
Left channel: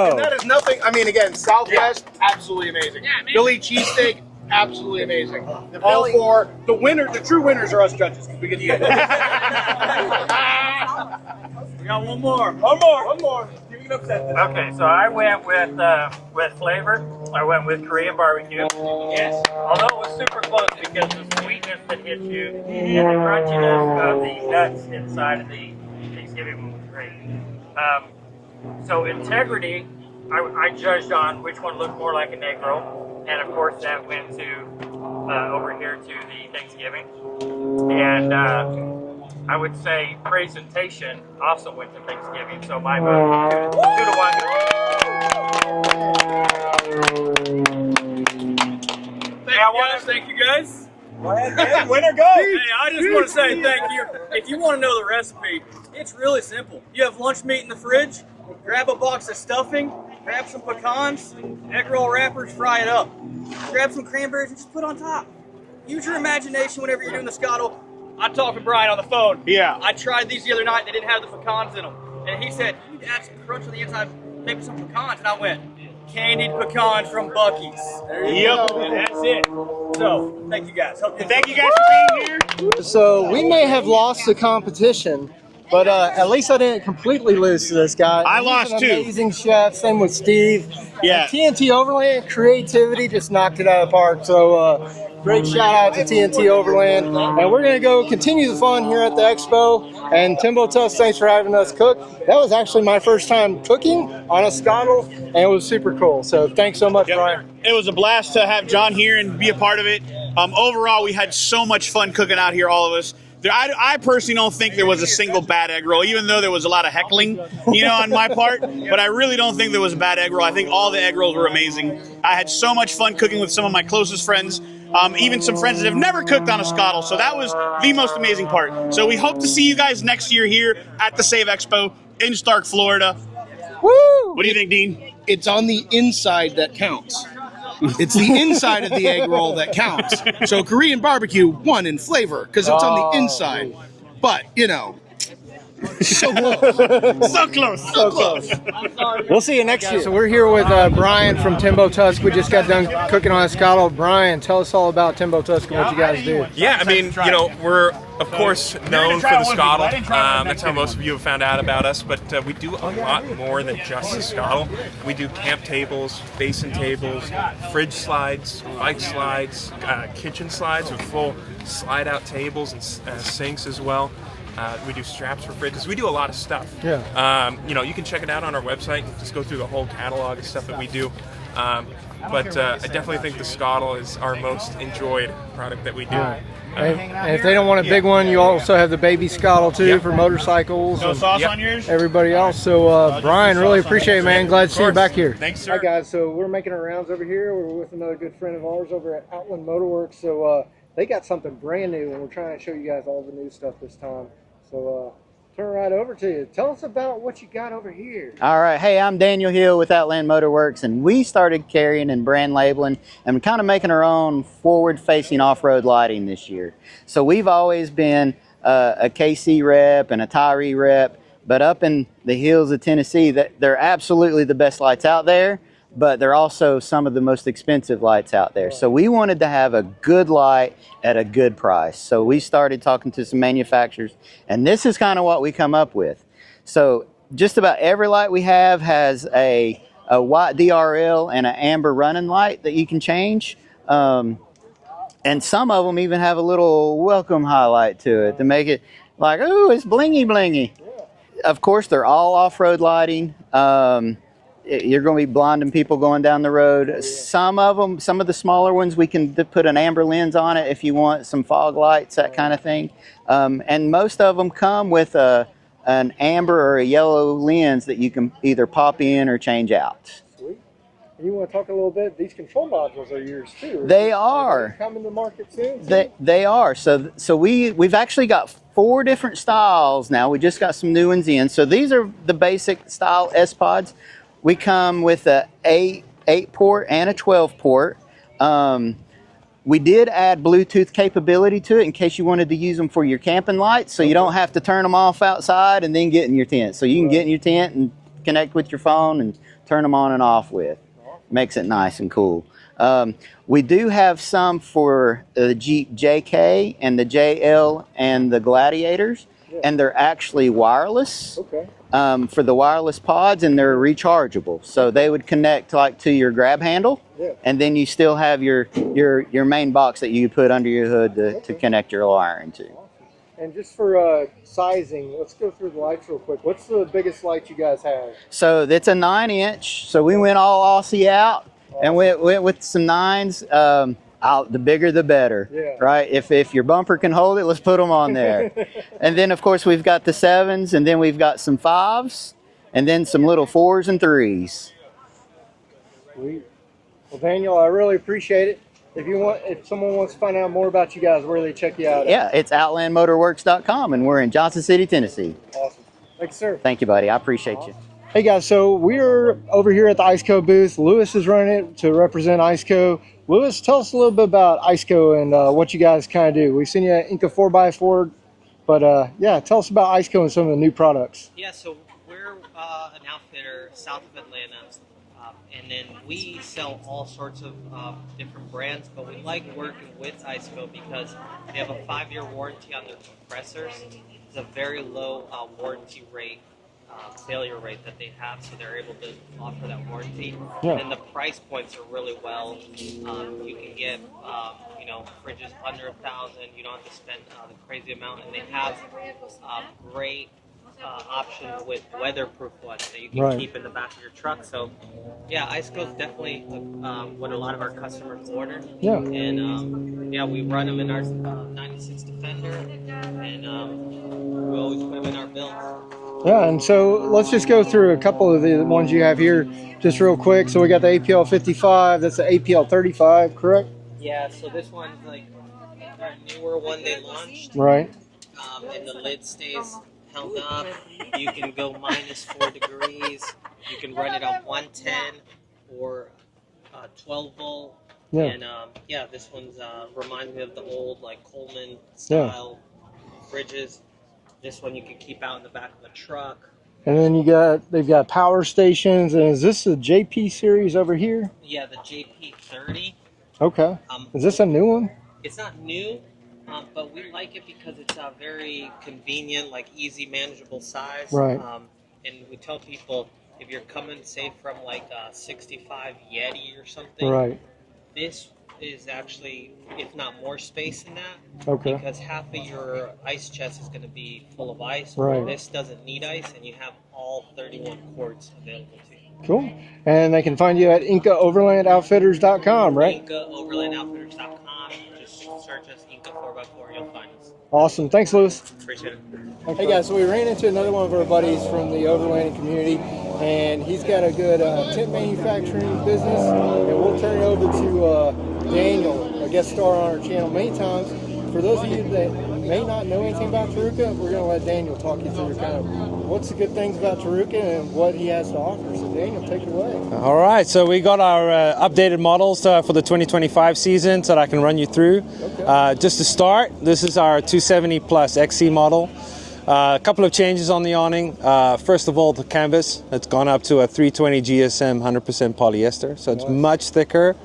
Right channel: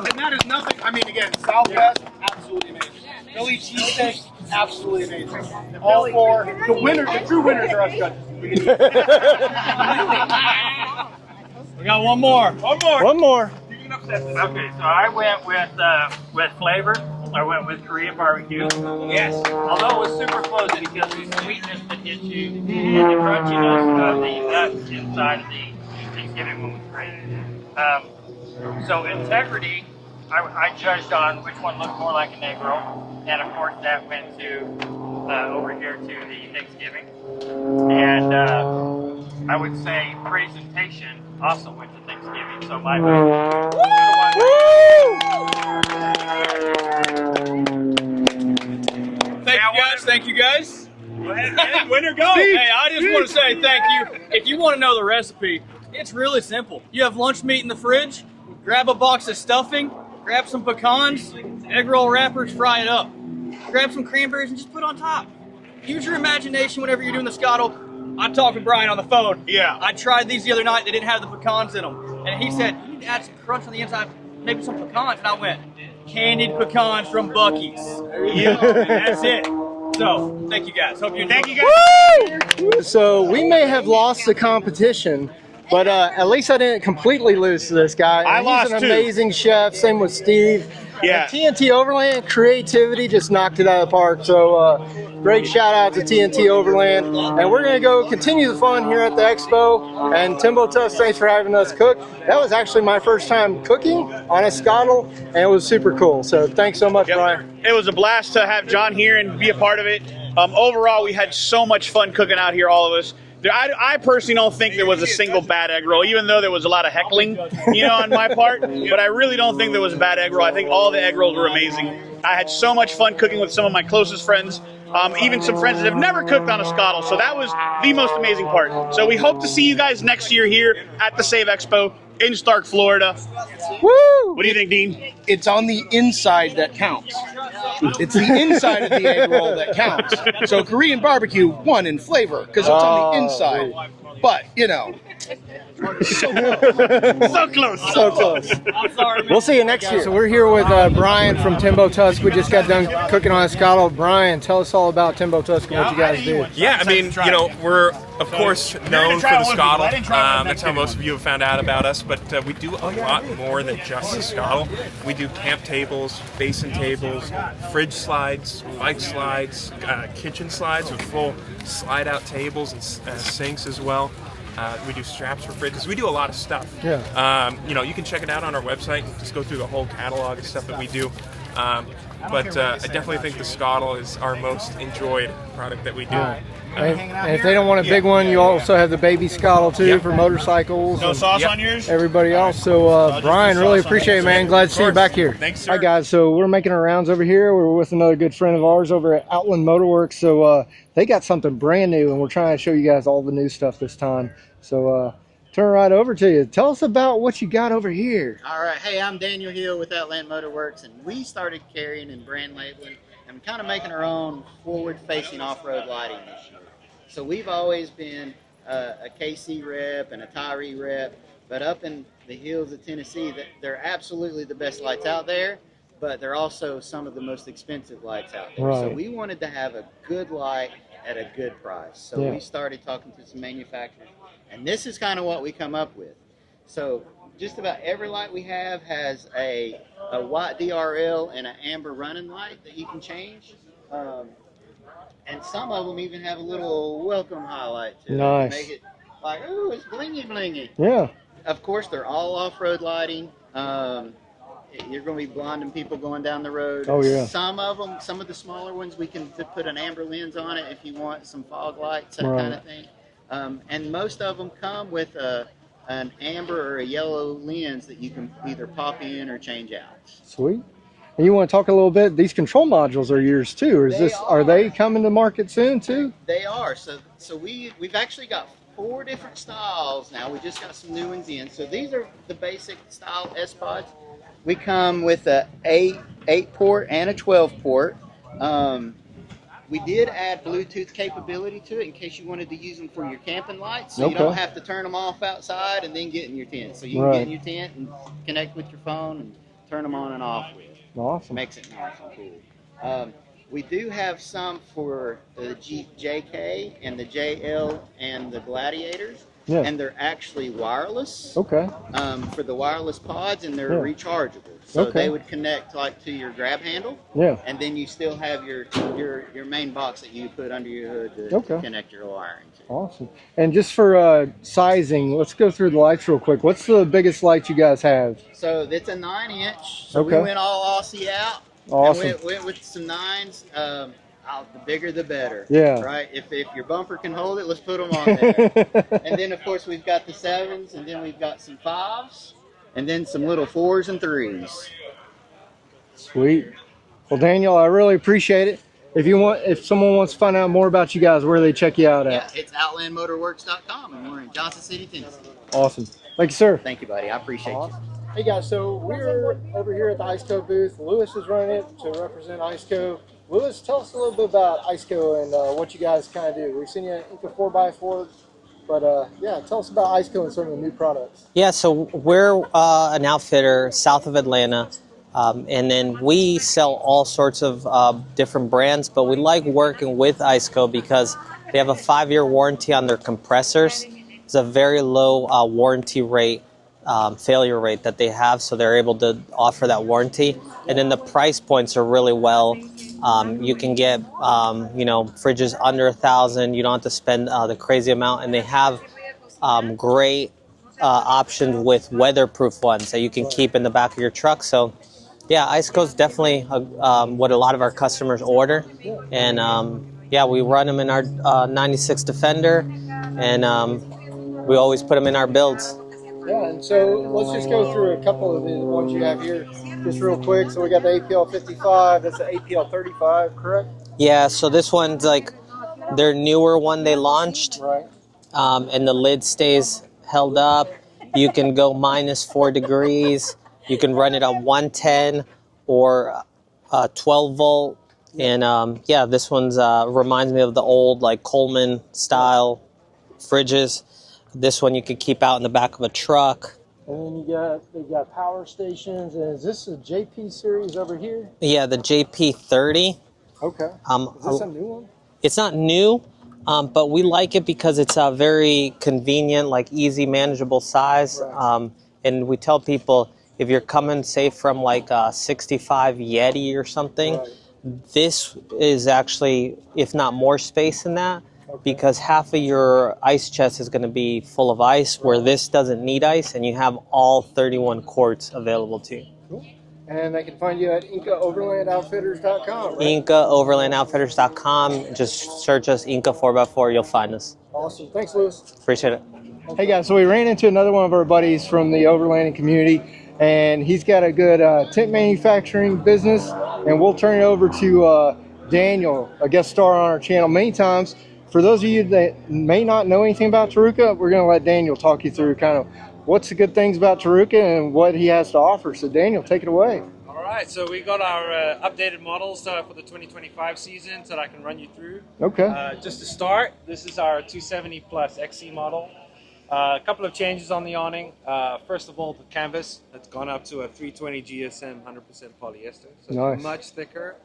And that is nothing. I mean, again, Southwest, absolutely amazing. Philly cheesesteak, absolutely amazing. All 4. The winner, the true winners are us judges. We get the We got one more. One more. Okay, so I went with flavor. I went with Korean barbecue. Yes. Although it was super close because the sweetness that hit you and the crunchiness of the nuts inside of the Thanksgiving one was great. So integrity, I judged on which one looked more like an egg roll, and of course that went to over here to the Thanksgiving. And I would say presentation also went to Thanksgiving. So my vote 2-1. Thank you guys. Go ahead, man. Winner, go. Hey, I just want to say thank you. If you want to know the recipe, it's really simple. You have lunch meat in the fridge, grab a box of stuffing, grab some pecans, egg roll wrappers, fry it up. Grab some cranberries and just put on top. Use your imagination whenever you're doing the Scotle. I talked to Brian on the phone. Yeah. I tried these the other night. They didn't have the pecans in them. And he said, you need to add some crunch on the inside, maybe some pecans. And I went, candied pecans from Buc-ee's. There you go. And that's it. So, thank you guys. Hope you enjoy. Thank you guys. So we may have lost the competition, but at least I didn't completely lose to this guy. I He's lost an too. amazing chef. Same with Steve. Yeah. TNT Overland creativity just knocked it out of the park. So great shout out to TNT Overland. And we're gonna go continue the fun here at the expo. And Timbo Tusk, thanks for having us cook. That was actually my first time cooking on a Scotle, and it was super cool. So thanks so much, Brian. It was a blast to have John here and be a part of it. Overall, we had so much fun cooking out here, all of us. I personally don't think there was a single bad egg roll, even though there was a lot of heckling, on my part. But I really don't think there was a bad egg roll. I think all the egg rolls were amazing. I had so much fun cooking with some of my closest friends, even some friends that have never cooked on a Scotle. So that was the most amazing part. So we hope to see you guys next year here at the SAVE Expo in Stark, Florida. Woo! What do you think, Dean? It's on the inside that counts. It's the inside of the egg roll that counts. So Korean barbecue won in flavor because it's on the inside. But, so close. So close. So close. We'll see you next year. So we're here with Brian from Timbo Tusk. We just got done cooking on a Scotle. Brian, tell us all about Timbo Tusk and what you guys do. Yeah, I mean, we're of course known for the Scotle. That's how most of you have found out about us, but we do a lot more than just the Scotle. We do camp tables, basin tables, fridge slides, bike slides, kitchen slides with full slide out tables and sinks as well. We do straps for fridges. We do a lot of stuff. Yeah. You can check it out on our website. Just go through the whole catalog of stuff that we do. But I definitely think the Scotle is our most enjoyed product that we do. Yeah. And if they don't want a big one, you also have the baby Scotle too for motorcycles. No sauce on yours? Everybody else. So Brian, really appreciate it, man. Glad to see you back here. Thanks, sir. Hi guys. So we're making our rounds over here. We're with another good friend of ours over at Outland Motorworks. So they got something brand new, and we're trying to show you guys all the new stuff this time. So turn right over to you. Tell us about what you got over here. All right. Hey, I'm Daniel Hill with Outland Motorworks, and we started carrying and brand labeling and kind of making our own forward-facing off-road lighting this year. So we've always been a KC rep and a Tyree rep, but up in the hills of Tennessee, they're absolutely the best lights out there, but they're also some of the most expensive lights out there. Right. So we wanted to have a good light at a good price. So we started talking to some manufacturers, and this is kind of what we come up with. So just about every light we have has a white DRL and an amber running light that you can change. And some of them even have a little welcome highlight to it to make it like, oh, it's blingy blingy. Yeah. Of course, they're all off-road lighting. You're going to be blinding people going down the road. Oh, yeah. Some of them, some of the smaller ones, we can put an amber lens on it if you want some fog lights, that kind of thing. And most of them come with an amber or a yellow lens that you can either pop in or change out. Sweet. And you want to talk a little bit, these control modules are yours too. Are they coming to market soon too? They are. So we've actually got 4 different styles now. We just got some new ones in. So these are the basic style S-Pods. We come with a 8 port and a 12 port. We did add Bluetooth capability to it in case you wanted to use them for your camping lights, so you don't have to turn them off outside and then get in your tent. So you can get in your tent and connect with your phone and turn them on and off with. Awesome. Makes it nice and cool. We do have some for the Jeep JK and the JL and the Gladiators. Yeah. And they're actually wireless. Okay. For the wireless pods, and they're rechargeable. So they would connect like to your grab handle. Yeah. And then you still have your main box that you put under your hood to connect your wiring to. Awesome. And just for sizing, let's go through the lights real quick. What's the biggest light you guys have? So it's a 9-inch. So we went all Aussie out and went with some 9s. The bigger the better, right? If your bumper can hold it, let's put them on there. And then of course we've got the 7s, and then we've got some 5s, and then some little 4s and 3s. Sweet. Well, Daniel, I really appreciate it. If someone wants to find out more about you guys, where do they check you out at? Yeah, it's outlandmotorworks.com, and we're in Johnson City, Tennessee. Awesome. Thank you, sir. Thank you, buddy. I appreciate you. Hey guys, so we're over here at the IceCo booth. Lewis is running it to represent IceCo. Lewis, tell us a little bit about IceCo and what you guys kind of do. We've seen you at Inca 4x4, but yeah, tell us about IceCo and some of the new products. Yeah, so we're an outfitter south of Atlanta, and then we sell all sorts of different brands, but we like working with IceCo because they have a 5-year warranty on their compressors. It's a very low warranty rate. Failure rate that they have, so they're able to offer that warranty. And then the price points are really well. You can get fridges under $1,000. You don't have to spend the crazy amount, and they have great options with weatherproof ones that you can keep in the back of your truck. So yeah, IceCo is definitely what a lot of our customers order. And yeah, we run them in our 96 Defender, and we always put them in our builds. Yeah, and so let's just go through a couple of the ones you have here just real quick. So we got the APL 55, that's the APL 35, correct? Yeah, so this one's like their newer one they launched. Right. And the lid stays held up. You can go -4 degrees. You can run it on 110 or 12 volt. Yeah. And yeah, this one's reminds me of the old like Coleman style fridges. This one you could keep out in the back of a truck. And then they've got power stations. And is this the JP series over here? Yeah, the JP30. Okay. Is this a new one? It's not new, but we like it because it's a very convenient, like easy, manageable size. Right. And we tell people if you're coming, say, from like a 65 Yeti or something, this is actually, if not more space than that. Okay. Because half of your ice chest is going to be full of ice, where this doesn't need ice, and you have all 31 quarts available to you. Cool. And they can find you at IncaOverlandOutfitters.com, right? IncaOverlandOutfitters.com. Just search us, Inca 4x4, you'll find us. Awesome. Thanks, Lewis. Appreciate it. Hey, guys, so we ran into another one of our buddies from the overlanding community, and he's got a good tent manufacturing business, and we'll turn it over to Daniel, a guest star on our channel many times. for those of you that may not know anything about Taruka, we're going to let Daniel talk you through kind of what's the good things about Taruka and what he has to offer. So Daniel, take it away. All right, so we got our updated models for the 2025 season that I can run you through. Okay. Just to start, this is our 270 Plus XC model. A couple of changes on the awning. First of all, the canvas. It's gone up to a 320 GSM 100% polyester, so it's much thicker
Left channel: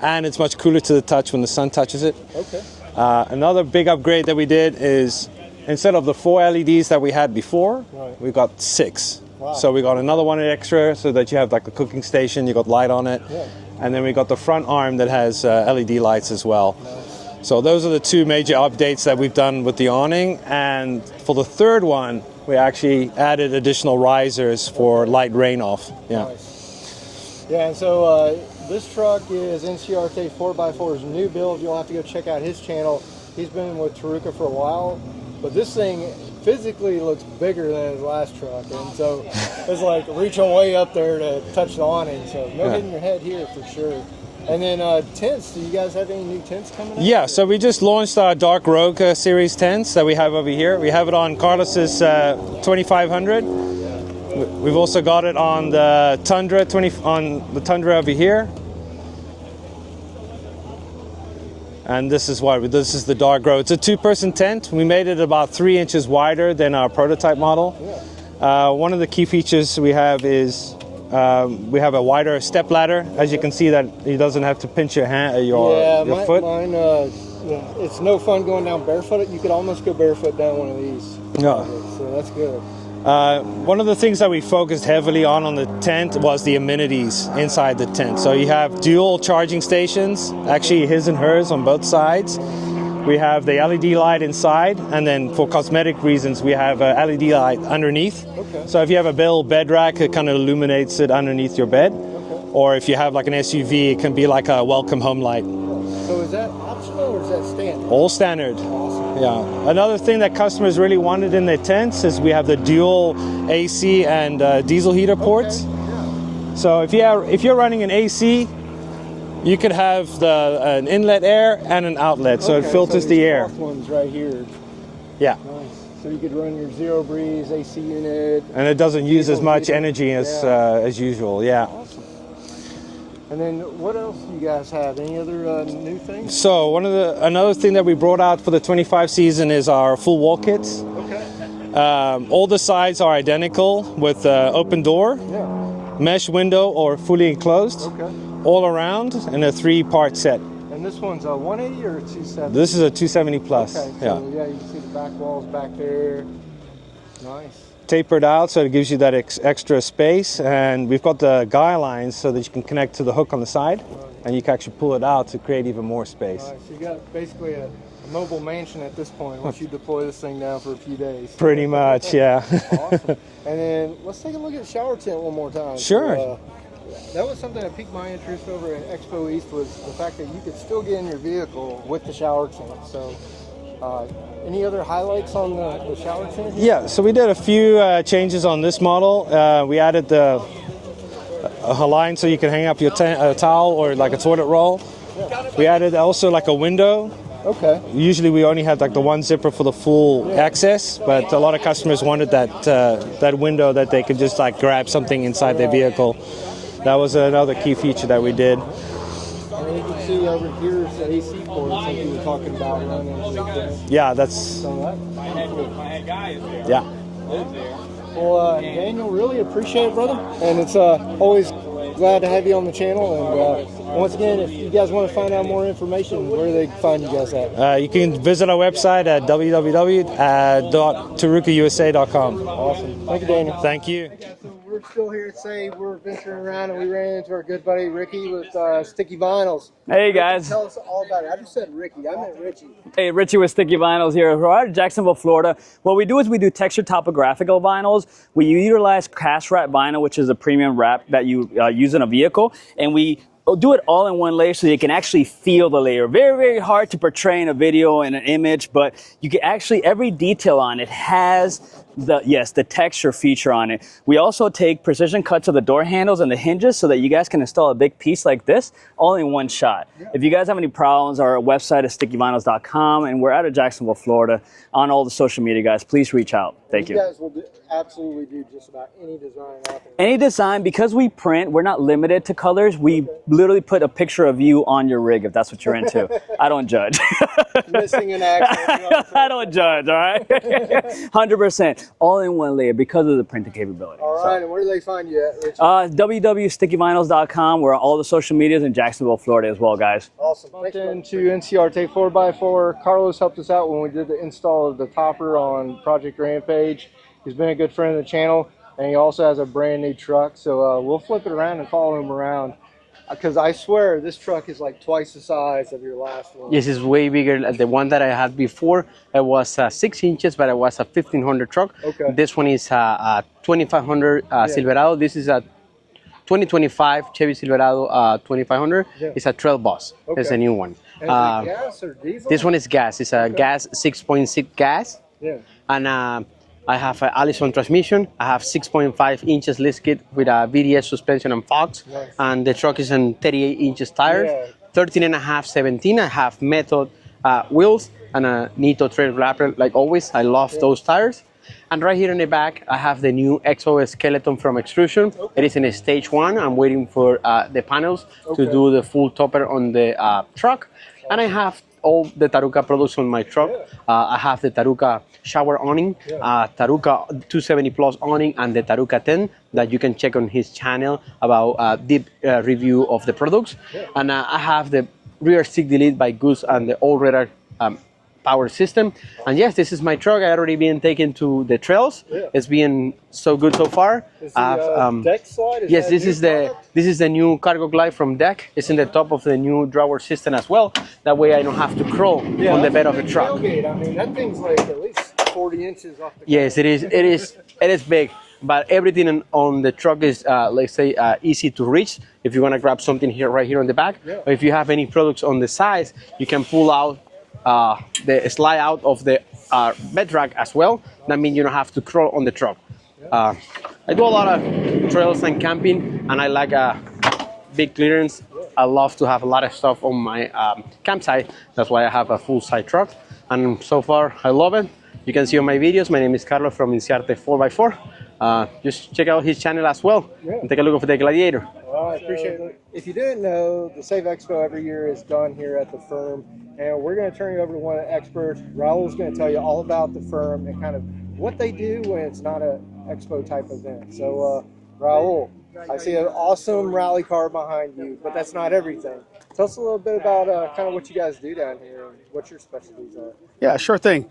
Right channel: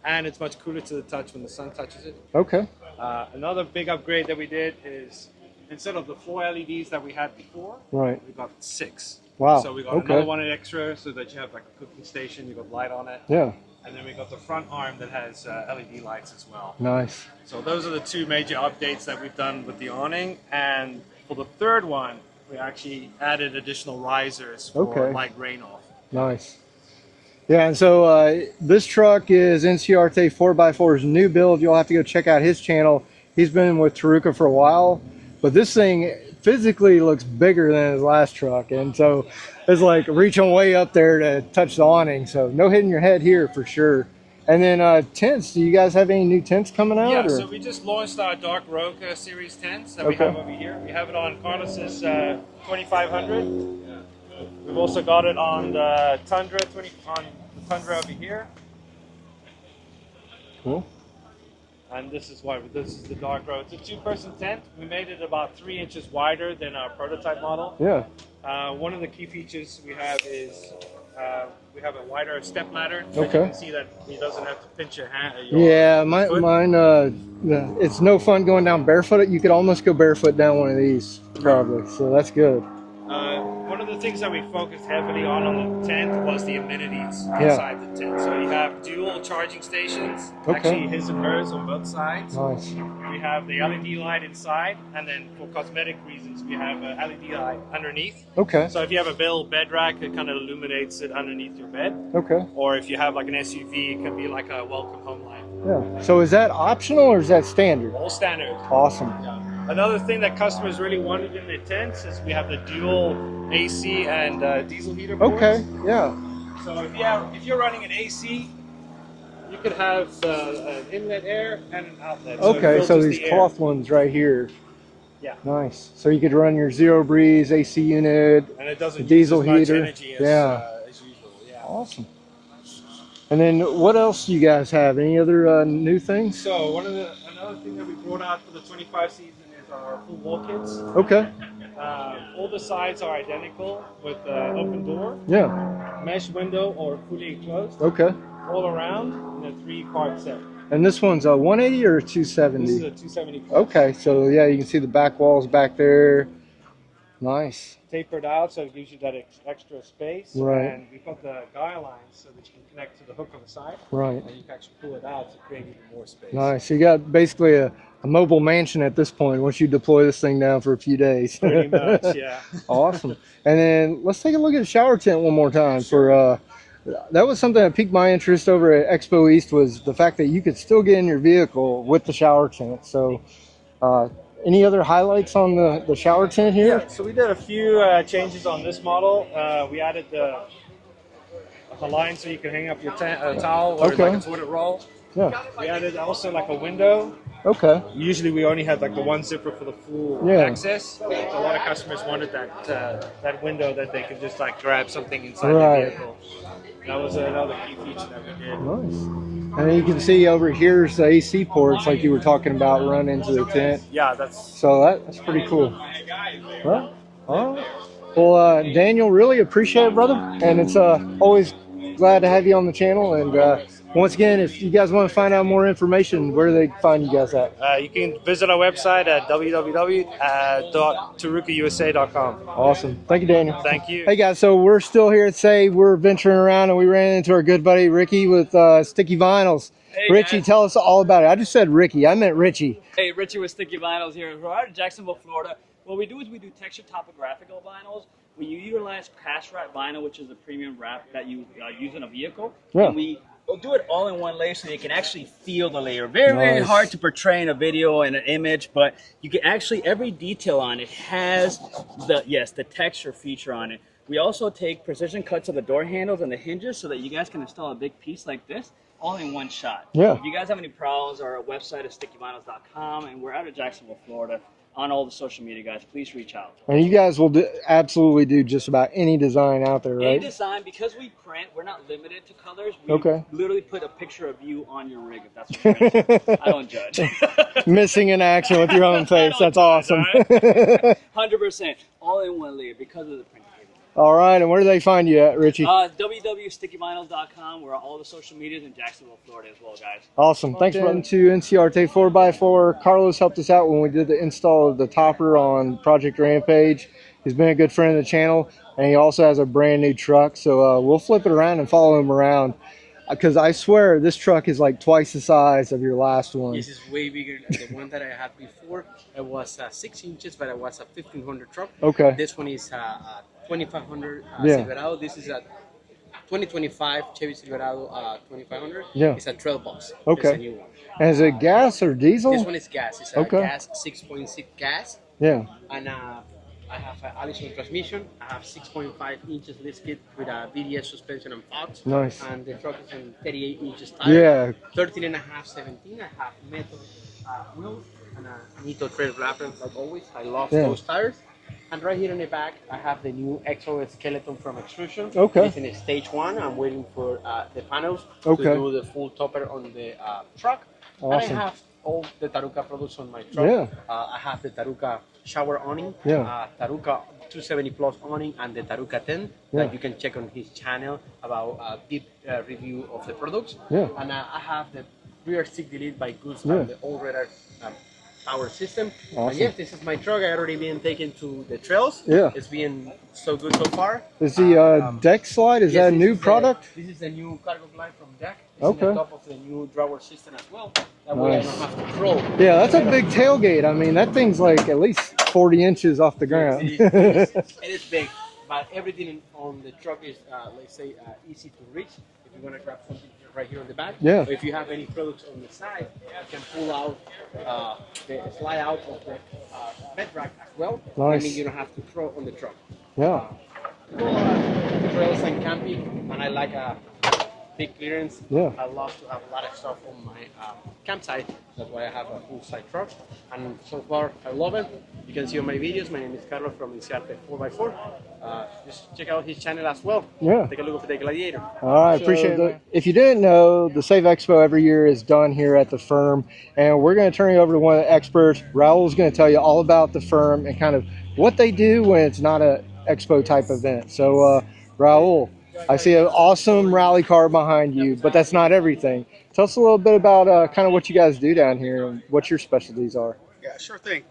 and it's much cooler to the touch when the sun touches it. Okay. Another big upgrade that we did is instead of the 4 LEDs that we had before, we got 6. Wow. So we got another one extra so that you have like a cooking station, you got light on it. Yeah. And then we got the front arm that has LED lights as well. Nice. So those are the 2 major updates that we've done with the awning. And for the third one, we actually added additional risers for light rain off. Yeah. Nice. Yeah, and so this truck is NCRT 4x4's new build. You'll have to go check out his channel. He's been with Taruka for a while, but this thing physically looks bigger than his last truck, and so it's like reaching way up there to touch the awning, so no hitting your head here for sure. And then tents, do you guys have any new tents coming out? Yeah, so we just launched our Dark Rogue series tents that we have over here. We have it on Carlos's 2500. We've also got it on the Tundra Tundra over here. Cool. And this is the Dark Rogue. It's a 2-person tent. We made it about 3 inches wider than our prototype model. Yeah. One of the key features we have is we have a wider step ladder. As you can see, that it doesn't have to pinch your hand. Your foot. Mine. It's no fun going down barefoot. You could almost go barefoot down one of these, probably. So that's good. One of the things that we focused heavily on the tent was the amenities inside the tent. So you have dual charging stations, actually his and hers on both sides. We have the LED light inside, and then for cosmetic reasons, we have a LED light underneath. Okay. So if you have a bed rack, it kind of illuminates it underneath your bed. Okay. Or if you have like an SUV, it can be like a welcome home light. Yeah. So is that optional or is that standard? All standard. Awesome. Yeah. Another thing that customers really wanted in their tents is we have the dual AC and diesel heater ports. Okay. Yeah. So if you're running an AC, you could have an inlet air and an outlet, so it filters the air. Cloth ones right here. Yeah. Nice. So you could run your zero breeze AC unit. And it doesn't use as much energy as usual. Yeah. Awesome. And then what else do you guys have? Any other new things? So another thing that we brought out for the 25 season is our full wall kits. Okay. All the sides are identical with open door. Yeah. Mesh window or fully enclosed. Okay. All around in a 3-part set. And this one's a 180 or a 270? This is a 270 plus. Okay, so yeah, you can see the back walls back there. Nice. Tapered out, so it gives you that extra space. Right. And we've got the guy lines so that you can connect to the hook on the side. Right. And you can actually pull it out to create even more space. Nice. So you got basically a mobile mansion at this point once you deploy this thing down for a few days. Pretty much, yeah. Awesome. And then let's take a look at the shower tent one more time. Sure. That was something that piqued my interest over at Expo East, was the fact that you could still get in your vehicle with the shower tent. So any other highlights on the shower tent here? Yeah, so we did a few changes on this model. We added a line so you can hang up your towel or like a toilet roll. Yeah. We added also like a window. Okay. Usually we only had like the one zipper for the full access, but a lot of customers wanted that window that they could just like grab something inside their vehicle. That was another key feature that we did. And then you can see over here is the AC ports like you were talking about run into the tent. Yeah, that's pretty cool. Yeah. All right. Well, Daniel, really appreciate it, brother. And it's always glad to have you on the channel. And once again, if you guys want to find out more information, where do they find you guys at? You can visit our website at www.tarukausa.com. Awesome. Thank you, Daniel. Thank you. Hey, guys. So we're still here at SAVE. We're venturing around, and we ran into our good buddy Ricky with Sticky Vinyls. Hey, Richie, guys. tell us all about it. I just said Ricky. I meant Richie. Hey, Richie with Sticky Vinyls here. We're out of Jacksonville, Florida. What we do is we do textured topographical vinyls. We utilize cast wrap vinyl, which is a premium wrap that you use in a vehicle, and we do it all in one layer so you can actually feel the layer. Very, very Nice. hard to portray in a video and an image, but you can actually, every detail on it has the texture feature on it. We also take precision cuts of the door handles and the hinges so that you guys can install a big piece like this all in one shot. Yeah. If you guys have any problems, our website is stickyvinyls.com, and we're out of Jacksonville, Florida. On all the social media, guys, please reach out. And you guys will absolutely do just about any design out there, right? Any design, because we print, we're not limited to colors. We literally put a picture of you on your rig if that's what you're into. I don't judge. Missing in action with your own face. I don't That's judge, awesome. all right? 100%. All in one layer because of the printing capability. All right, and where do they find you at, Richie? www.stickyvinyls.com. We're on all the social medias in Jacksonville, Florida as well, guys. Awesome. Thanks, brother. To NCRT 4x4. Carlos helped us out when we did the install of the topper on Project Rampage. He's been a good friend of the channel, and he also has a brand new truck. So we'll flip it around and follow him around, because I swear this truck is like twice the size of your last one. Yes, it's way bigger. The one that I had before, it was 6 inches, but it was a 1500 truck. Okay. This one is a 2500 Yeah. Silverado. This is a 2025 Chevy Silverado 2500. Yeah. It's a trail bus. Okay. It's a new one. And is it gas or diesel? This one is gas. It's a Okay. gas 6.6 gas. Yeah. And I have an Allison transmission. I have 6.5 inches lift kit with a VDS suspension and Fox. Nice. And the truck is on 38 inches tires. Yeah. 13 and a half, 17. I have Method wheels and a Nito trail wrapper like always. I love those tires. And right here in the back, I have the new EXO skeleton from Extrusion. Okay. It is in a stage 1. I'm waiting for the panels to do the full topper on the truck. And I Awesome. have all the Taruka products on my truck. Yeah. I have the Taruka shower awning, Taruka 270 plus awning, and the Taruka 10 that you can check on his channel about deep review of the products. Yeah. And I have the rear stick delete by Goose and the all-radar power system. Awesome. And yes, this is my truck. I already been taken to the trails. Yeah. It's been so good so far. Is the deck slide, is yes, that a this new is product? this is the new cargo glide from Deck. It's in the Okay. top of the new drawer system as well. That way I don't have to crawl Yeah, on the that's bed a of the big truck. tailgate. I mean, that thing's like at least 40 inches off the ground. Yes, it is. It is. It is big, but everything on the truck is, let's say, easy to reach. If you want to grab something here, right here on the back, Yeah. or if you have any products on the sides, you can pull out the slide out of the bed rack as well. That Nice. means you don't have to crawl on the truck. Yeah. I do a lot of trails and camping, and I like big clearance. Yeah. I love to have a lot of stuff on my campsite. That's why I have a full-size truck, and so far I love it. You can see on my videos. My name is Carlos from Inciarte 4x4. Just check out his channel as well. Yeah. And take a look at the Gladiator. All right, appreciate it. If you didn't know, the SAVE Expo every year is done here at the firm, and we're going to turn you over to one of the experts. Raul's going to tell you all about the firm and kind of what they do when it's not a expo type event. So, Raul, I see an awesome rally car behind you, but that's not everything. Tell us a little bit about kind of what you guys do down here and what your specialties are. Yeah, sure thing.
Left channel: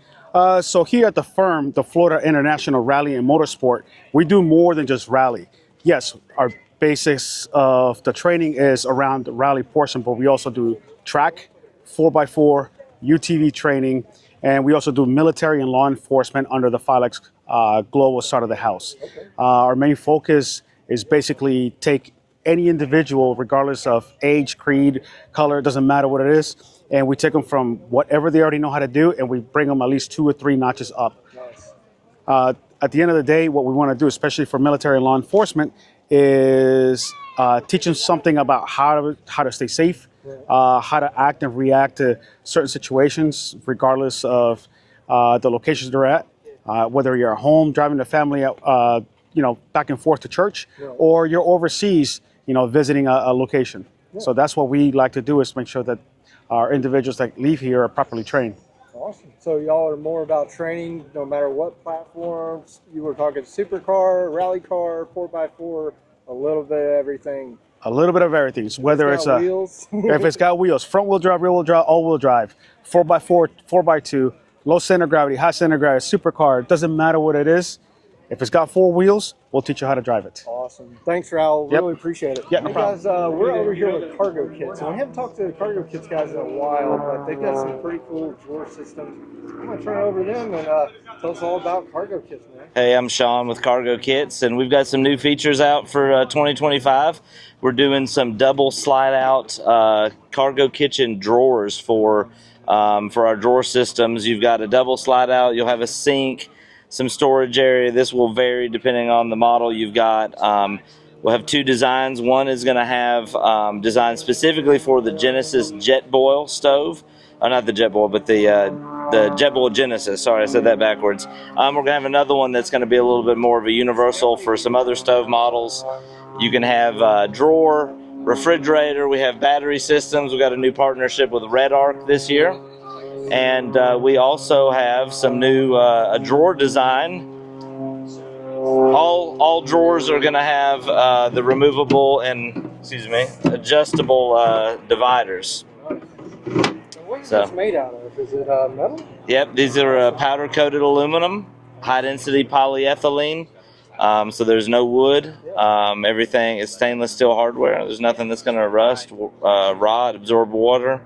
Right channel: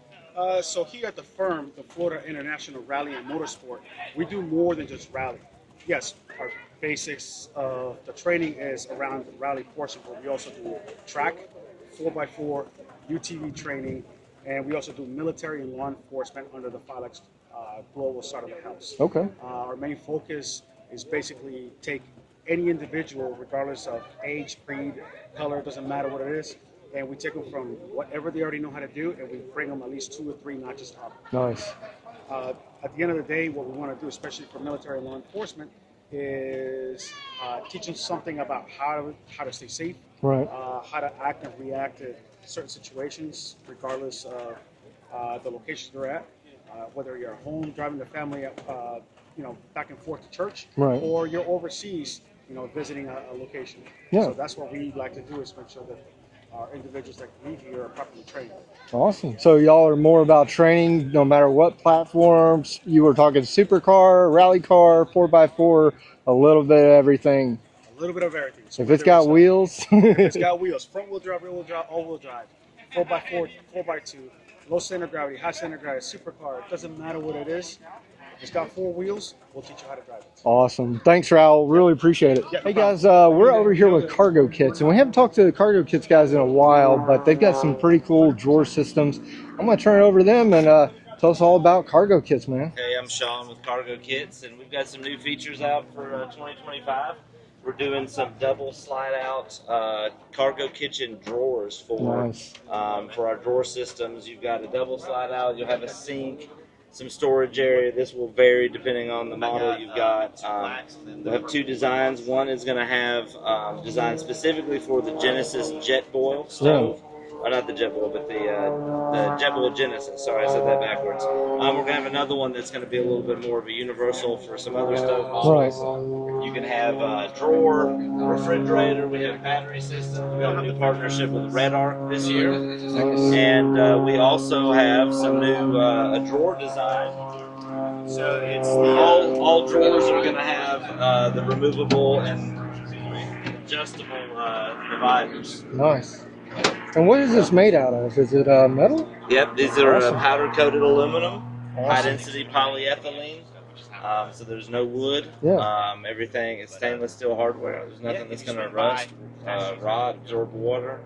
So here at the firm, the Florida International Rally and Motorsport, we do more than just rally. Yes, our basics of the training is around the rally portion, but we also do track, 4x4, UTV training, and we also do military and law enforcement under the Filex global side of the house. Okay. Our main focus is basically take any individual, regardless of age, creed, color, it doesn't matter what it is, and we take them from whatever they already know how to do, and we bring them at least 2 or 3 notches up. Nice. At the end of the day, what we want to do, especially for military and law enforcement, is teach them something about how to stay safe, right. How to act and react to certain situations, regardless of the locations they're at. Whether you're at home, driving the family, back and forth to church, Right. or you're overseas, visiting a location. Yeah. So that's what we like to do, is make sure that our individuals that leave here are properly trained. Awesome. So y'all are more about training no matter what platforms. You were talking supercar, rally car, 4x4, a little bit of everything. A little bit of everything. So If whether it's got wheels. If it's got wheels, front wheel drive, rear wheel drive, all wheel drive, 4x4, 4x2, low center gravity, high center gravity, supercar, it doesn't matter what it is. If it's got 4 wheels, we'll teach you how to drive it. Awesome. Thanks, Raul. Really appreciate it. Yep, no Hey, guys, we're over here with Cargo Kits, and we haven't talked to the Cargo Kits guys in a while, but they've got some pretty cool drawer systems. I'm going to turn it over to them and Tell us all about Cargo Kits, man. Hey, I'm Sean with Cargo Kits, and we've got some new features out for 2025. We're doing some double slide-out cargo kitchen drawers for our drawer systems. You've got a double slide-out. You'll have a sink, some storage area. This will vary depending on the model you've got. We'll have two designs. One is going to have designed specifically for the Genesis Jetboil stove. Not the Jetboil, but the Jetboil Genesis. Sorry, I said that backwards. We're going to have another one that's going to be a little bit more of a universal for some other stove models. You can have drawer, refrigerator. We have battery systems. We've got a new partnership with Red Arc this year. And we also have some new a drawer design. So it's all drawers are going to have the removable and, adjustable dividers. Nice. And what is this made out of? Is it metal? Yep, these are powder-coated aluminum, high-density polyethylene. So there's no wood. Everything is stainless steel hardware. There's nothing that's going to rust, rot, absorb water.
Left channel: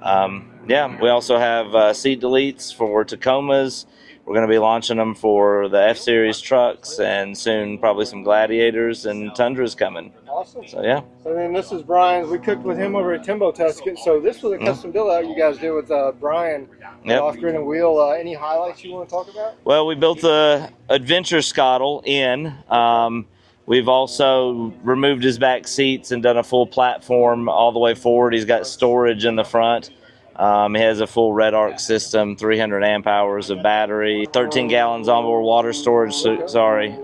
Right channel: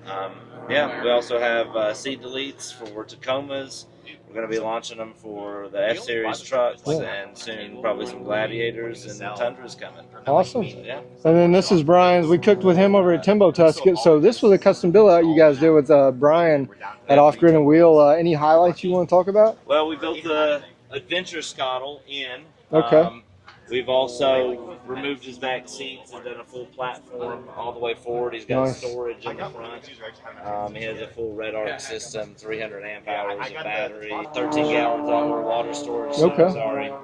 We also have seat deletes for Tacomas. We're going to be launching them for the F-Series trucks and soon probably some Gladiators and Tundras coming. Awesome. So, yeah. And then this is Brian's. We cooked with him over at Timbo Tuscan. So this was a custom build out you guys did with Brian at Off Grid and Wheel. Any highlights you want to talk about? Well, we built the Adventure Scotle in. We've also removed his back seats and done a full platform all the way forward. He's got storage in the front. He has a full Red Arc system, 300 amp hours of battery, 13 gallons onboard water storage. Sorry.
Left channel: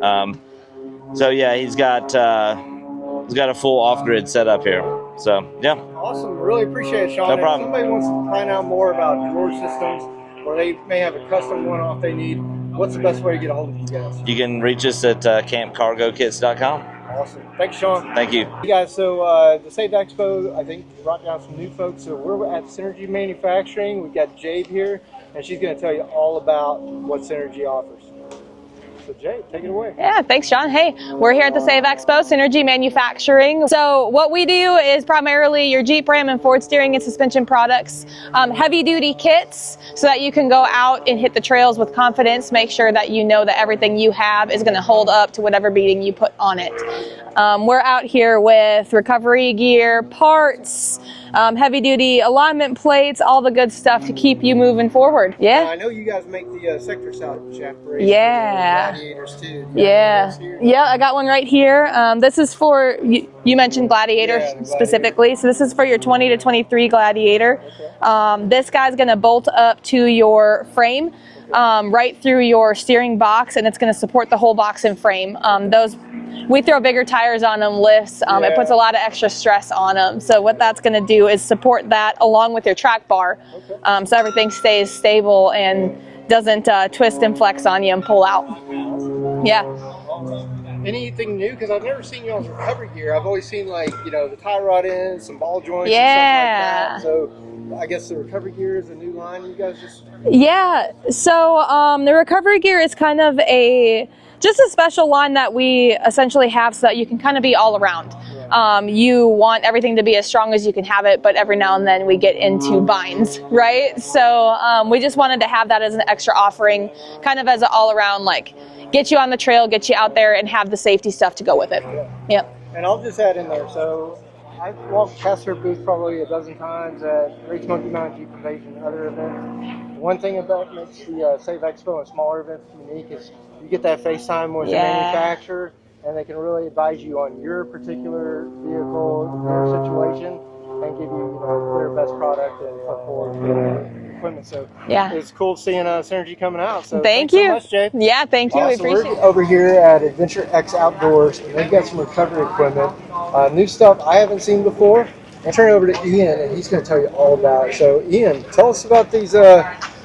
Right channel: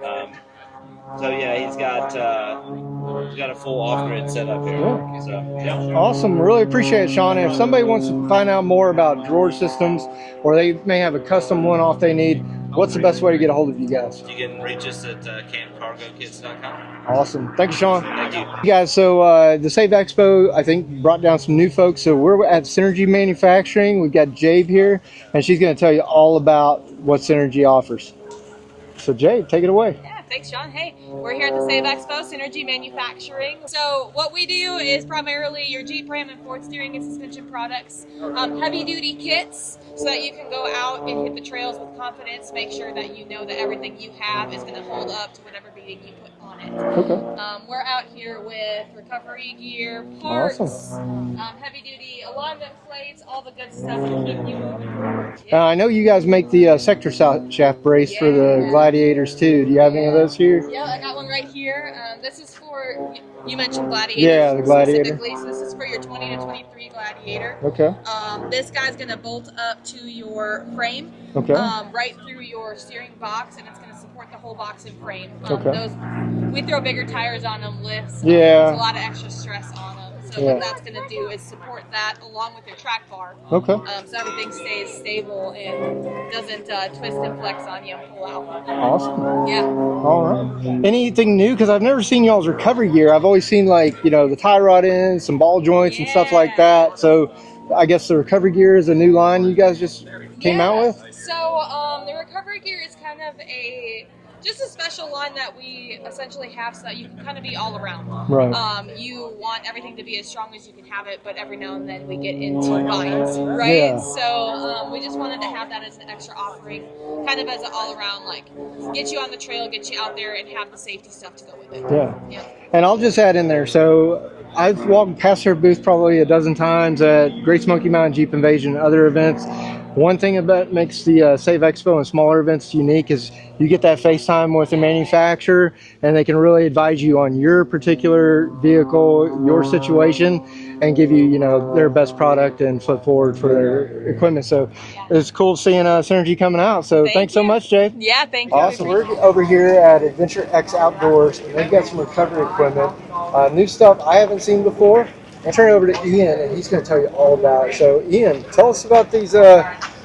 So yeah, he's got a full off-grid setup here. So yeah. Awesome. Really appreciate it, Sean. If somebody wants to find out more about drawer systems, or they may have a custom one-off they need, what's the best way to get a hold of you guys? You can reach us at campcargokits.com. Awesome. Thank you, Sean. Thank you. Guys, so the SAVE Expo, I think, brought down some new folks. So we're at Synergy Manufacturing. We've got Jade here, and she's going to tell you all about what Synergy offers. So Jade, take it away. Yeah, thanks, John. Hey, we're here at the SAVE Expo, Synergy Manufacturing. So what we do is primarily your Jeep, Ram, and Ford steering and suspension products, heavy-duty kits, so that you can go out and hit the trails with confidence, make sure that you know that everything you have is going to hold up to whatever beating you put on it. We're out here with recovery gear, parts, heavy-duty alignment plates, all the good stuff to keep you moving forward. Yeah. I know you guys make the sector shaft brace for the Gladiators too. Do you have any of those here? Yeah, I got one right here. This is for, you mentioned Gladiator specifically, so this is for your 20 to 23 Gladiator. This guy's going to bolt up to your frame, right through your steering box, and it's going to support the whole box and frame. Those, we throw bigger tires on them, lifts. It puts a lot of extra stress on them. So what that's going to do is support that along with your track bar. So everything stays stable and doesn't twist and flex on you and pull out. Awesome. Yeah. All right. Anything new? Because I've never seen y'all's recovery gear. I've always seen, like, you know, the tie rod ends, some ball joints and stuff like that. So I guess the recovery gear is a new line you guys just came out with? So the recovery gear is kind of just a special line that we essentially have so that you can kind of be all around. You want everything to be as strong as you can have it, but every now and then we get into binds, right? So we just wanted to have that as an extra offering, kind of as an all around, like, get you on the trail, get you out there, and have the safety stuff to go with it. And I'll just add in there, so I've walked past her booth probably a dozen times at Great Smoky Mountain Jeep Invasion and other events. One thing that makes the SAVE Expo and smaller events unique is you get that FaceTime with the manufacturer, and they can really advise you on your particular vehicle, your situation, and give you, you know, their best product and foot forward for their equipment. So it's cool seeing Synergy coming out. So thanks so much, Jade. Yeah, thank you. Awesome. We're over here at Adventure X Outdoors, and they've got some recovery equipment, new stuff I haven't seen before. I'll turn it over to Ian, and he's going to tell you all about it. So Ian, tell us about these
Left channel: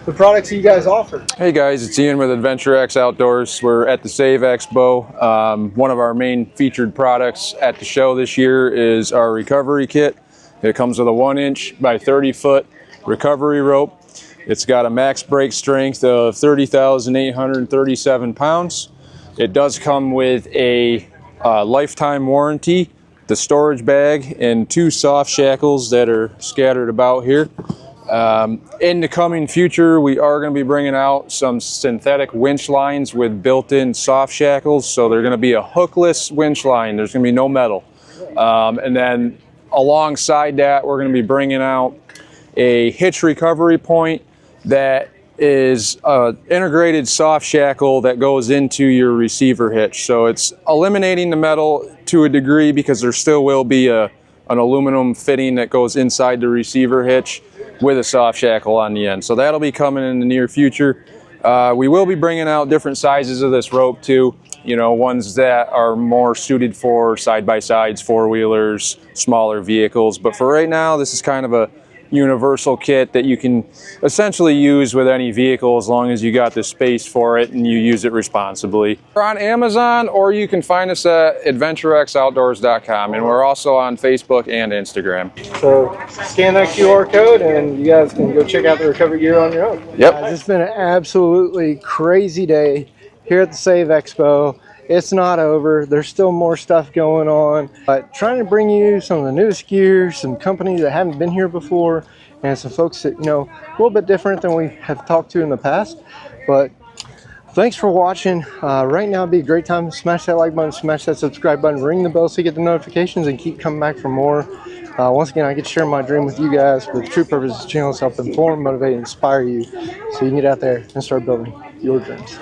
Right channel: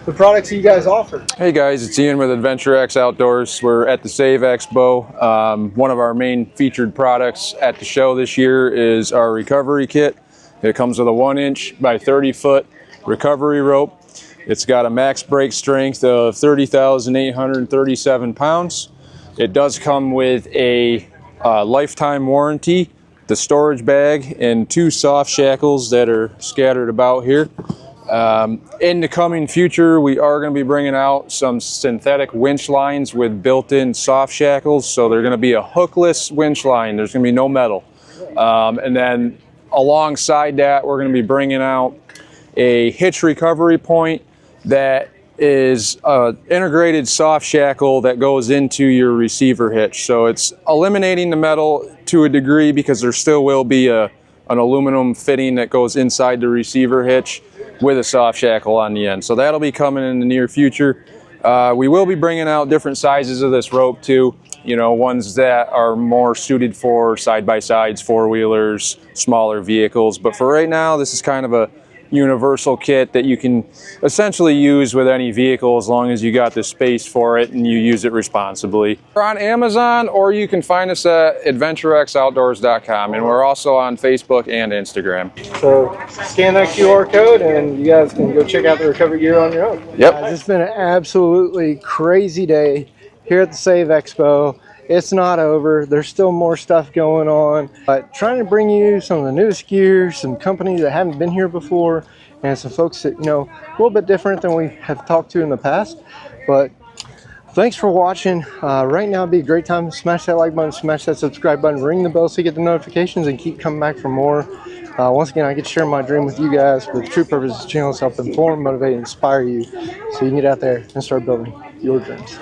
the products you guys offer. Hey guys, it's Ian with Adventure X Outdoors. We're at the SAVE Expo. One of our main featured products at the show this year is our recovery kit. It comes with a 1-inch by 30-foot recovery rope. It's got a max brake strength of 30,837 pounds. It does come with a lifetime warranty, the storage bag, and 2 soft shackles that are scattered about here. In the coming future, we are going to be bringing out some synthetic winch lines with built-in soft shackles. So they're going to be a hookless winch line. There's going to be no metal. And then alongside that, we're going to be bringing out a hitch recovery point that is an integrated soft shackle that goes into your receiver hitch. So it's eliminating the metal to a degree because there still will be an aluminum fitting that goes inside the receiver hitch with a soft shackle on the end. So that'll be coming in the near future. We will be bringing out different sizes of this rope too. You know, ones that are more suited for side-by-sides, four-wheelers, smaller vehicles. But for right now, this is kind of a universal kit that you can essentially use with any vehicle as long as you got the space for it and you use it responsibly. We're on Amazon, or you can find us at adventurexoutdoors.com, and we're also on Facebook and Instagram. So scan that QR code and you guys can go check out the recovery gear on your own. Yep. Guys, it's been an absolutely crazy day here at the SAVE Expo. It's not over. There's still more stuff going on, but trying to bring you some of the newest gear, some companies that haven't been here before, and some folks that, you know, a little bit different than we have talked to in the past. But thanks for watching. Right now would be a great time to smash that like button, smash that subscribe button, ring the bell so you get the notifications, and keep coming back for more. Once again, I get to share my dream with you guys, but the true purpose of this channel is to help inform, motivate, and inspire you so you can get out there and start building your dreams.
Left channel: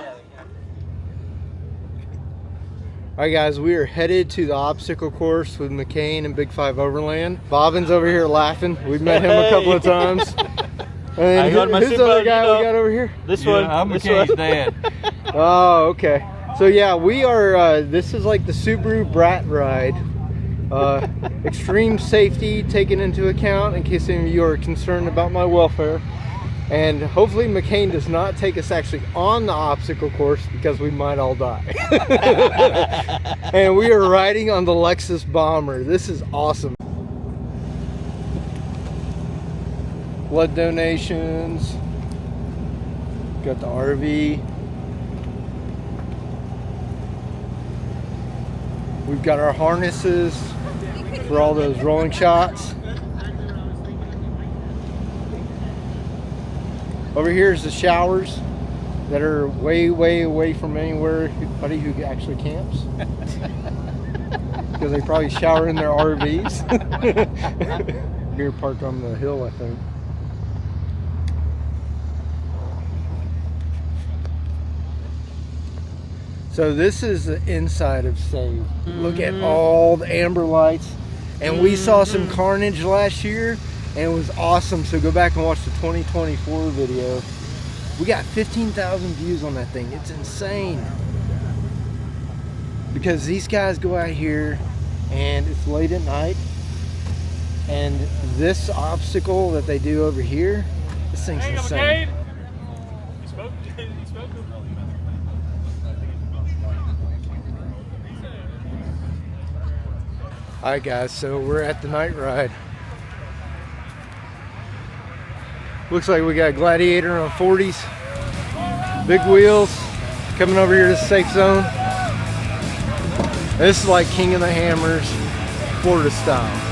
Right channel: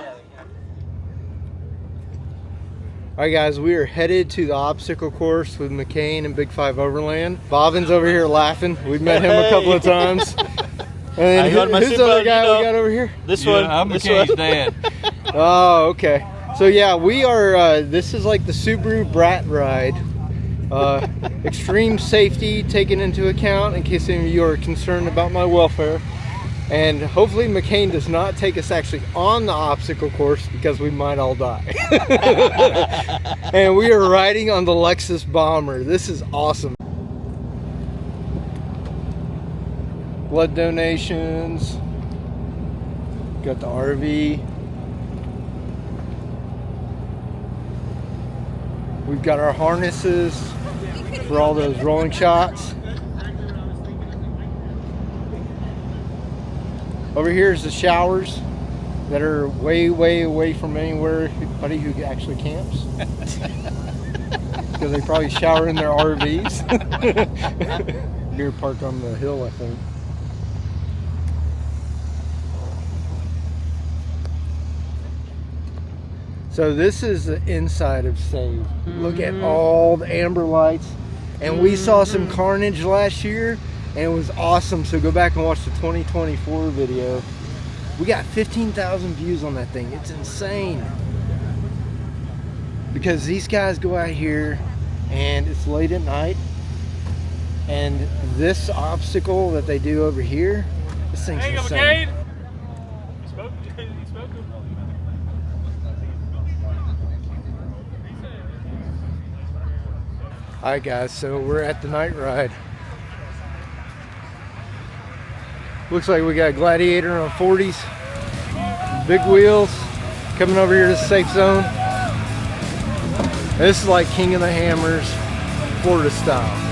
Alright guys, we are headed to the obstacle course with McCain and Big 5 Overland. Bobbin's over here laughing. We've met him a couple of times. I got my who's the other guy we got over here? This one. I'm McCain's dad. Oh, okay. So yeah, we are, this is like the Subaru Brat ride. Extreme safety taken into account in case any of you are concerned about my welfare. And hopefully McCain does not take us actually on the obstacle course because we might all die. And we are riding on the Lexus Bomber. This is awesome. Blood donations. Got the RV. We've got our harnesses for all those rolling shots. Over here is the showers that are way, way away from anybody who actually camps. Because they probably shower in their RVs. Here parked on the hill, I think. So this is the inside of SAVE. Look at all the amber lights. And we saw some carnage last year. And it was awesome, so go back and watch the 2024 video. We got 15,000 views on that thing. It's insane. Because these guys go out here and it's late at night. And this obstacle that they do over here, this thing's insane. Alright guys, so we're at the night ride. Looks like we got Gladiator on 40s, big wheels, coming over here to the safe zone. This is like King of the Hammers, Florida style.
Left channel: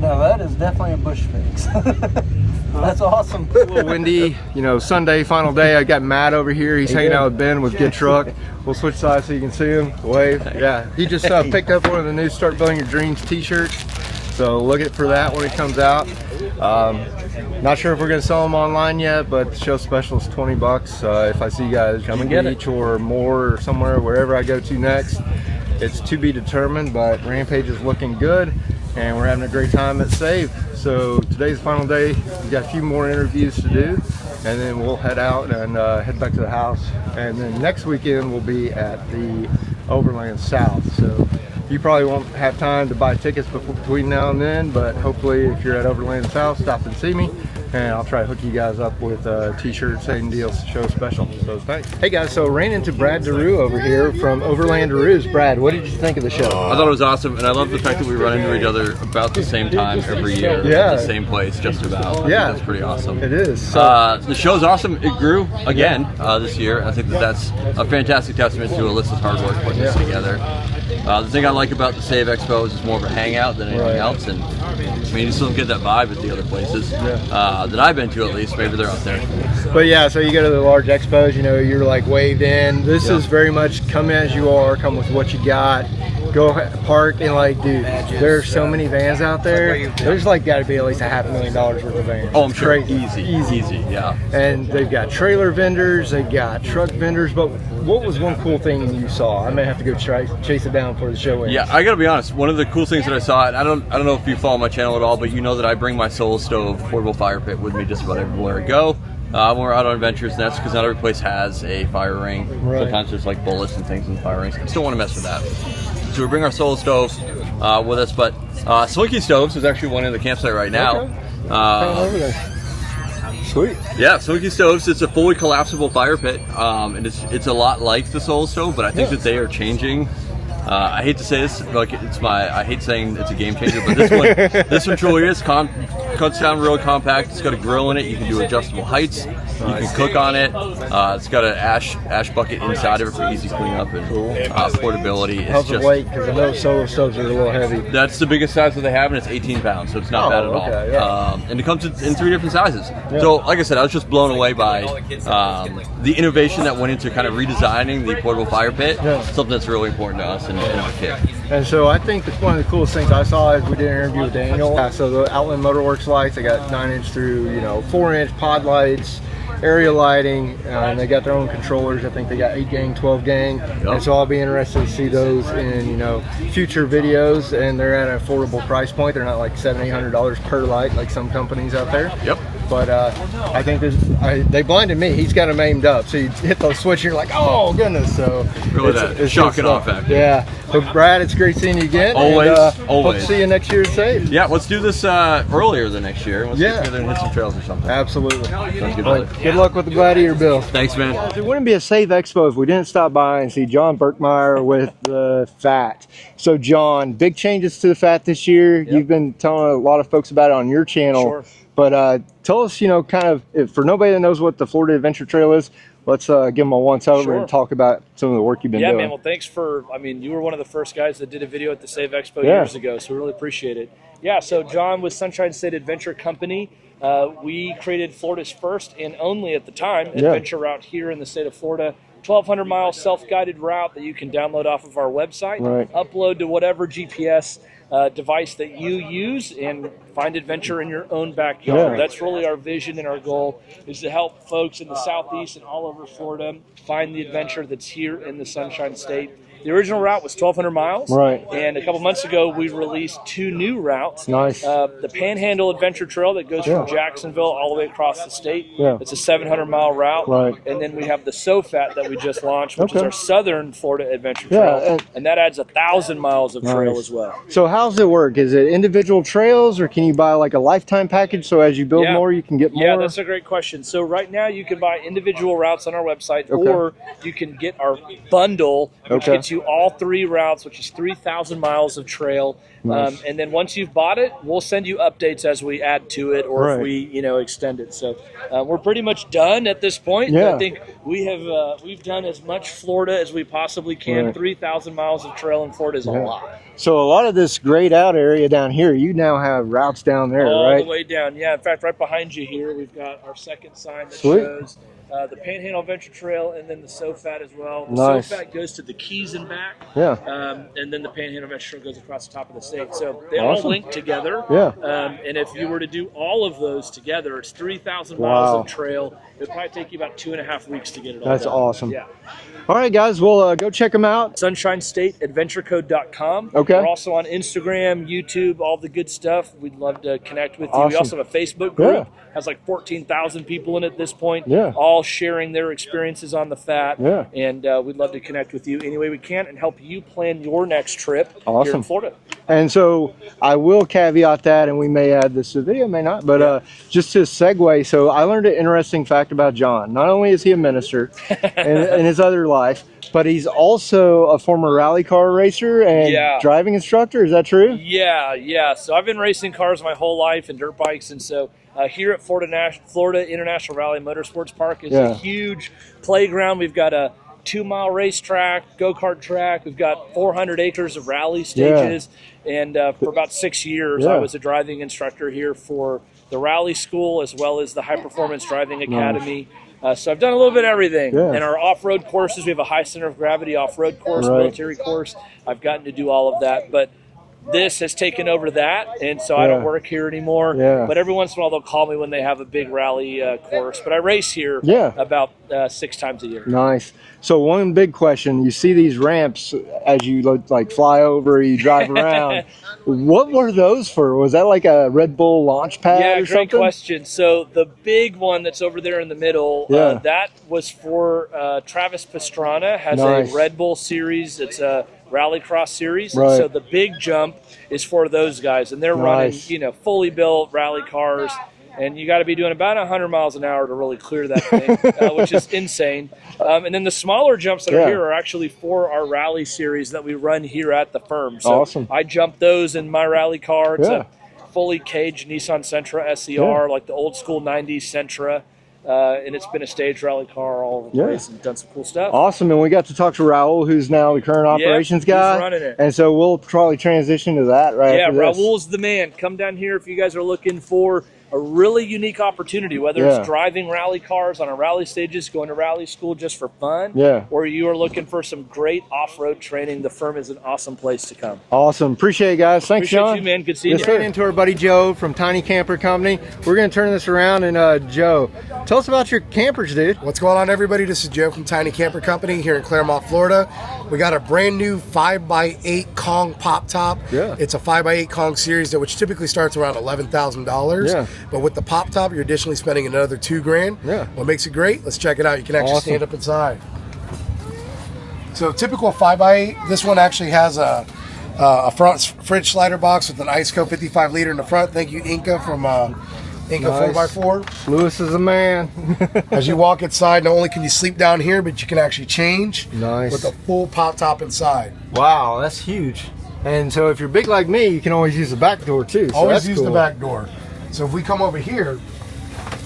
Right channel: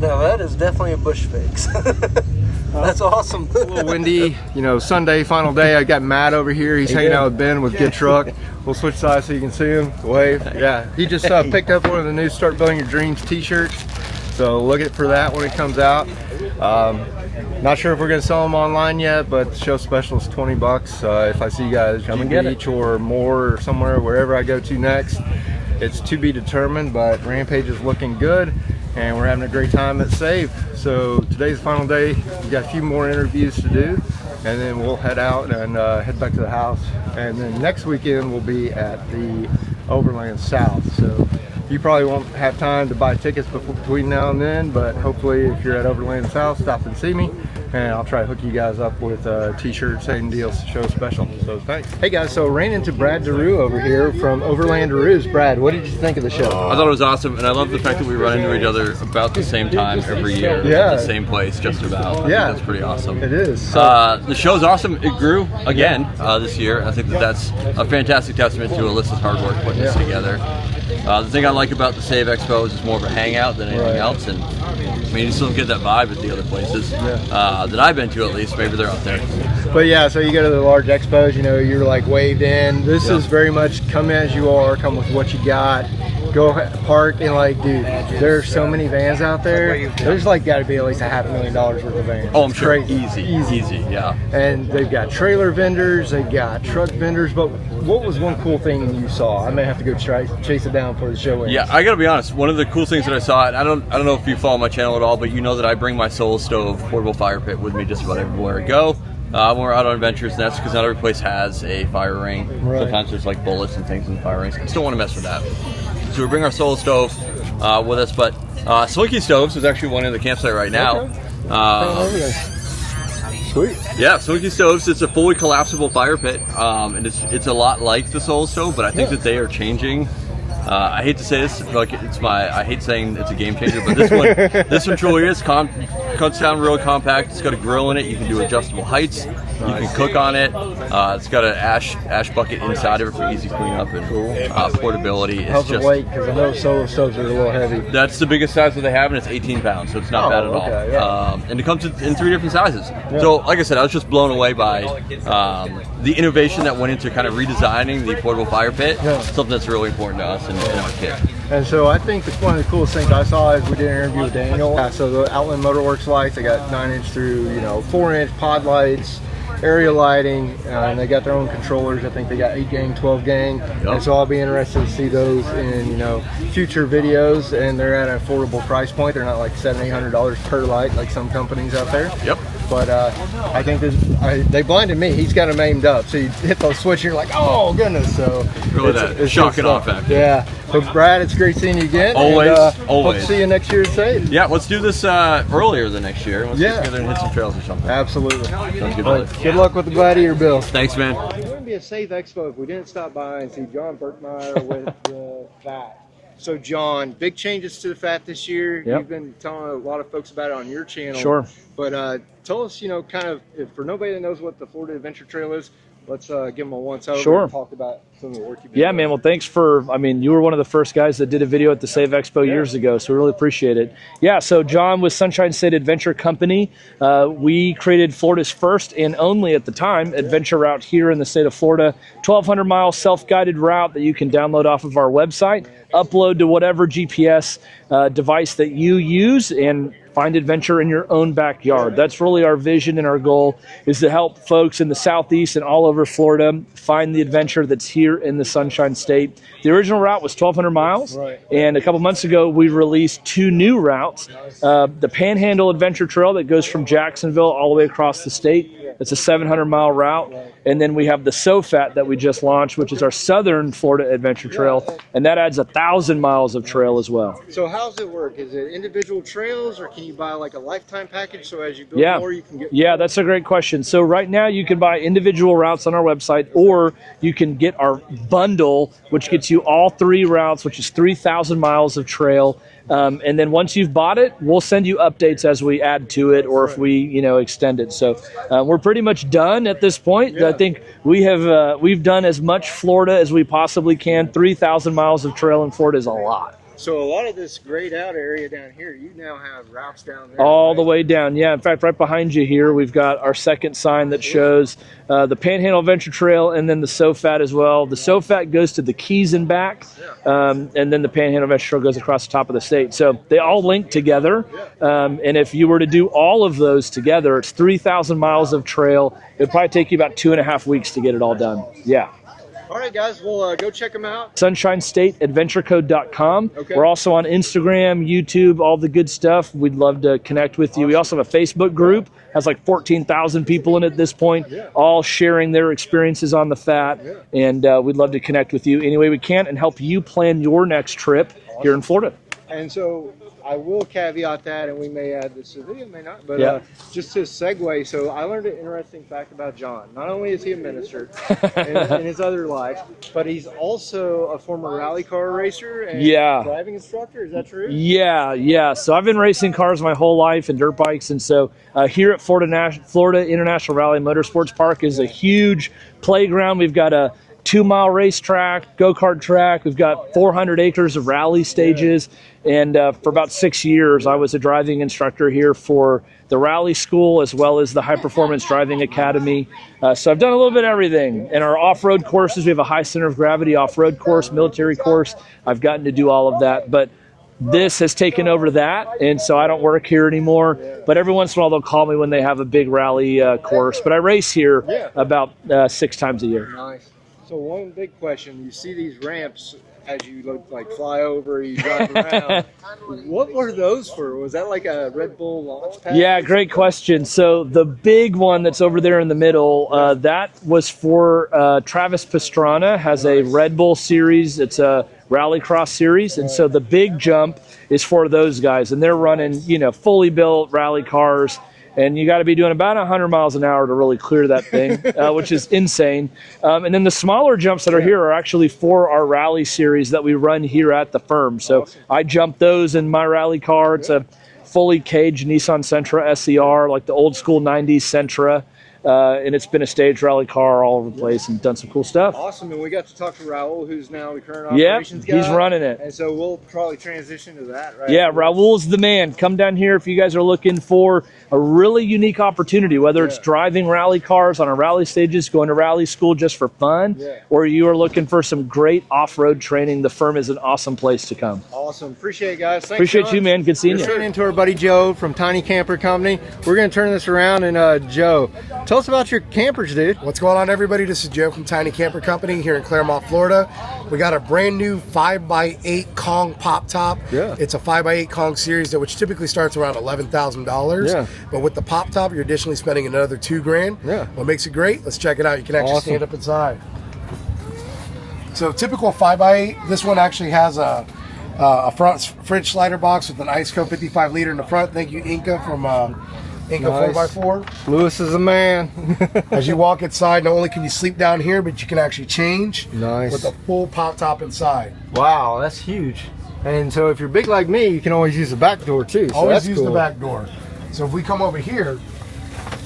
No, that is definitely a bush fix. That's awesome. A little windy, you know, Sunday, final day. I got Matt over here. He's hanging out with Ben with Good Truck. We'll switch sides so you can see him. Wave. Yeah, he just picked up one of the new Start Building Your Dreams t-shirts. So look for that when it comes out. Not sure if we're going to sell them online yet, but the show special is 20 bucks. If I see you guys Come and get it. Beach or more or somewhere, wherever I go to next, it's to be determined, but Rampage is looking good. And we're having a great time at SAVE. So today's the final day. We've got a few more interviews to do, and then we'll head out and head back to the house. And then next weekend we'll be at the Overland South. So you probably won't have time to buy tickets between now and then, but hopefully if you're at Overland South, stop and see me. And I'll try to hook you guys up with t-shirts, same deal, show special. So thanks. Hey guys, so ran into Brad DeRue over here from Overland DeRue's. Brad, what did you think of the show? I thought it was awesome, and I love the fact that we run into each other about the same time every year. Yeah. At the same place, just about. Yeah. That's pretty awesome. It is. The show's awesome. It grew again this year. I think that's a fantastic testament to Alyssa's hard work putting this together. The thing I like about the SAVE Expo is it's more of a hangout than anything else, and I mean, you still don't get that vibe at the other places that I've been to, at least. Maybe they're out there. But yeah, so you go to the large expos, you know, you're like waved in. This is very much come as you are, come with what you got. Go park and like, dude, there's so many vans out there. There's like got to be at least $500,000 worth of vans. Oh, I'm sure. Crazy. Easy, yeah. And they've got trailer vendors, they've got truck vendors. But what was one cool thing you saw? I may have to go chase it down for the show ends. Yeah, I gotta be honest. One of the cool things that I saw, and I don't know if you follow my channel at all, but you know that I bring my Solo Stove portable fire pit with me just about everywhere I go. When we're out on adventures, and that's because not every place has a fire ring. Sometimes there's like bullets and things in the fire rings. I just don't want to mess with that. So we bring our Solo Stove with us, but Slinky Stoves is actually one in the campsite right now. Sweet. Yeah, Slinky Stoves. It's a fully collapsible fire pit, and it's a lot like the Solo Stove, but I think that they are changing. I hate to say this, like I hate saying it's a game changer, but this one truly is. Cuts down real compact. It's got a grill in it. You can do adjustable heights. You can cook on it. It's got an ash bucket inside of it for easy cleanup and portability. It's How's it weight? Because I know Solo Stoves are a little heavy. That's the biggest size that they have, and it's 18 pounds, so it's not bad at all. Okay, yeah. And it comes in 3 different sizes. So, like I said, I was just blown away by the innovation that went into kind of redesigning the portable fire pit. Something that's really important to us in our kit. And so I think one of the coolest things I saw is we did an interview with Daniel. So the Outland Motorworks lights, they got 9-inch through, 4-inch pod lights, area lighting, and they got their oung controllers. I think they got 8 gang, 12 gang. And so I'll be interested to see those in, future videos. And they're at an affordable price point. They're not like $700-800 per light like some companies out there. Yep. But I think they blinded me. He's got them aimed up. So you hit those switch, you're like, oh goodness. So really it's shock and awe factor. Yeah. But Brad, it's great seeing you again. Always, and, always. Hope to see you next year at SAVE. Yeah, let's do this earlier than next year. Let's get together and hit some trails or something. Absolutely. Sounds good, brother. Good luck with the Gladiator build. Thanks, man. It wouldn't be a SAVE Expo if we didn't stop by and see John Berkmeyer with the FAT. So John, big changes to the FAT this year. You've been telling a lot of folks about it on your channel. Sure. But tell us, kind of, for nobody that knows what the Florida Adventure Trail is, let's give them a once-over and talk about some of the work you've been doing. Yeah, man. Well, thanks for, you were one of the first guys that did a video at the SAVE Expo years ago, so we really appreciate it. Yeah, so John with Sunshine State Adventure Company. We created Florida's first and only, at the time, adventure route here in the state of Florida. 1,200-mile self-guided route that you can download off of our website, upload to whatever GPS device that you use, and find adventure in your own backyard. That's really our vision and our goal, is to help folks in the Southeast and all over Florida find the adventure that's here in the Sunshine State. The original route was 1,200 miles. And a couple months ago, we released 2 new routes. Nice. The Panhandle Adventure Trail that goes from Jacksonville all the way across the state. It's a 700-mile route. And then we have the SOFAT that we just launched, which is our Southern Florida Adventure Trail. And that adds 1,000 miles of trail as well. So how's it work? Is it individual trails, or can you buy like a lifetime package so as you build more, you can get more? Yeah, that's a great question. So right now you can buy individual routes on our website, or you can get our bundle, which gets you all 3 routes, which is 3,000 miles of trail. And then once you've bought it, we'll send you updates as we add to it, or if we, extend it. So we're pretty much done at this point. I think we have we've done as much Florida as we possibly can. 3,000 miles of trail in Florida is a lot. So a lot of this grayed out area down here, you now have routes down there, all right? the way down. Yeah, in fact, right behind you here, we've got our second sign that Sweet. shows the Panhandle Adventure Trail and then the SoFat as well. The Nice. SoFat goes to the Keys and back, and then the Panhandle Adventure Trail goes across the top of the state. So they all Awesome. link together. Yeah. And if you were to do all of those together, it's 3,000 miles Wow. of trail. It'd probably take you about 2.5 weeks to get it all That's done. awesome. Yeah. All right, guys, well, go check them out. SunshineStateAdventureCode.com. Okay. We're also on Instagram, YouTube, all the good stuff. We'd love to connect with you. We Awesome. also have a Facebook group. Has like 14,000 people in it at this point, all sharing their experiences on the Fat. And we'd love to connect with you any way we can and help you plan your next trip here in Florida. And so I will caveat that, and we may add this to the video, may not, but just to segue, so I learned an interesting fact about John. Not only is he a minister in his other life, but he's also a former rally car racer and driving instructor. Is that true? Yeah. So I've been racing cars my whole life and dirt bikes, and so here at Florida International Rally Motorsports Park is a huge playground. We've got a 2-mile racetrack, go-kart track. We've got 400 acres of rally stages. And for about 6 years, I was a driving instructor here for the rally school as well as the high performance driving academy. So I've done a little bit of everything. And our off-road courses, we have a high center of gravity off-road course, military course. I've gotten to do all of that. But this has taken over that, and so I don't work here anymore. But every once in a while, they'll call me when they have a big rally course. But I race here about 6 times a year. Nice. So one big question, you see these ramps as you like fly over, you drive around. What were those for? Was that like a Red Bull launch pad? Yeah, or great something? question. So the big one that's over there in the middle, that was for Travis Pastrana, has a Red Bull series. It's a rallycross series. And so the big jump is for those guys. And they're running, fully built rally cars. And you got to be doing about 100 miles an hour to really clear that thing, which is insane. And then the smaller jumps that are here are actually for our rally series that we run here at the firm. So I jump those in my rally car. It's a fully caged Nissan Sentra SER, like the old school 90s Sentra. And it's been a stage rally car all over the place and done some cool stuff. Awesome. And we got to talk to Raul, who's now the current operations guy. He's running it. And so we'll probably transition to that, right? Yeah, Raul's the man. Come down here if you guys are looking for a really unique opportunity, whether it's driving rally cars on our rally stages, going to rally school just for fun, or you are looking for some great off-road training. The firm is an awesome place to come. Awesome. Appreciate it, guys. Thanks, Appreciate John. you, man. Good seeing you. Let's head into our buddy Joe from Tiny Camper Company. We're going to turn this around, and Joe, tell us about your campers, dude. What's going on, everybody? This is Joe from Tiny Camper Company here in Claremont, Florida. We got a brand new 5x8 Kong pop top. It's a 5x8 Kong series which typically starts around $11,000. But with the pop top, you're additionally spending another $2,000. What makes it great? Let's check it out. You can actually stand up inside. So typical 5x8, this one actually has a front fridge slider box with an Iceco 55 liter in the front. Thank you, Inca from Inca 4x4. Lewis is a man. As you walk inside, not only can you sleep down here, but you can actually change Nice. with a full pop top inside. Wow, that's huge. And so if you're big like me, you can always use the back door too. So Always that's use cool. the back door. So if we come over here,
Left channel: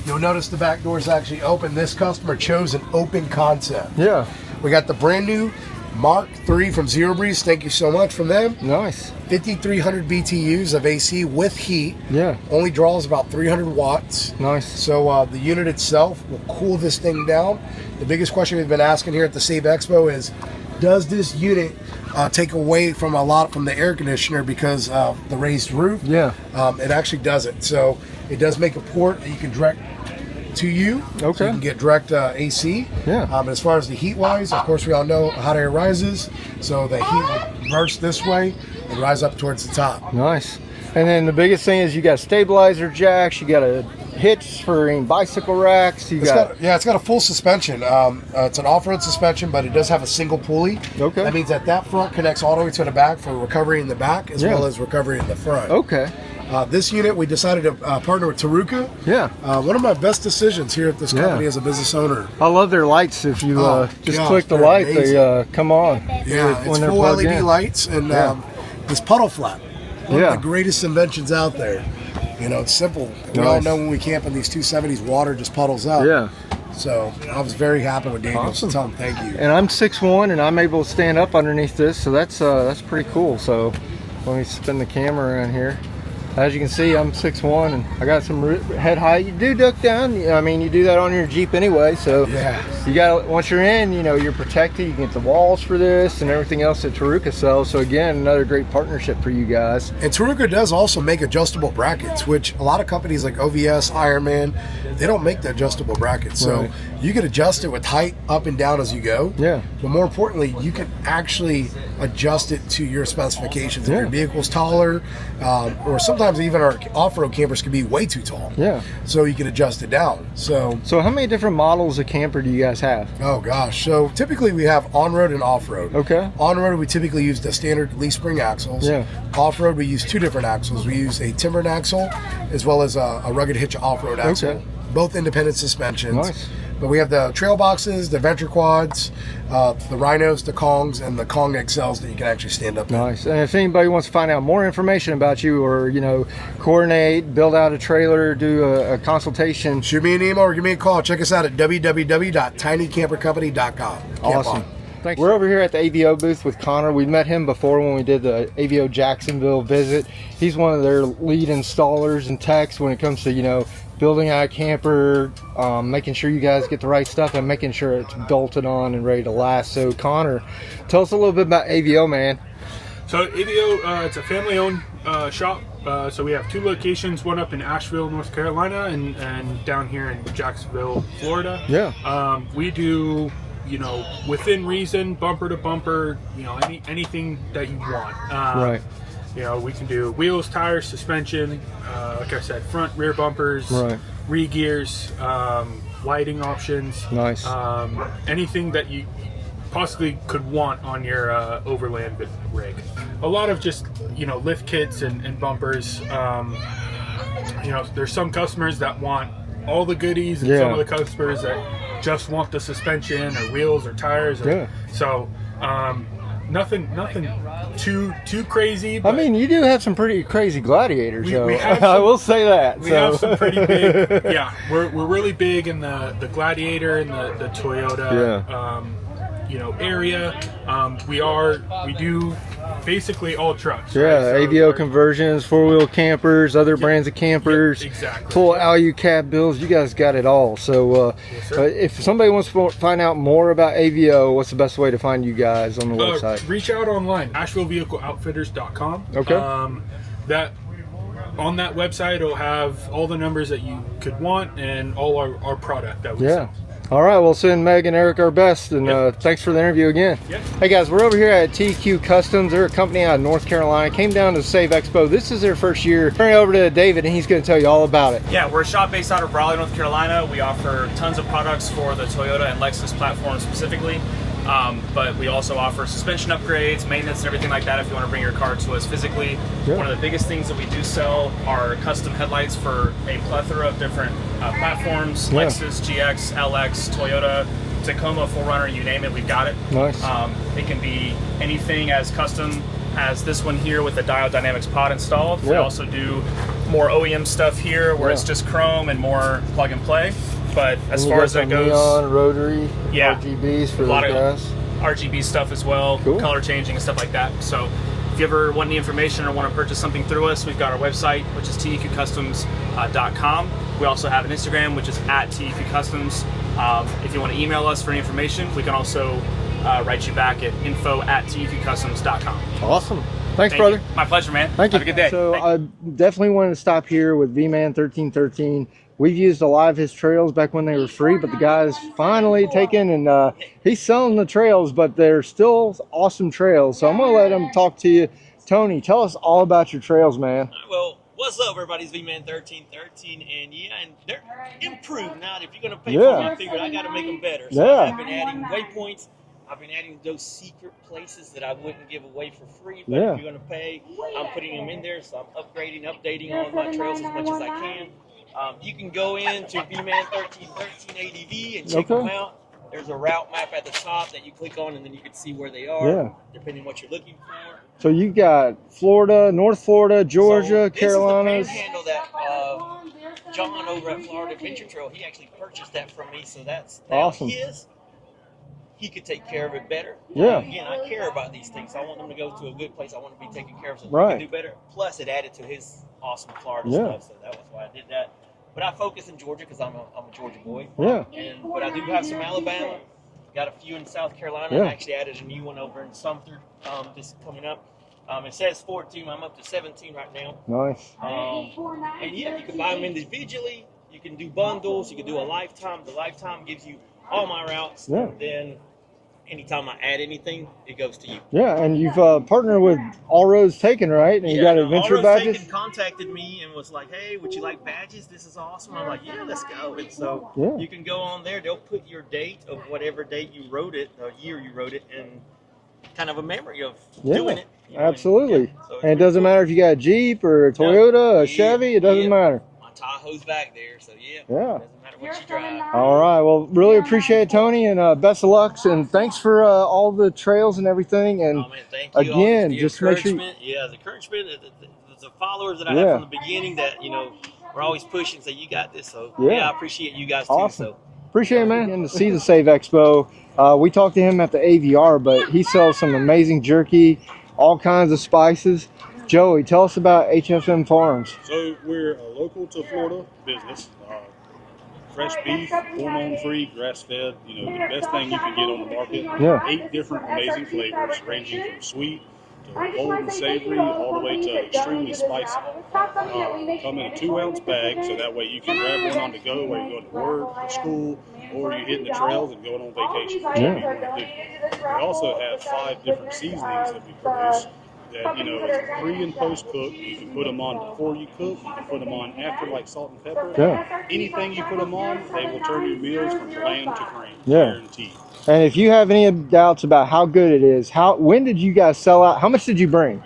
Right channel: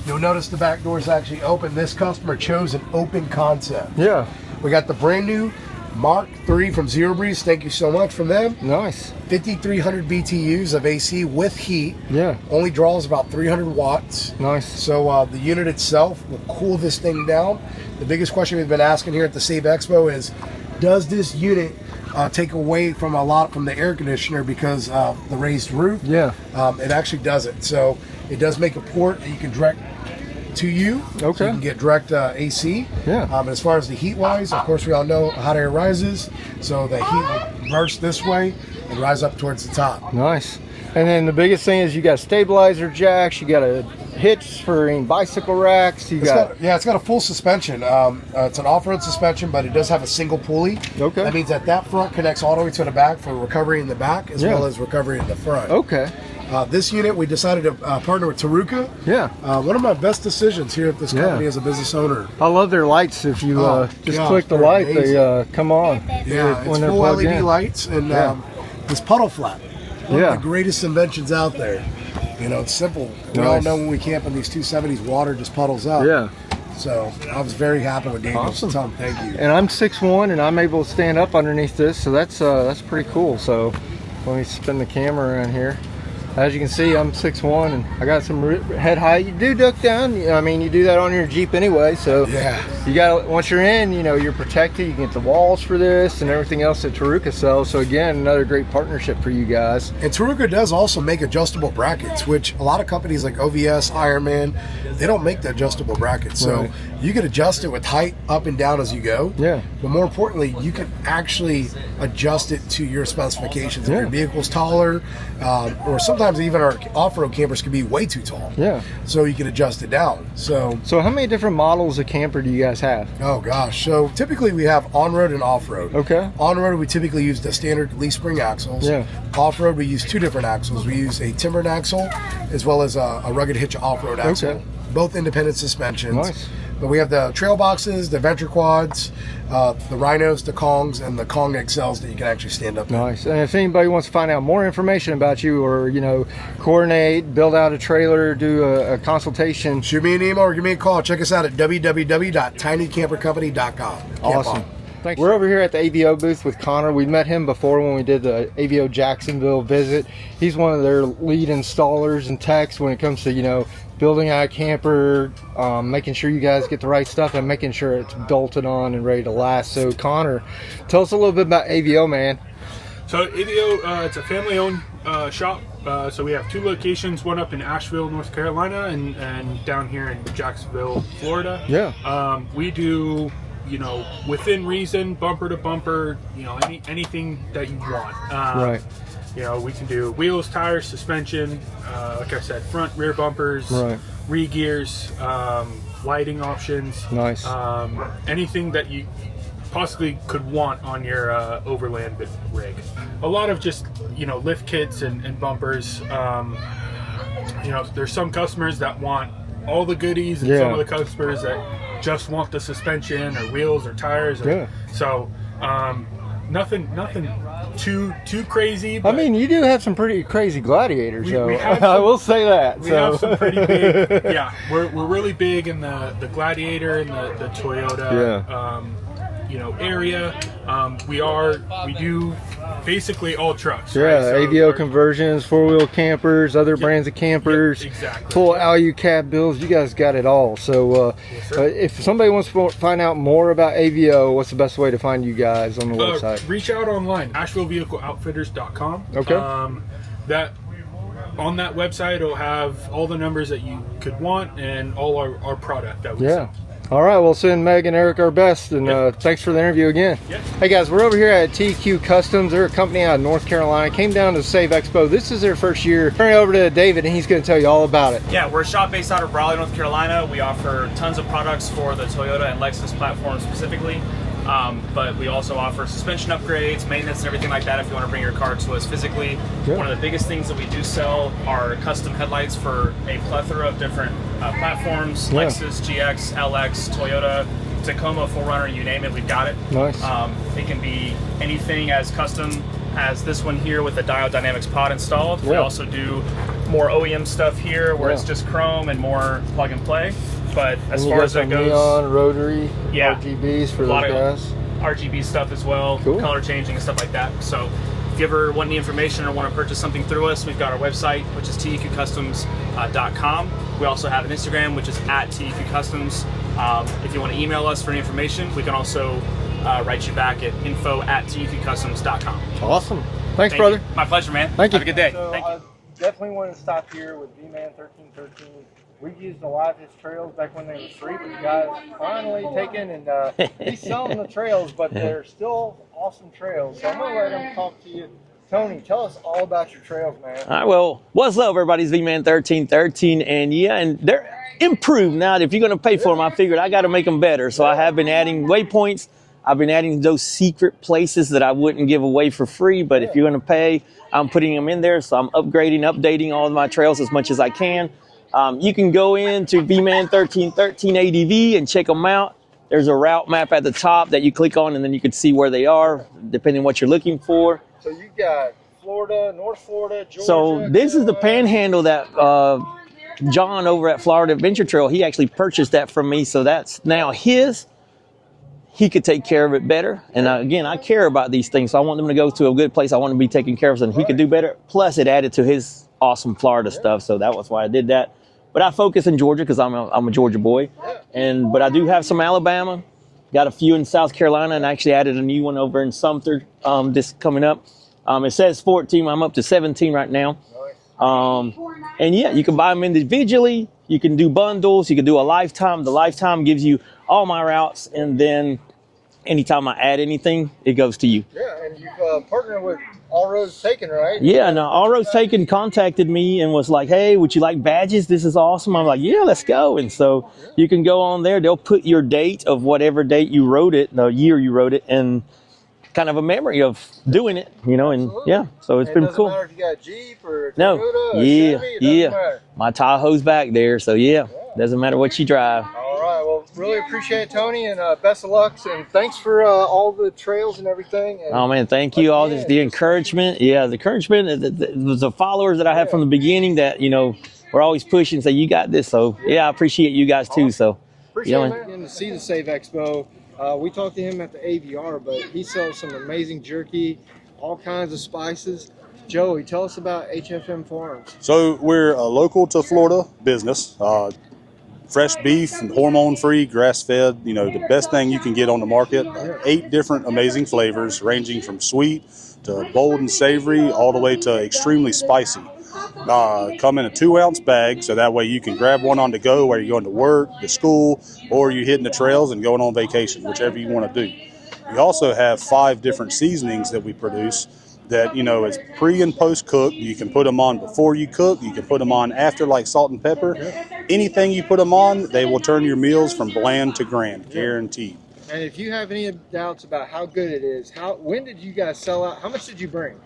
you'll notice the back door is actually open. This customer chose an open concept. Yeah. We got the brand new Mark III from Zero Breeze. Thank you so much from them. Nice. 5,300 BTUs of AC with heat. Yeah. Only draws about 300 watts. Nice. So the unit itself will cool this thing down. The biggest question we've been asking here at the SAVE Expo is, does this unit take away from the air conditioner because of the raised roof? It actually doesn't. So it does make a port that you can direct to you. So you can get direct AC. As far as the heat wise, of course we all know hot air rises, so the heat will burst this way and rise up towards the top. Nice. And then the biggest thing is you got stabilizer jacks, you got a hitch for bicycle racks, it's got a full suspension. It's an off-road suspension, but it does have a single pulley. That means that front connects all the way to the back for recovery in the back as well as recovery in the front. This unit, we decided to partner with Taruka. One of my best decisions here at this company as a business owner. I love their lights. If you just click the light, they come on when they're full plugged LED in. lights and this puddle flap. One of the greatest inventions out there. You know, it's simple. We all know when we camp in these 270s, water just puddles up. So I was very happy with Daniel. Awesome. Tell him thank you. And I'm 6'1", and I'm able to stand up underneath this, so that's pretty cool. So Let me spin the camera around here. As you can see, I'm 6'1", and I got some head height. You do duck down. I mean, you do that on your Jeep anyway. So you got, once you're in, you know, you're protected. You get the walls for this and everything else that Taruka sells. So again, another great partnership for you guys. And Taruka does also make adjustable brackets, which a lot of companies like OVS, Ironman, they don't make the adjustable brackets. So you can adjust it with height up and down as you go. Yeah. But more importantly, you can actually adjust it to your specifications. If your vehicle's taller, or sometimes even our off-road campers can be way too tall. Yeah. So you can adjust it down. So how many different models of camper do you guys have? Oh gosh. So typically we have on-road and off-road. Okay. On-road we typically use the standard leaf spring axles. Yeah. Off-road we use two different axles. We use a timbered axle as well as a rugged hitch off-road axle. Okay. Both independent suspensions. Nice. But we have the trail boxes, the Venture quads, the Rhinos, the Kongs, and the Kong XLs that you can actually stand up in. Nice. And if anybody wants to find out more information about you, or you know, coordinate, build out a trailer, do a consultation, shoot me an email or give me a call. Check us out at www.tinycampercompany.com. Awesome. Thanks. We're over here at the AVO booth with Connor. We met him before when we did the AVO Jacksonville visit. He's one of their lead installers and techs when it comes to, you know, building out a camper, making sure you guys get the right stuff and making sure it's bolted on and ready to last. So Connor, tell us a little bit about AVO, man. So AVO, it's a family-owned shop. So we have two locations, one up in Asheville, North Carolina, and down here in Jacksonville, Florida. Yeah. We do, you know, within reason, bumper to bumper, you know, anything that you want. Right. You know, we can do wheels, tires, suspension, like I said, front, rear bumpers, re-gears, lighting options. Nice. Anything that you possibly could want on your Overland rig. A lot of just, you know, lift kits and bumpers. You know, there's some customers that want all the goodies, and some of the customers that just want the suspension or wheels or tires. So nothing too crazy. I mean, you do have some pretty crazy Gladiators, so have I will say that. We have some pretty big. Yeah, we're really big in the Gladiator and the Toyota. You know, area. We do basically all trucks. Yeah, right? So AVO conversions, four-wheel campers, other brands of campers, full ALU cab builds. You guys got it all. So if somebody wants to find out more about AVO, what's the best way to find you guys on the website? Reach out online, AshevilleVehicleOutfitters.com. Okay. That on that website will have all the numbers that you could want and all our product that we sell. All right, we'll send Meg and Eric our best, and thanks for the interview again. Hey guys, we're over here at TQ Customs. They're a company out of North Carolina. Came down to SAVE Expo. This is their first year. Turn it over to David, and he's going to tell you all about it. Yeah, we're a shop based out of Raleigh, North Carolina. We offer tons of products for the Toyota and Lexus platforms specifically. But we also offer suspension upgrades, maintenance, and everything like that if you want to bring your car to us physically. One of the biggest things that we do sell are custom headlights for a plethora of different platforms, Lexus, GX, LX, Toyota, Tacoma, 4Runner, you name it, we've got it. Nice. It can be anything as custom as this one here with the Dial Dynamics pod installed. We also do more OEM stuff here where it's just chrome and more plug and play. But as far as that goes, neon, rotary, RGBs for those guys. RGB stuff as well, Cool. color changing and stuff like that. So if you ever want any information or want to purchase something through us, we've got our website, which is teqcustoms.com. We also have an Instagram, which is at teqcustoms. If you want to email us for any information, we can also write you back at info@teqcustoms.com. Awesome. Thanks, Thank brother. you. My pleasure, man. Thank you. Have a good day. So I definitely wanted to stop here with vMan 1313. We've used a lot of his trails back when they were free, but the guy's finally taken and he's selling the trails, but they're still awesome trails. So I'm going to let him talk to you. Tony, tell us all about your trails, man. All right, well, what's up, everybody? It's vMan 1313, and they're improved now. If you're going to pay for them, I figured I got to make them better. So I have been adding waypoints. I've been adding those secret places that I wouldn't give away for free, but if you're going to pay, I'm putting them in there. So I'm upgrading, updating all of my trails as much as I can. You can go into vMan 1313 ADV and check them out. There's a route map at the top that you click on, and then you can see where they are, depending on what you're looking for. So you got Florida, North Florida, Georgia, So this Carolinas. is the panhandle that John over at Florida Adventure Trail, he actually purchased that from me. So that's now his. he could take care of it better. And Yeah. again, I care about these things. So I want them to go to a good place. I want them to be taken care of and he Right. could do better. Plus it added to his awesome Florida Yeah. stuff. So that was why I did that. But I focus in Georgia because I'm a Georgia boy. Yeah. But I do have some Alabama, got a few in South Carolina, and Yeah. I actually added a new one over in Sumter this coming up. It says 14, I'm up to 17 right now. Nice. And yeah, you can buy them individually. You can do bundles. You can do a lifetime. The lifetime gives you all my routes, Yeah. and then anytime I add anything, it goes to you. Yeah, and you've partnered with All Roads Taken, right? You Yeah, got and adventure All Roads badges? Taken contacted me and was like, hey, would you like badges? This is awesome. I'm like, yeah, let's go. And so you can go on there. They'll put your date of whatever date you wrote it, the year you wrote it, and kind of a memory of doing it, you know. Absolutely. And yeah, so it's and it pretty doesn't cool. matter if you got a Jeep or a Toyota, a Chevy, it doesn't matter. My Tahoe's back there, so yeah, doesn't matter what you drive. All right, well, really appreciate it, Tony, and best of luck, and thanks for all the trails and everything. And oh man, thank you all. again, The just make sure- encouragement, the encouragement. It was the followers that I had Yeah. from the beginning that we're always pushing. Say you got this. So yeah, I appreciate you guys too. Awesome. So Appreciate it, man. And to see the Save Expo. We talked to him at the AVR, but he sells some amazing jerky, all kinds of spices. Joey, tell us about HFM Farms. So we're a local to Florida business. Fresh beef, hormone-free, grass-fed, the best thing you can get on the market. Yeah. 8 different amazing flavors, ranging from sweet to bold and savory, all the way to extremely spicy. Come in a 2-ounce bag, so that way you can grab one on the go while you're going to work, to school, or you're hitting the trails and going on vacation, whichever you want to do. We also have 5 different seasonings that we produce that, is pre and post cook. You can put them on before you cook. You can put them on after, like salt and pepper. Yeah. Anything you put them on, they will turn your meals from bland to grand, guaranteed. And if you have any doubts about how good it is, when did you guys sell out? How much did you bring?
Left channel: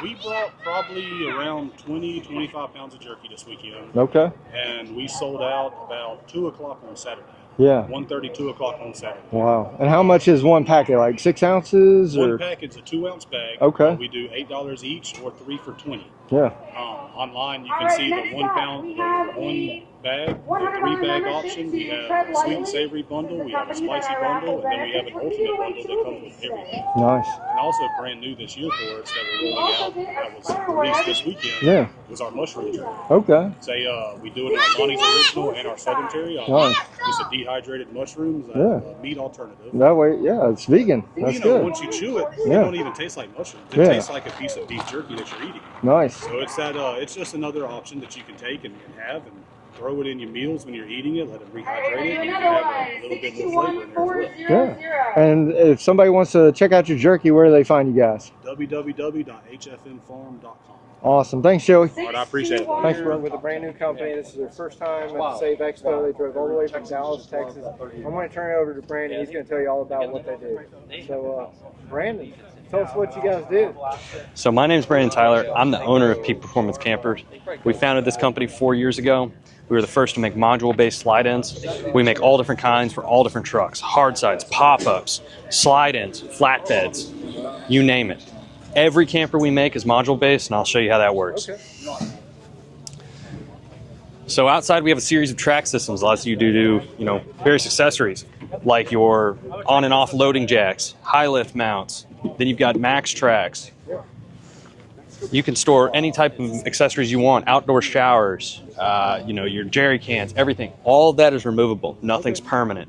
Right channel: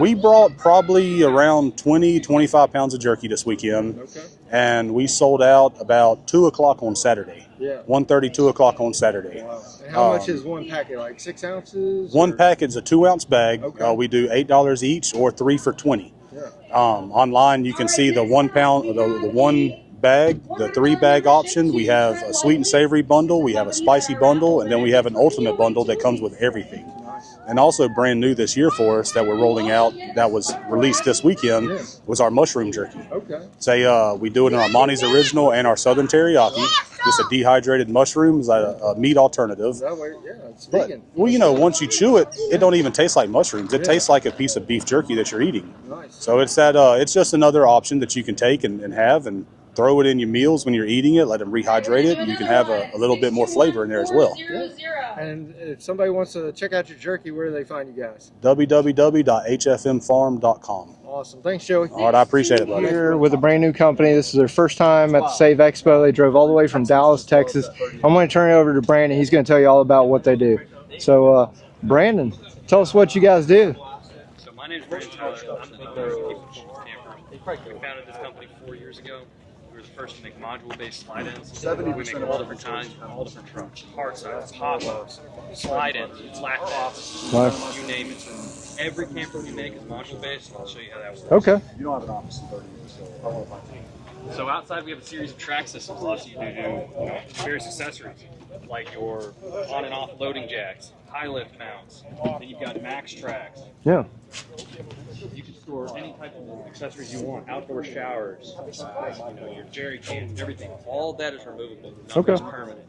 We brought probably around 25 pounds of jerky this weekend. Okay. And we sold out about 2 o'clock on Saturday. Yeah. 1:30, 2 o'clock on Saturday. Wow. And how much is one packet? Like 6 ounces? One packet's a 2-ounce bag. Okay. We do $8 each or 3 for $20. Yeah. Online, you can see the 1 pound, the 1 bag, the 3-bag option. We have a sweet and savory bundle. We have a spicy bundle, and then we have an ultimate bundle that comes with everything. Nice. And also brand new this year for us that we're rolling out, that was released this weekend, was our mushroom jerky. Okay. We do it in our Monty's Original and our Southern Teriyaki. Nice. Just a dehydrated mushrooms, a meat alternative. That way, it's vegan. Well, That's good. once you chew it, Yeah. it don't even taste like mushrooms. It Yeah. tastes like a piece of beef jerky that you're eating. Nice. So it's it's just another option that you can take and have and throw it in your meals when you're eating it, let them rehydrate it, and you can have a little bit more flavor in there as well. Yeah. And if somebody wants to check out your jerky, where do they find you guys? www.hfmfarm.com. Awesome. Thanks, Joey. All right, I appreciate it, buddy. Here with a brand new company. This is their first time at the Save Expo. They drove all the way from Dallas, Texas. I'm going to turn it over to Brandon. He's going to tell you all about what they do. So, Brandon, tell us what you guys do. So my name is Brandon Tyler. I'm the owner of Peak Performance Campers. We founded this company 4 years ago. We were the first to make module-based slide-ins. We make all different kinds for all different trucks, hard sides, pop-ups, slide-ins, flatbeds, you name it. Every camper we make is module-based, and I'll show you how that works. Okay. So outside we have a series of track systems that allows you to do, various accessories, like your on and off loading jacks, high lift mounts. Then you've got max tracks. Yeah. You can store any type of accessories you want, outdoor showers, your jerry cans, everything. All of that is removable. Nothing's permanent.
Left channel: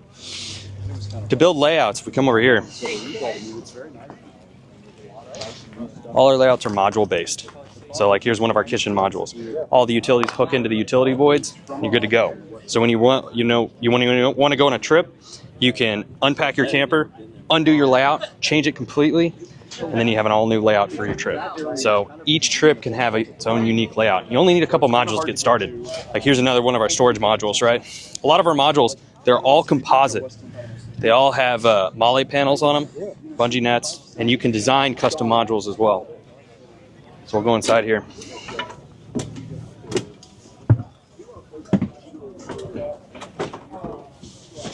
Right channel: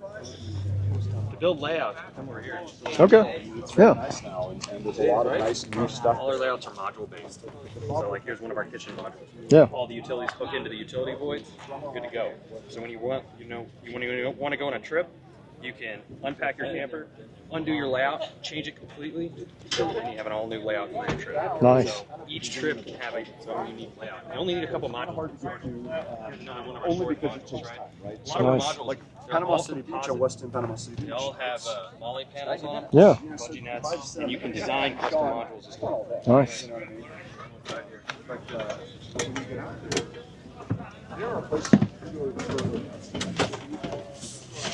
To build layouts, if we come over here. Okay. Yeah. All our layouts are module based. So like here's one of our kitchen modules. Yeah. All the utilities hook into the utility voids, you're good to go. So when you want to go on a trip, you can unpack your camper, undo your layout, change it completely, and then you have an all-new layout for your trip. Nice. So each trip can have its own unique layout. You only need a couple modules to get started. Like here's another one of our storage modules, right? A lot of our modules, they're all composite. They all have MOLLE panels on them, bungee nets, and you can design custom modules as well. Nice. So we'll go inside here.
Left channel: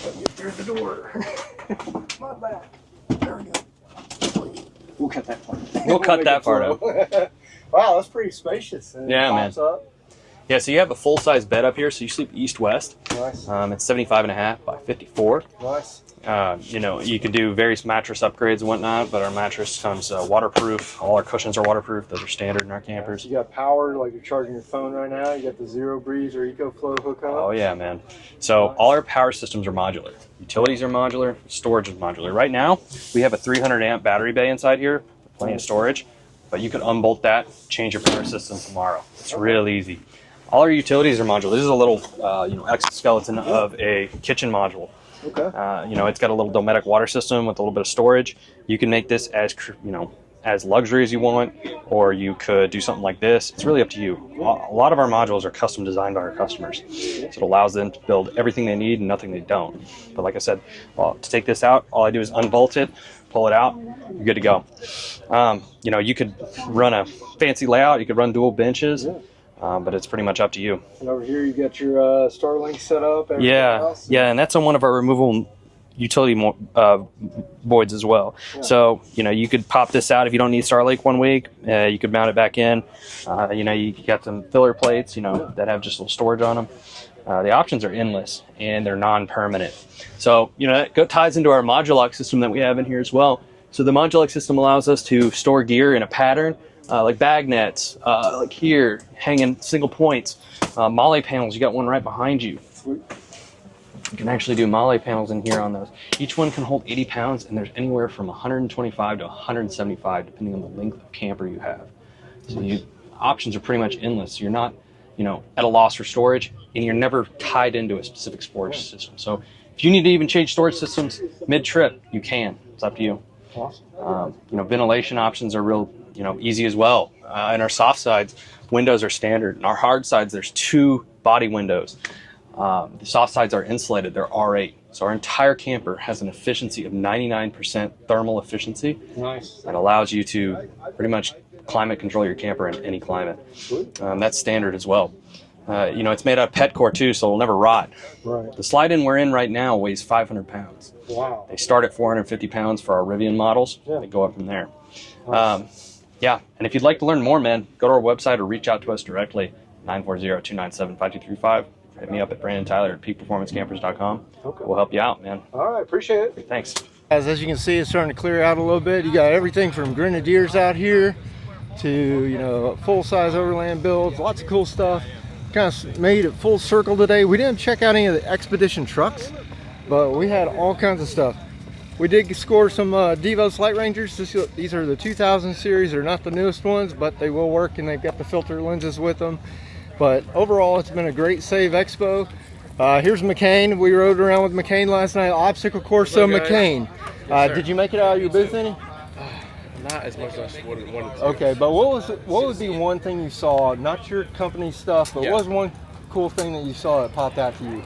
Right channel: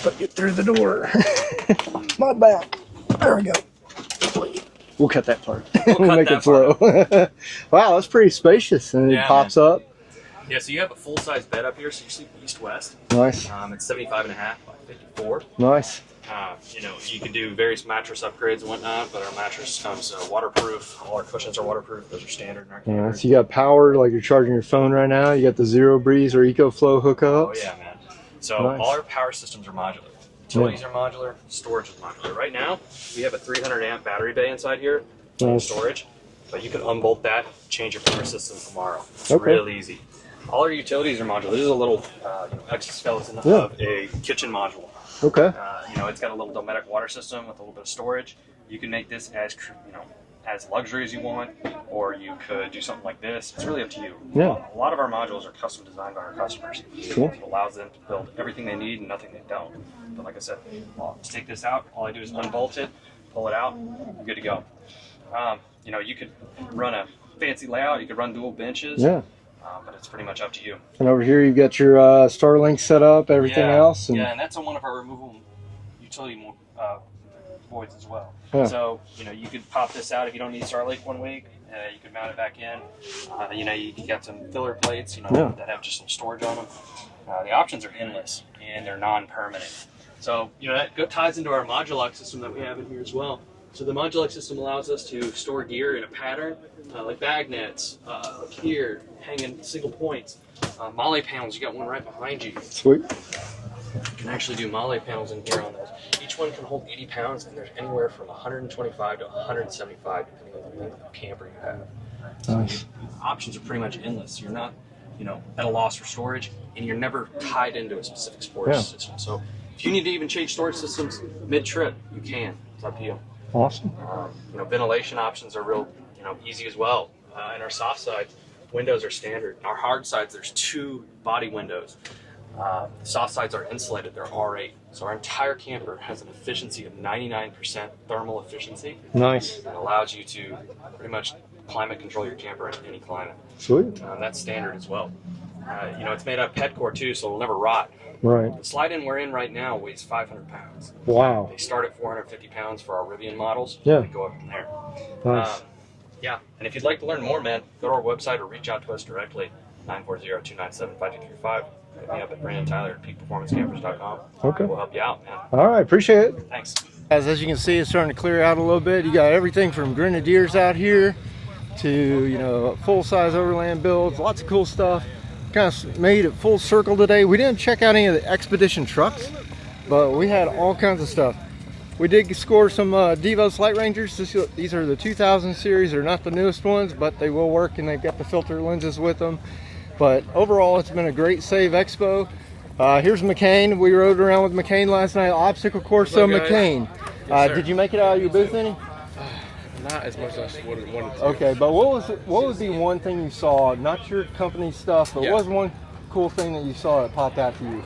Let you through the door. My back. There we go. We'll cut that part. We'll cut Make that it flow. Wow, that's pretty spacious, and it Yeah, pops up. Yeah, so you have the full-size bed up here, so you sleep east-west. Nice. It's 75.5 by 54. Nice. You know, you can do various mattress upgrades and whatnot, but our mattress comes waterproof. All our cushions are waterproof. Those are standard in our campers. So you got power, like you're charging your phone right now. You got the Zero Breeze or EcoFlow hookup. Oh yeah, man. So all our power systems are modular. Utilities are modular. Storage is modular. Right now, we have a 300 amp battery bay inside here, plenty of storage. But you could unbolt that, change your power system tomorrow. It's real easy. All our utilities are modular. This is a little, you know, exoskeleton of a kitchen module. Okay. You know, it's got a little Dometic water system with a little bit of storage. You can make this as, you know, as luxury as you want, or you could do something like this. It's really up to you. Yeah. A lot of our modules are custom designed by our customers. Cool. So it allows them to build everything they need and nothing they don't. But like I said, well, to take this out, all I do is unbolt it, pull it out, you're good to go. You know, you could run a fancy layout, you could run dual benches. Yeah. But it's pretty much up to you. And over here you've got your Starlink set up, everything else. Yeah, and that's on one of our removable utility voids as well. Yeah. So, you know, you could pop this out if you don't need Starlink one week. You could mount it back in. You know, you got some filler plates, you know, that have just a little storage on them. The options are endless, and they're non-permanent. So, you know, that ties into our Modulok system that we have in here as well. So the Modulok system allows us to store gear in a pattern, like bag nets, like here, hanging single points. Molly panels, you got one right behind you. Sweet. You can actually do Molly panels in here on those. Each one can hold 80 pounds, and there's anywhere from 125 to 175, depending on the length of camper you have. So options are pretty much endless. You're not, you know, at a loss for storage, and you're never tied into a specific storage system. So if you need to even change storage systems mid-trip, you can. It's up to you. Awesome. You know, ventilation options are real, you know, easy as well. In our soft sides, windows are standard. In our hard sides, there's 2 body windows. The soft sides are insulated. They're R8. So our entire camper has an efficiency of 99% thermal efficiency. Nice. That allows you to pretty much climate control your camper in any climate. Sweet. That's standard as well. You know, it's made out of pet core too, so it'll never rot. Right. The slide-in we're in right now weighs 500 pounds. Wow. They start at 450 pounds for our Rivian models. Yeah. They go up from there. Nice. Yeah, and if you'd like to learn more, man, go to our website or reach out to us directly, 940-297-5235. Hit me up at Brandon Tyler at peakperformancecampers.com. Okay. We'll help you out, man. All right, appreciate it. Thanks. As you can see, it's starting to clear out a little bit. You got everything from Grenadiers out here to, you know, full-size Overland builds, lots of cool stuff. Kind of made it full circle today. We didn't check out any of the Expedition trucks, but we had all kinds of stuff. We did score some Devos Light Rangers. These are the 2000 series. They're not the newest ones, but they will work, and they've got the filter lenses with them. But overall, it's been a great Save Expo. Here's McCain. We rode around with McCain last night. Obstacle course, so McCain. Yes, did you make it out of your booth any? Not as much as I wanted to. Okay, but what would be one thing you saw, not your company stuff, but what was one cool thing that you saw that popped out to you?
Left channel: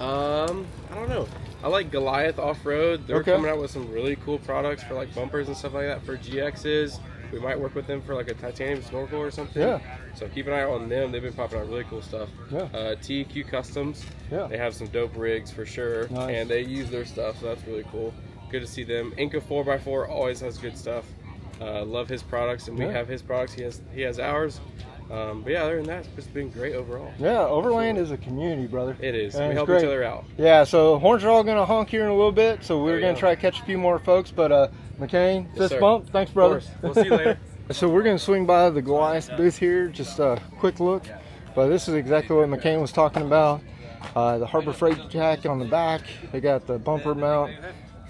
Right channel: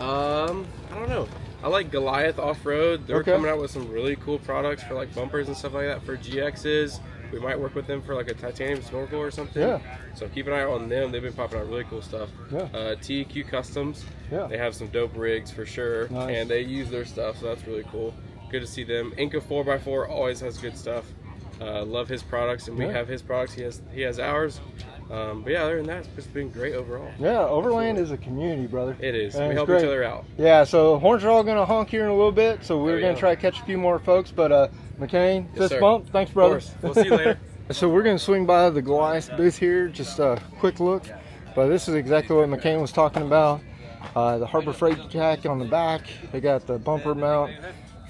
I don't know. I like Goliath Off-Road. They're Okay. coming out with some really cool products for like bumpers and stuff like that for GXs. We might work with them for like a titanium snorkel or something. Yeah. So keep an eye on them. They've been popping out really cool stuff. Yeah. TEQ Customs. Yeah. They have some dope rigs for sure. Nice. And they use their stuff, so that's really cool. Good to see them. Inca 4x4 always has good stuff. Love his products, and we have his products. He has ours. But yeah, other than that, it's been great overall. Yeah, Overland is a community, brother. It is. And We it's help great. each other out. Yeah, so horns are all going to honk here in a little bit, so we're There going you to go. try to catch a few more folks. But McCain, Yes, fist sir. bump. Thanks, brother. Of course. We'll see you later. So we're going to swing by the Goliath booth here, just a quick look. But this is exactly what McCain was talking about. The Harbor Freight jack on the back. They got the bumper mount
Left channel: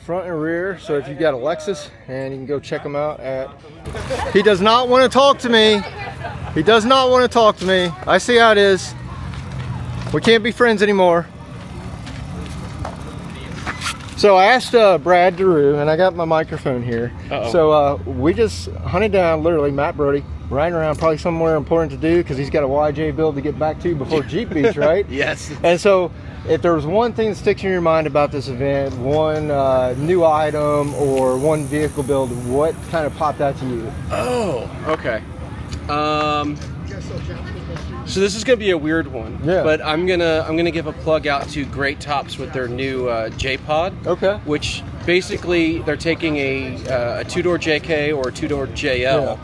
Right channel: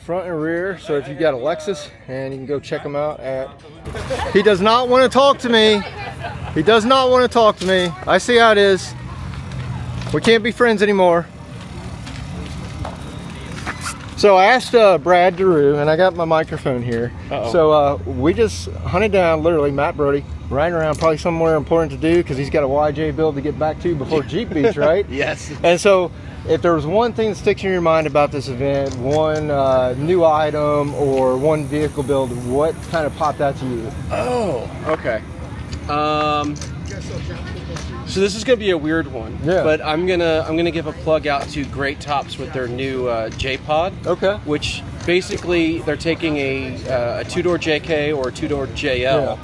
front and rear. So if you've got a Lexus, and you can go check them out at... He does not want to talk to me. He does not want to talk to me. I see how it is. We can't be friends anymore. So I asked Brad DeRue, and I got my microphone here. So we just hunted down, literally, Matt Brody, riding around, probably somewhere important to do because he's got a YJ build to get back to before Jeep Beach, right? Yes. And so if there was one thing that sticks in your mind about this event, one new item or one vehicle build, what kind of popped out to you? Oh, okay. So this is gonna be a weird one. Yeah. But I'm gonna give a plug out to Great Tops with their new J-Pod. Okay. Which basically they're taking a two-door JK or a two-door JL.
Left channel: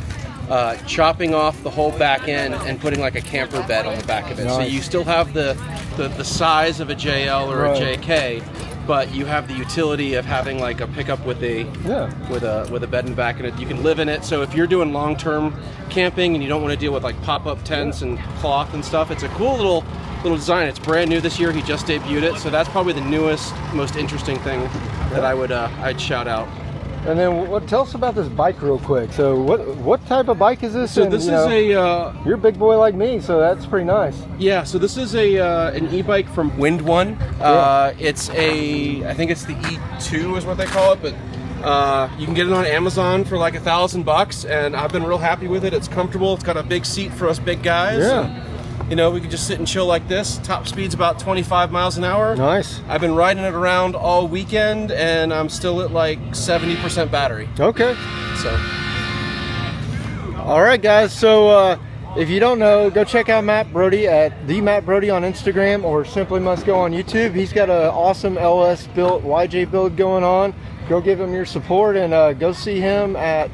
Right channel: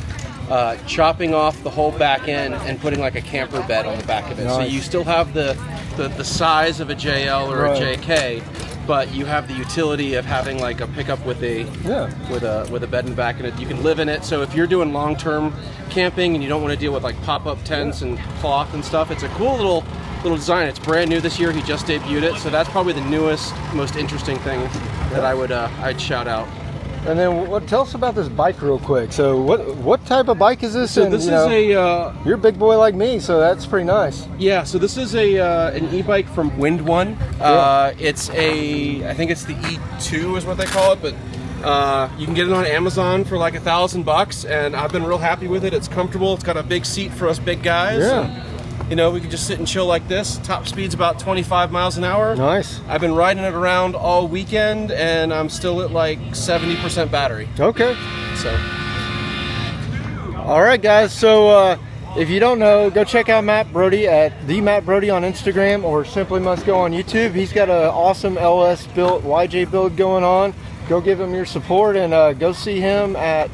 chopping off the whole back end and putting like a camper bed on the back of it. So you still have the size of a JL or a JK, but you have the utility of having like a pickup with a bed in the back, and you can live in it. So if you're doing long-term camping and you don't want to deal with like pop-up tents and cloth and stuff, it's a cool little design. It's brand new this year. He just debuted it, so that's probably the newest, most interesting thing that I'd shout out. And then tell us about this bike real quick. So what type of bike is this? So this is you're a big boy like me, so that's pretty nice. Yeah, so this is an e-bike from Wind One. It's I think it's the E2 is what they call it, but you can get it on Amazon for like $1,000, and I've been real happy with it. It's comfortable. It's got a big seat for us big guys. Yeah. And, you know, we can just sit and chill like this. Top speed's about 25 miles an hour. Nice. I've been riding it around all weekend, and I'm still at like 70% battery. Okay. So. All right, guys. So if you don't know, go check out Matt Brody at the Matt Brody on Instagram, or simply must go on YouTube. He's got an awesome LS built YJ build going on. Go give him your support, and go see him at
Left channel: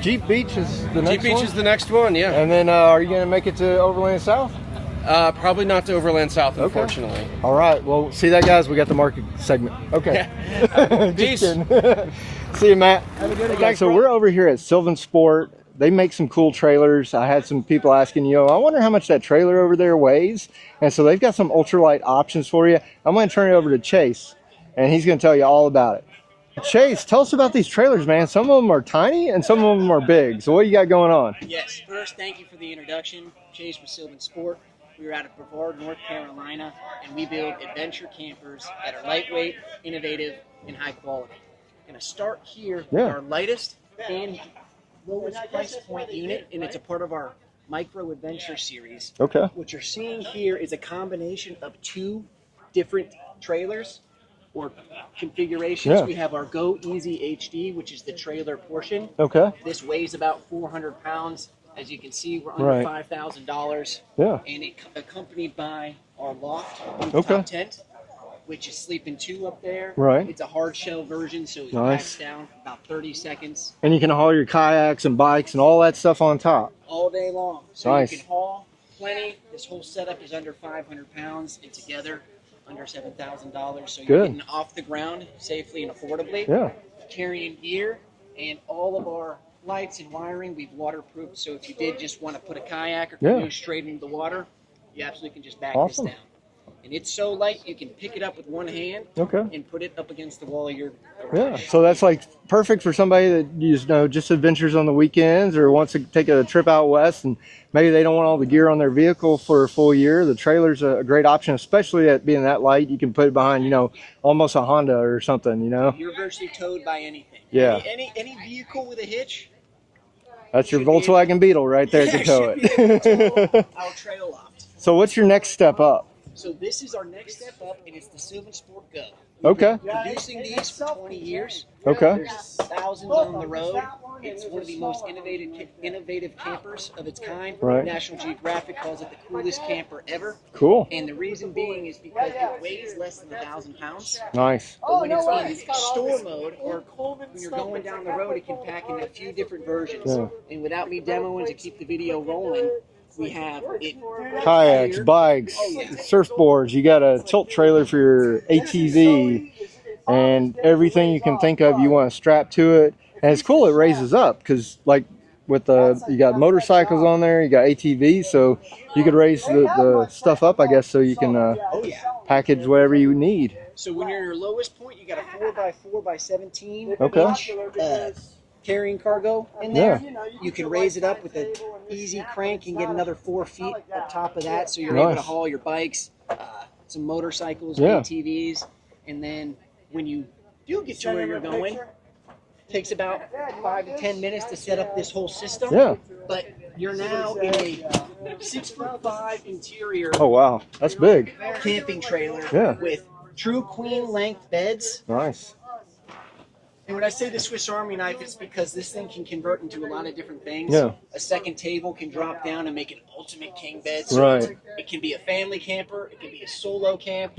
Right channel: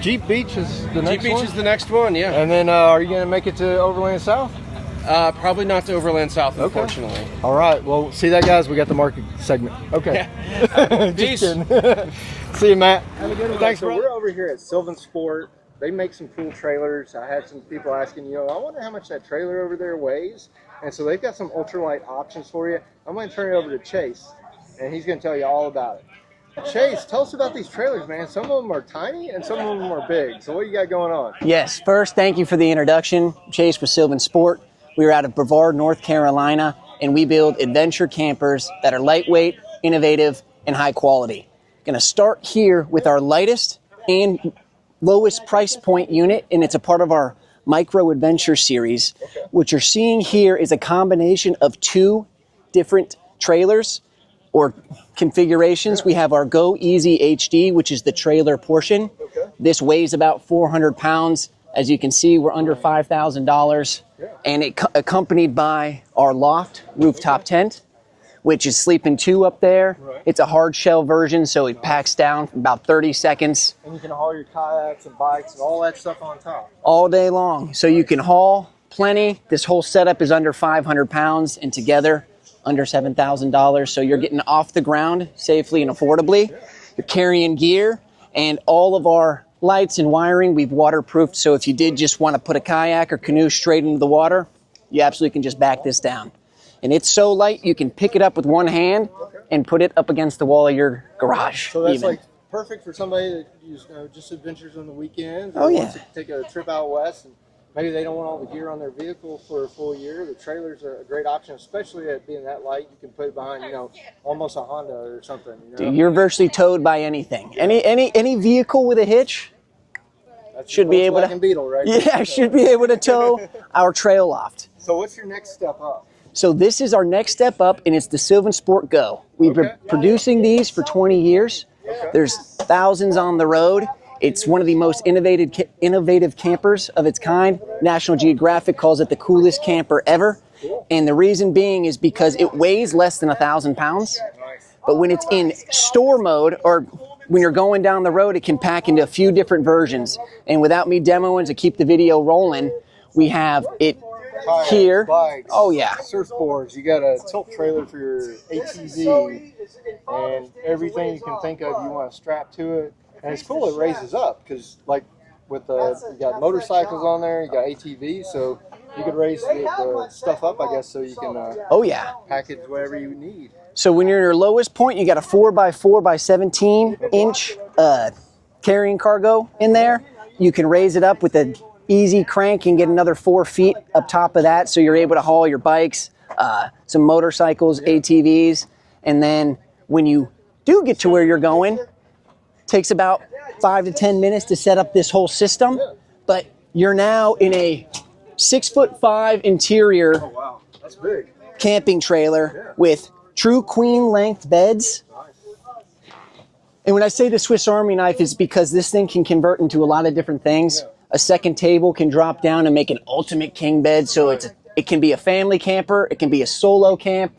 Jeep Beach is the next one? Jeep Beach is the next one, yeah. And then are you going to make it to Overland South? Probably not to Overland South, unfortunately. Okay. All right. Well, see that, guys? We got the market segment. Okay. Peace. See you, Matt. Thanks. So we're over here at Sylvan Sport. They make some cool trailers. I had some people asking, I wonder how much that trailer over there weighs. And so they've got some ultralight options for you. I'm going to turn it over to Chase, and he's going to tell you all about it. Chase, tell us about these trailers, man. Some of them are tiny and some of them are big. So what do you got going on? Yes, first, thank you for the introduction. Chase with Sylvan Sport. We are out of Brevard, North Carolina, and we build adventure campers that are lightweight, innovative, and high quality. Going to start here with our lightest and lowest price point unit, and it's a part of our Micro Adventure series. Okay. What you're seeing here is a combination of two different trailers or configurations. We have our Go Easy HD, which is the trailer portion. Okay. This weighs about 400 pounds. As you can see, we're under $5,000. Yeah. And it accompanied by our loft rooftop tent, which is sleeping two up there. Right. It's a hard shell version, so it packs down in about 30 seconds. And you can haul your kayaks and bikes and all that stuff on top. All day long. So you can haul plenty. This whole setup is under 500 pounds, and together under $7,000. So you're getting off the ground safely and affordably. Yeah. You're carrying gear, and all of our lights and wiring we've waterproofed. So if you did just want to put a kayak or canoe straight into the water, you absolutely can just back this down. And it's so light you can pick it up with one hand and put it up against the wall of your garage. Yeah. So that's like perfect for somebody that just adventures on the weekends or wants to take a trip out west, and maybe they don't want all the gear on their vehicle for a full year. The trailer's a great option, especially at being that light. You can put it behind, almost a Honda or something, Dude, you're virtually towed by anything. Yeah. Any vehicle with a hitch. That's your Volkswagen Beetle right there. Yeah, should be able to tow our trail loft. So what's your next step up? So this is our next step up, and it's the Sylvan Sport Go. We've been producing these for 20 years. Okay. There's thousands on the road. It's one of the most innovative campers of its kind. Right. National Geographic calls it the coolest camper ever. Cool. And the reason being is because it weighs less than 1,000 pounds. Nice. But when it's in store mode, or when you're going down the road, it can pack into a few different versions. Yeah. And without me demoing to keep the video rolling, we have it Kayaks, here. bikes, surfboards. You got a tilt trailer for your ATV, and everything you can think of you want to strap to it. And it's cool, it raises up, because like with you got motorcycles on there, you got ATVs, so you could raise the stuff up, I guess, so you can package whatever you need. So when you're in your lowest point, you got a 4x4 by 17 inch carrying cargo in there. Yeah. You can raise it up with an easy crank and get another 4 feet up top of that, so you're able to haul your bikes, some motorcycles, ATVs, and then when you do get to where you're going, takes about 5 to 10 minutes to set up this whole system. Yeah. But you're now in a 6'5" interior. Oh wow, that's big. Camping trailer with true queen length beds. Nice. And when I say the Swiss Army knife, is because this thing can convert into a lot of different things. Yeah. A second table can drop down and make an ultimate king bed. So It can be a family camper, it can be a solo camp,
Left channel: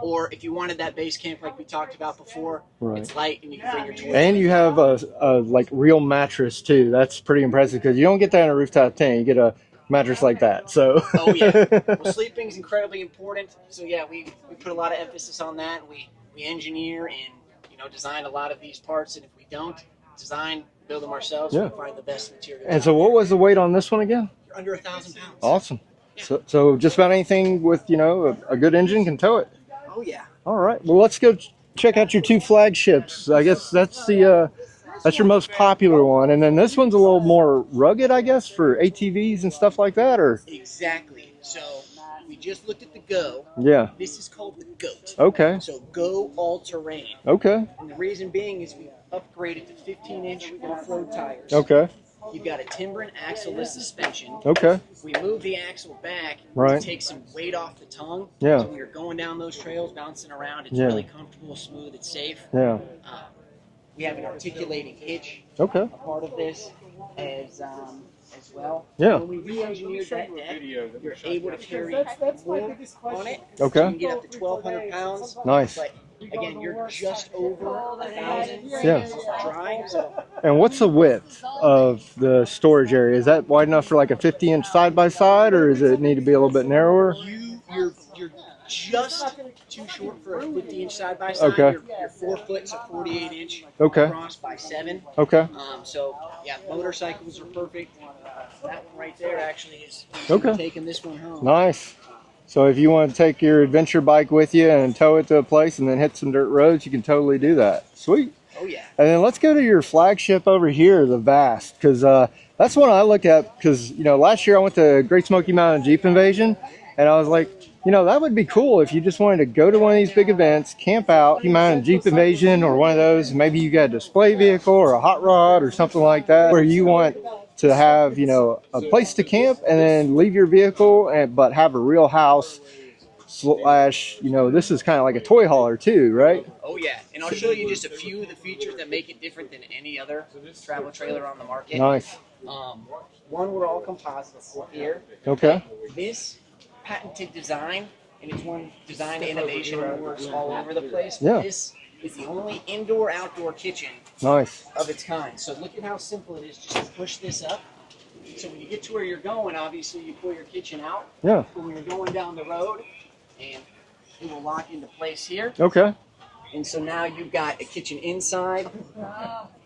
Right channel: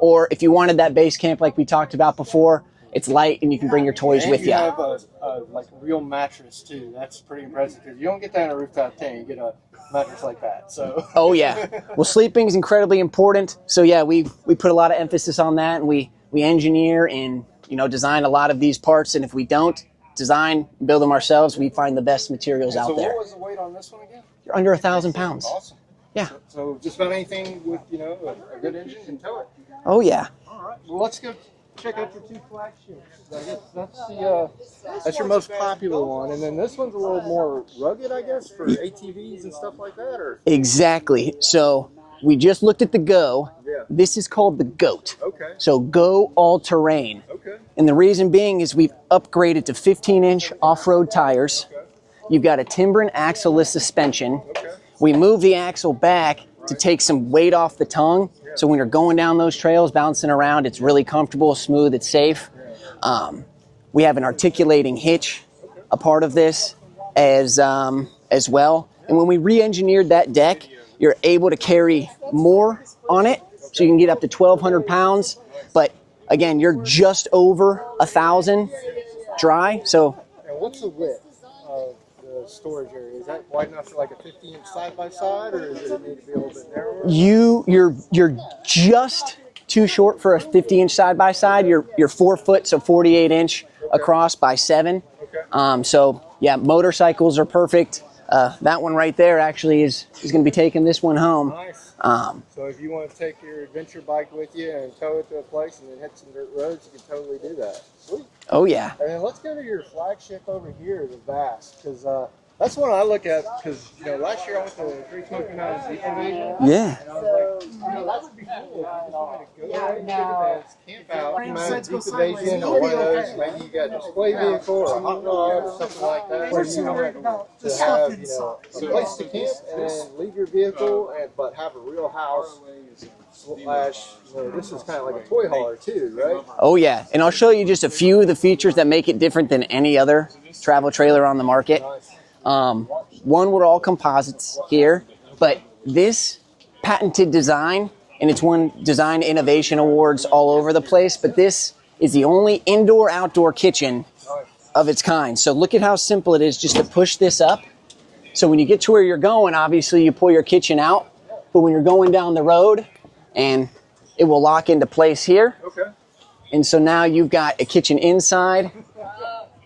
or if you wanted that base camp like we talked about before, it's light and you can bring your toys and with you. And you have a like real mattress too. That's pretty impressive because you don't get that in a rooftop tent. You get a mattress like that. So oh yeah. Well, sleeping is incredibly important. So yeah, we put a lot of emphasis on that, and we engineer and design a lot of these parts. And if we don't design, build them ourselves, we find the best materials And out so there. what was the weight on this one again? You're under 1,000 pounds. Awesome. Yeah. So just about anything with a good engine can tow it. Oh yeah. All right. Well, let's go check out your two flagships. I guess that's that's your most popular one, and then this one's a little more rugged, I guess, for ATVs and stuff like that, or exactly. So we just looked at the Go. Yeah. This is called the Goat. Okay. So Go all-terrain. Okay. And the reason being is we've upgraded to 15-inch off-road tires. Okay. You've got a timber and axle-less suspension. Okay. We move the axle back to take some weight off the tongue. Yeah. So when you're going down those trails, bouncing around, it's really comfortable, smooth, it's safe. Yeah. We have an articulating hitch, a part of this as well. Yeah. And when we re-engineered that deck, you're able to carry more on it. Okay. So you can get up to 1,200 pounds. Nice. But again, you're just over 1,000 dry. So. And what's the width of the storage area? Is that wide enough for like a 50-inch side-by-side, or does it need to be a little bit narrower? You're just too short for a 50-inch side-by-side. Okay. You're 4 foot, so 48-inch across by 7. Okay. So yeah, motorcycles are perfect. That one right there actually is going to be taking this one home. Nice. So if you want to take your adventure bike with you and tow it to a place and then hit some dirt roads, you can totally do that. Sweet. Oh yeah. And then let's go to your flagship over here, the Vast, because that's one I look at because, last year I went to Great Smoky Mountain Jeep Invasion. Yeah. And I was like, that would be cool if you just wanted to go to one of these big events, camp out, Smoky Mountain Jeep Invasion or one of those. Maybe you got a display vehicle or a hot rod or something like that where you want to have, a place to camp and then leave your vehicle, but have a real house. Slash, this is kind of like a toy hauler too, right? Oh yeah, and I'll show you just a few of the features that make it different than any other travel trailer on the market. Nice. One, we're all composites here, but this patented design, and it's won design innovation awards all over the place, but this is the only indoor-outdoor kitchen of its kind. So look at how simple it is just to push this up. So when you get to where you're going, obviously you pull your kitchen out, but when you're going down the road, and it will lock into place here. Okay. And so now you've got a kitchen inside,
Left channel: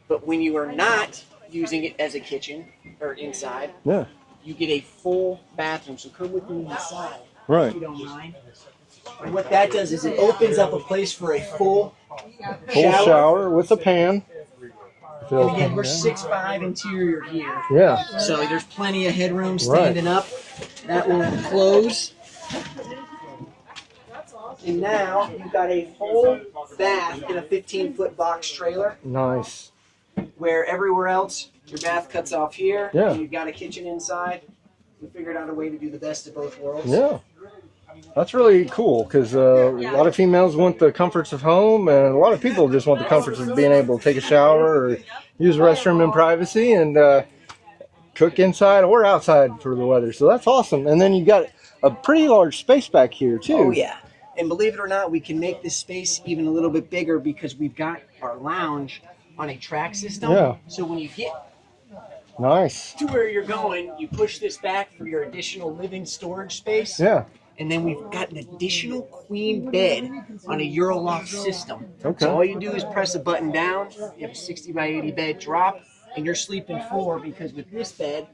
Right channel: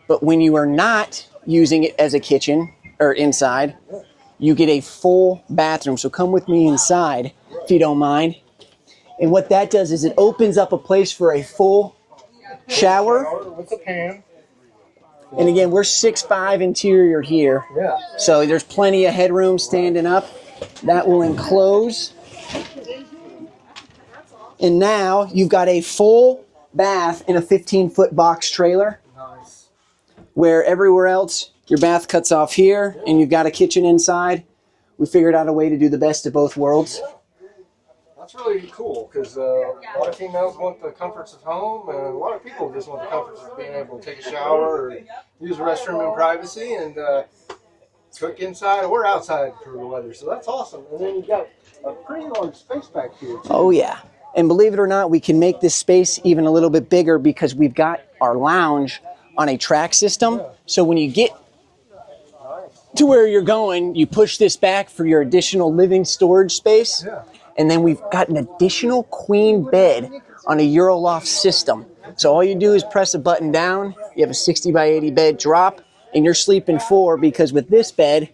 but when you are not using it as a kitchen or inside, you get a full bathroom. So come with me inside, if you don't mind. And what that does is it opens up a place for a full shower with a pan. And again, we're 6'5" interior here. Yeah. So there's plenty of headroom standing up. That will enclose. And now you've got a full bath in a 15-foot box trailer. Nice. Where everywhere else, your bath cuts off here, and you've got a kitchen inside. We figured out a way to do the best of both worlds. Yeah. That's really cool because a lot of females want the comforts of home, and a lot of people just want the comforts of being able to take a shower or use a restroom in privacy and cook inside or outside for the weather. So that's awesome. And then you got a pretty large space back here too. Oh yeah. And believe it or not, we can make this space even a little bit bigger because we've got our lounge on a track system. Yeah. So when you get to where you're going, you push this back for your additional living storage space. Yeah. And then we've got an additional queen bed on a Euroloft system. So all you do is press a button down, you have a 60 by 80 bed drop, and you're sleeping 4 because with this bed,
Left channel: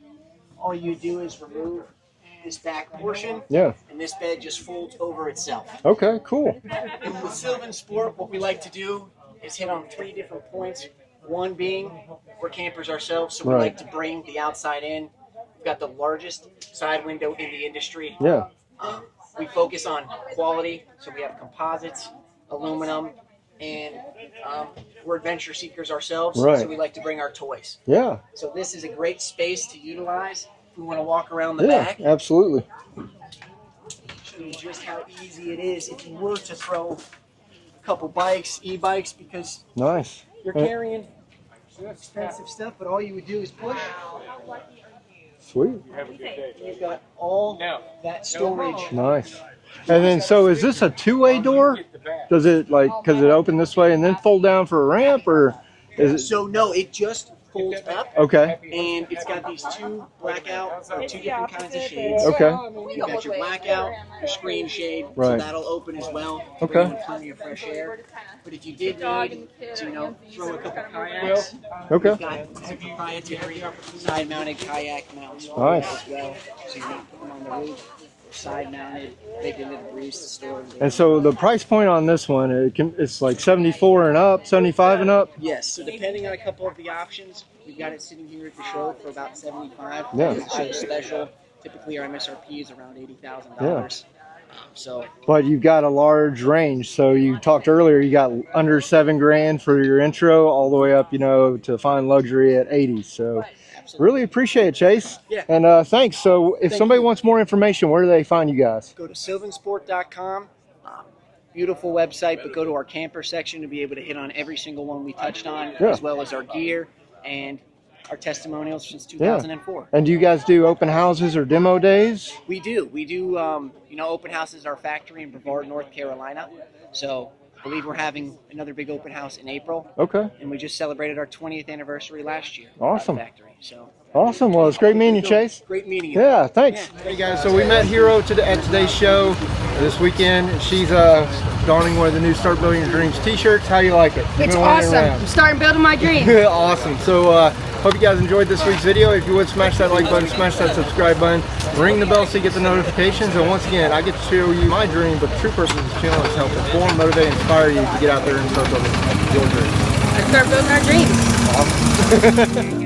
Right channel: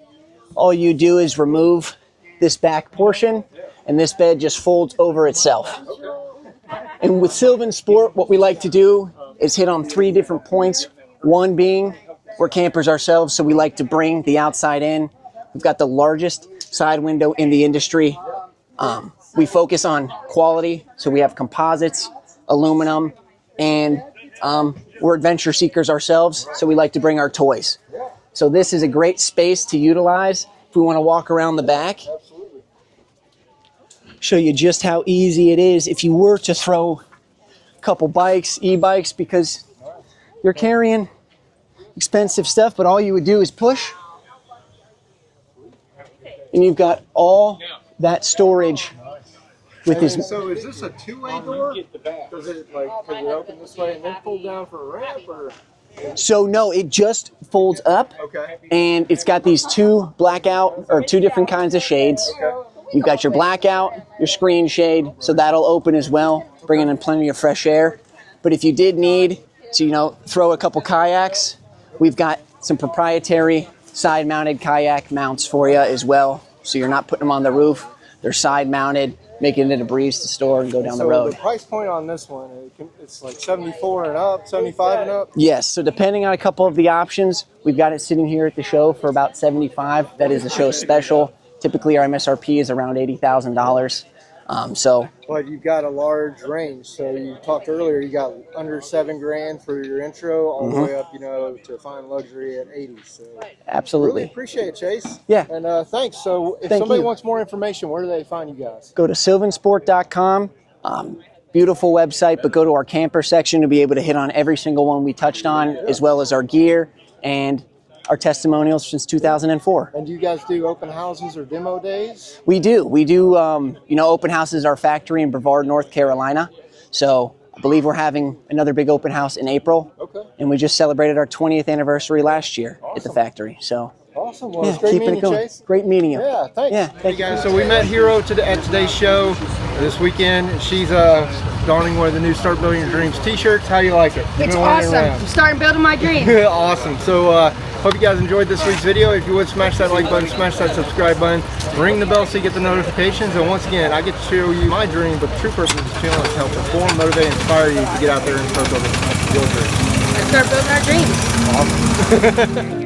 all you do is remove this back portion, and this bed just folds over itself. Okay, cool. And with Sylvan Sport, what we like to do is hit on 3 different points. One being, we're campers ourselves, so we like to bring the outside in. We've got the largest side window in the industry. Yeah. We focus on quality, so we have composites, aluminum, and we're adventure seekers ourselves, so we like to bring our toys. Yeah. So this is a great space to utilize if we want to walk around the back. Absolutely. Show you just how easy it is if you were to throw a couple bikes, e-bikes, because you're carrying expensive stuff, but all you would do is push. Sweet. And you've got all that storage. Nice. And then, so is this a two-way door? Does it because it open this way and then fold down for a ramp, or? So no, it just folds up. Okay. And it's got these two different kinds of shades. Okay. You've got your blackout, your screen shade, so Right. that'll open as well, bringing in plenty of fresh air. But if you did need to, throw a couple kayaks, we've got some proprietary side-mounted kayak mounts for you as well. So you're not putting them on the roof; they're side-mounted, making it a breeze to store and go down And the so road. the price point on this one, it's like 74 and up, 75 and up? Yes, so depending on a couple of the options, we've got it sitting here at the show for about 75. That is the show special. Typically our MSRP is around $80,000. But you've got a large range. So you talked earlier, you got under $7,000 for your intro, all the way up, to fine luxury at 80. So absolutely, really appreciate it, Chase. Yeah, and thanks. So if somebody wants more information, where do they find you guys? Go to sylvansport.com. Beautiful website, but go to our camper section to be able to hit on every single one we touched on, as well as our gear and our testimonials since 2004. And do you guys do open houses or demo days? We do. We do, open houses, our factory in Brevard, North Carolina. So I believe we're having another big open house in April. Okay. And we just celebrated our 20th anniversary last year at the factory. So awesome. Well, it's great meeting you, Chase. Great meeting you. Yeah, thanks. Yeah, hey guys, so we met Hero at today's show this weekend. She's donning one of the new Start Building Your Dreams t-shirts. How do you like it? It's awesome. I'm starting building my dream. Awesome. So hope you guys enjoyed this week's video. If you would, smash that like button, smash that subscribe button, ring the bell so you get the notifications. And once again, I get to show you my dream, but the true purpose of this channel is to help inform, motivate, and inspire you to get out there and start building your dreams. Let's start building our dreams. Awesome.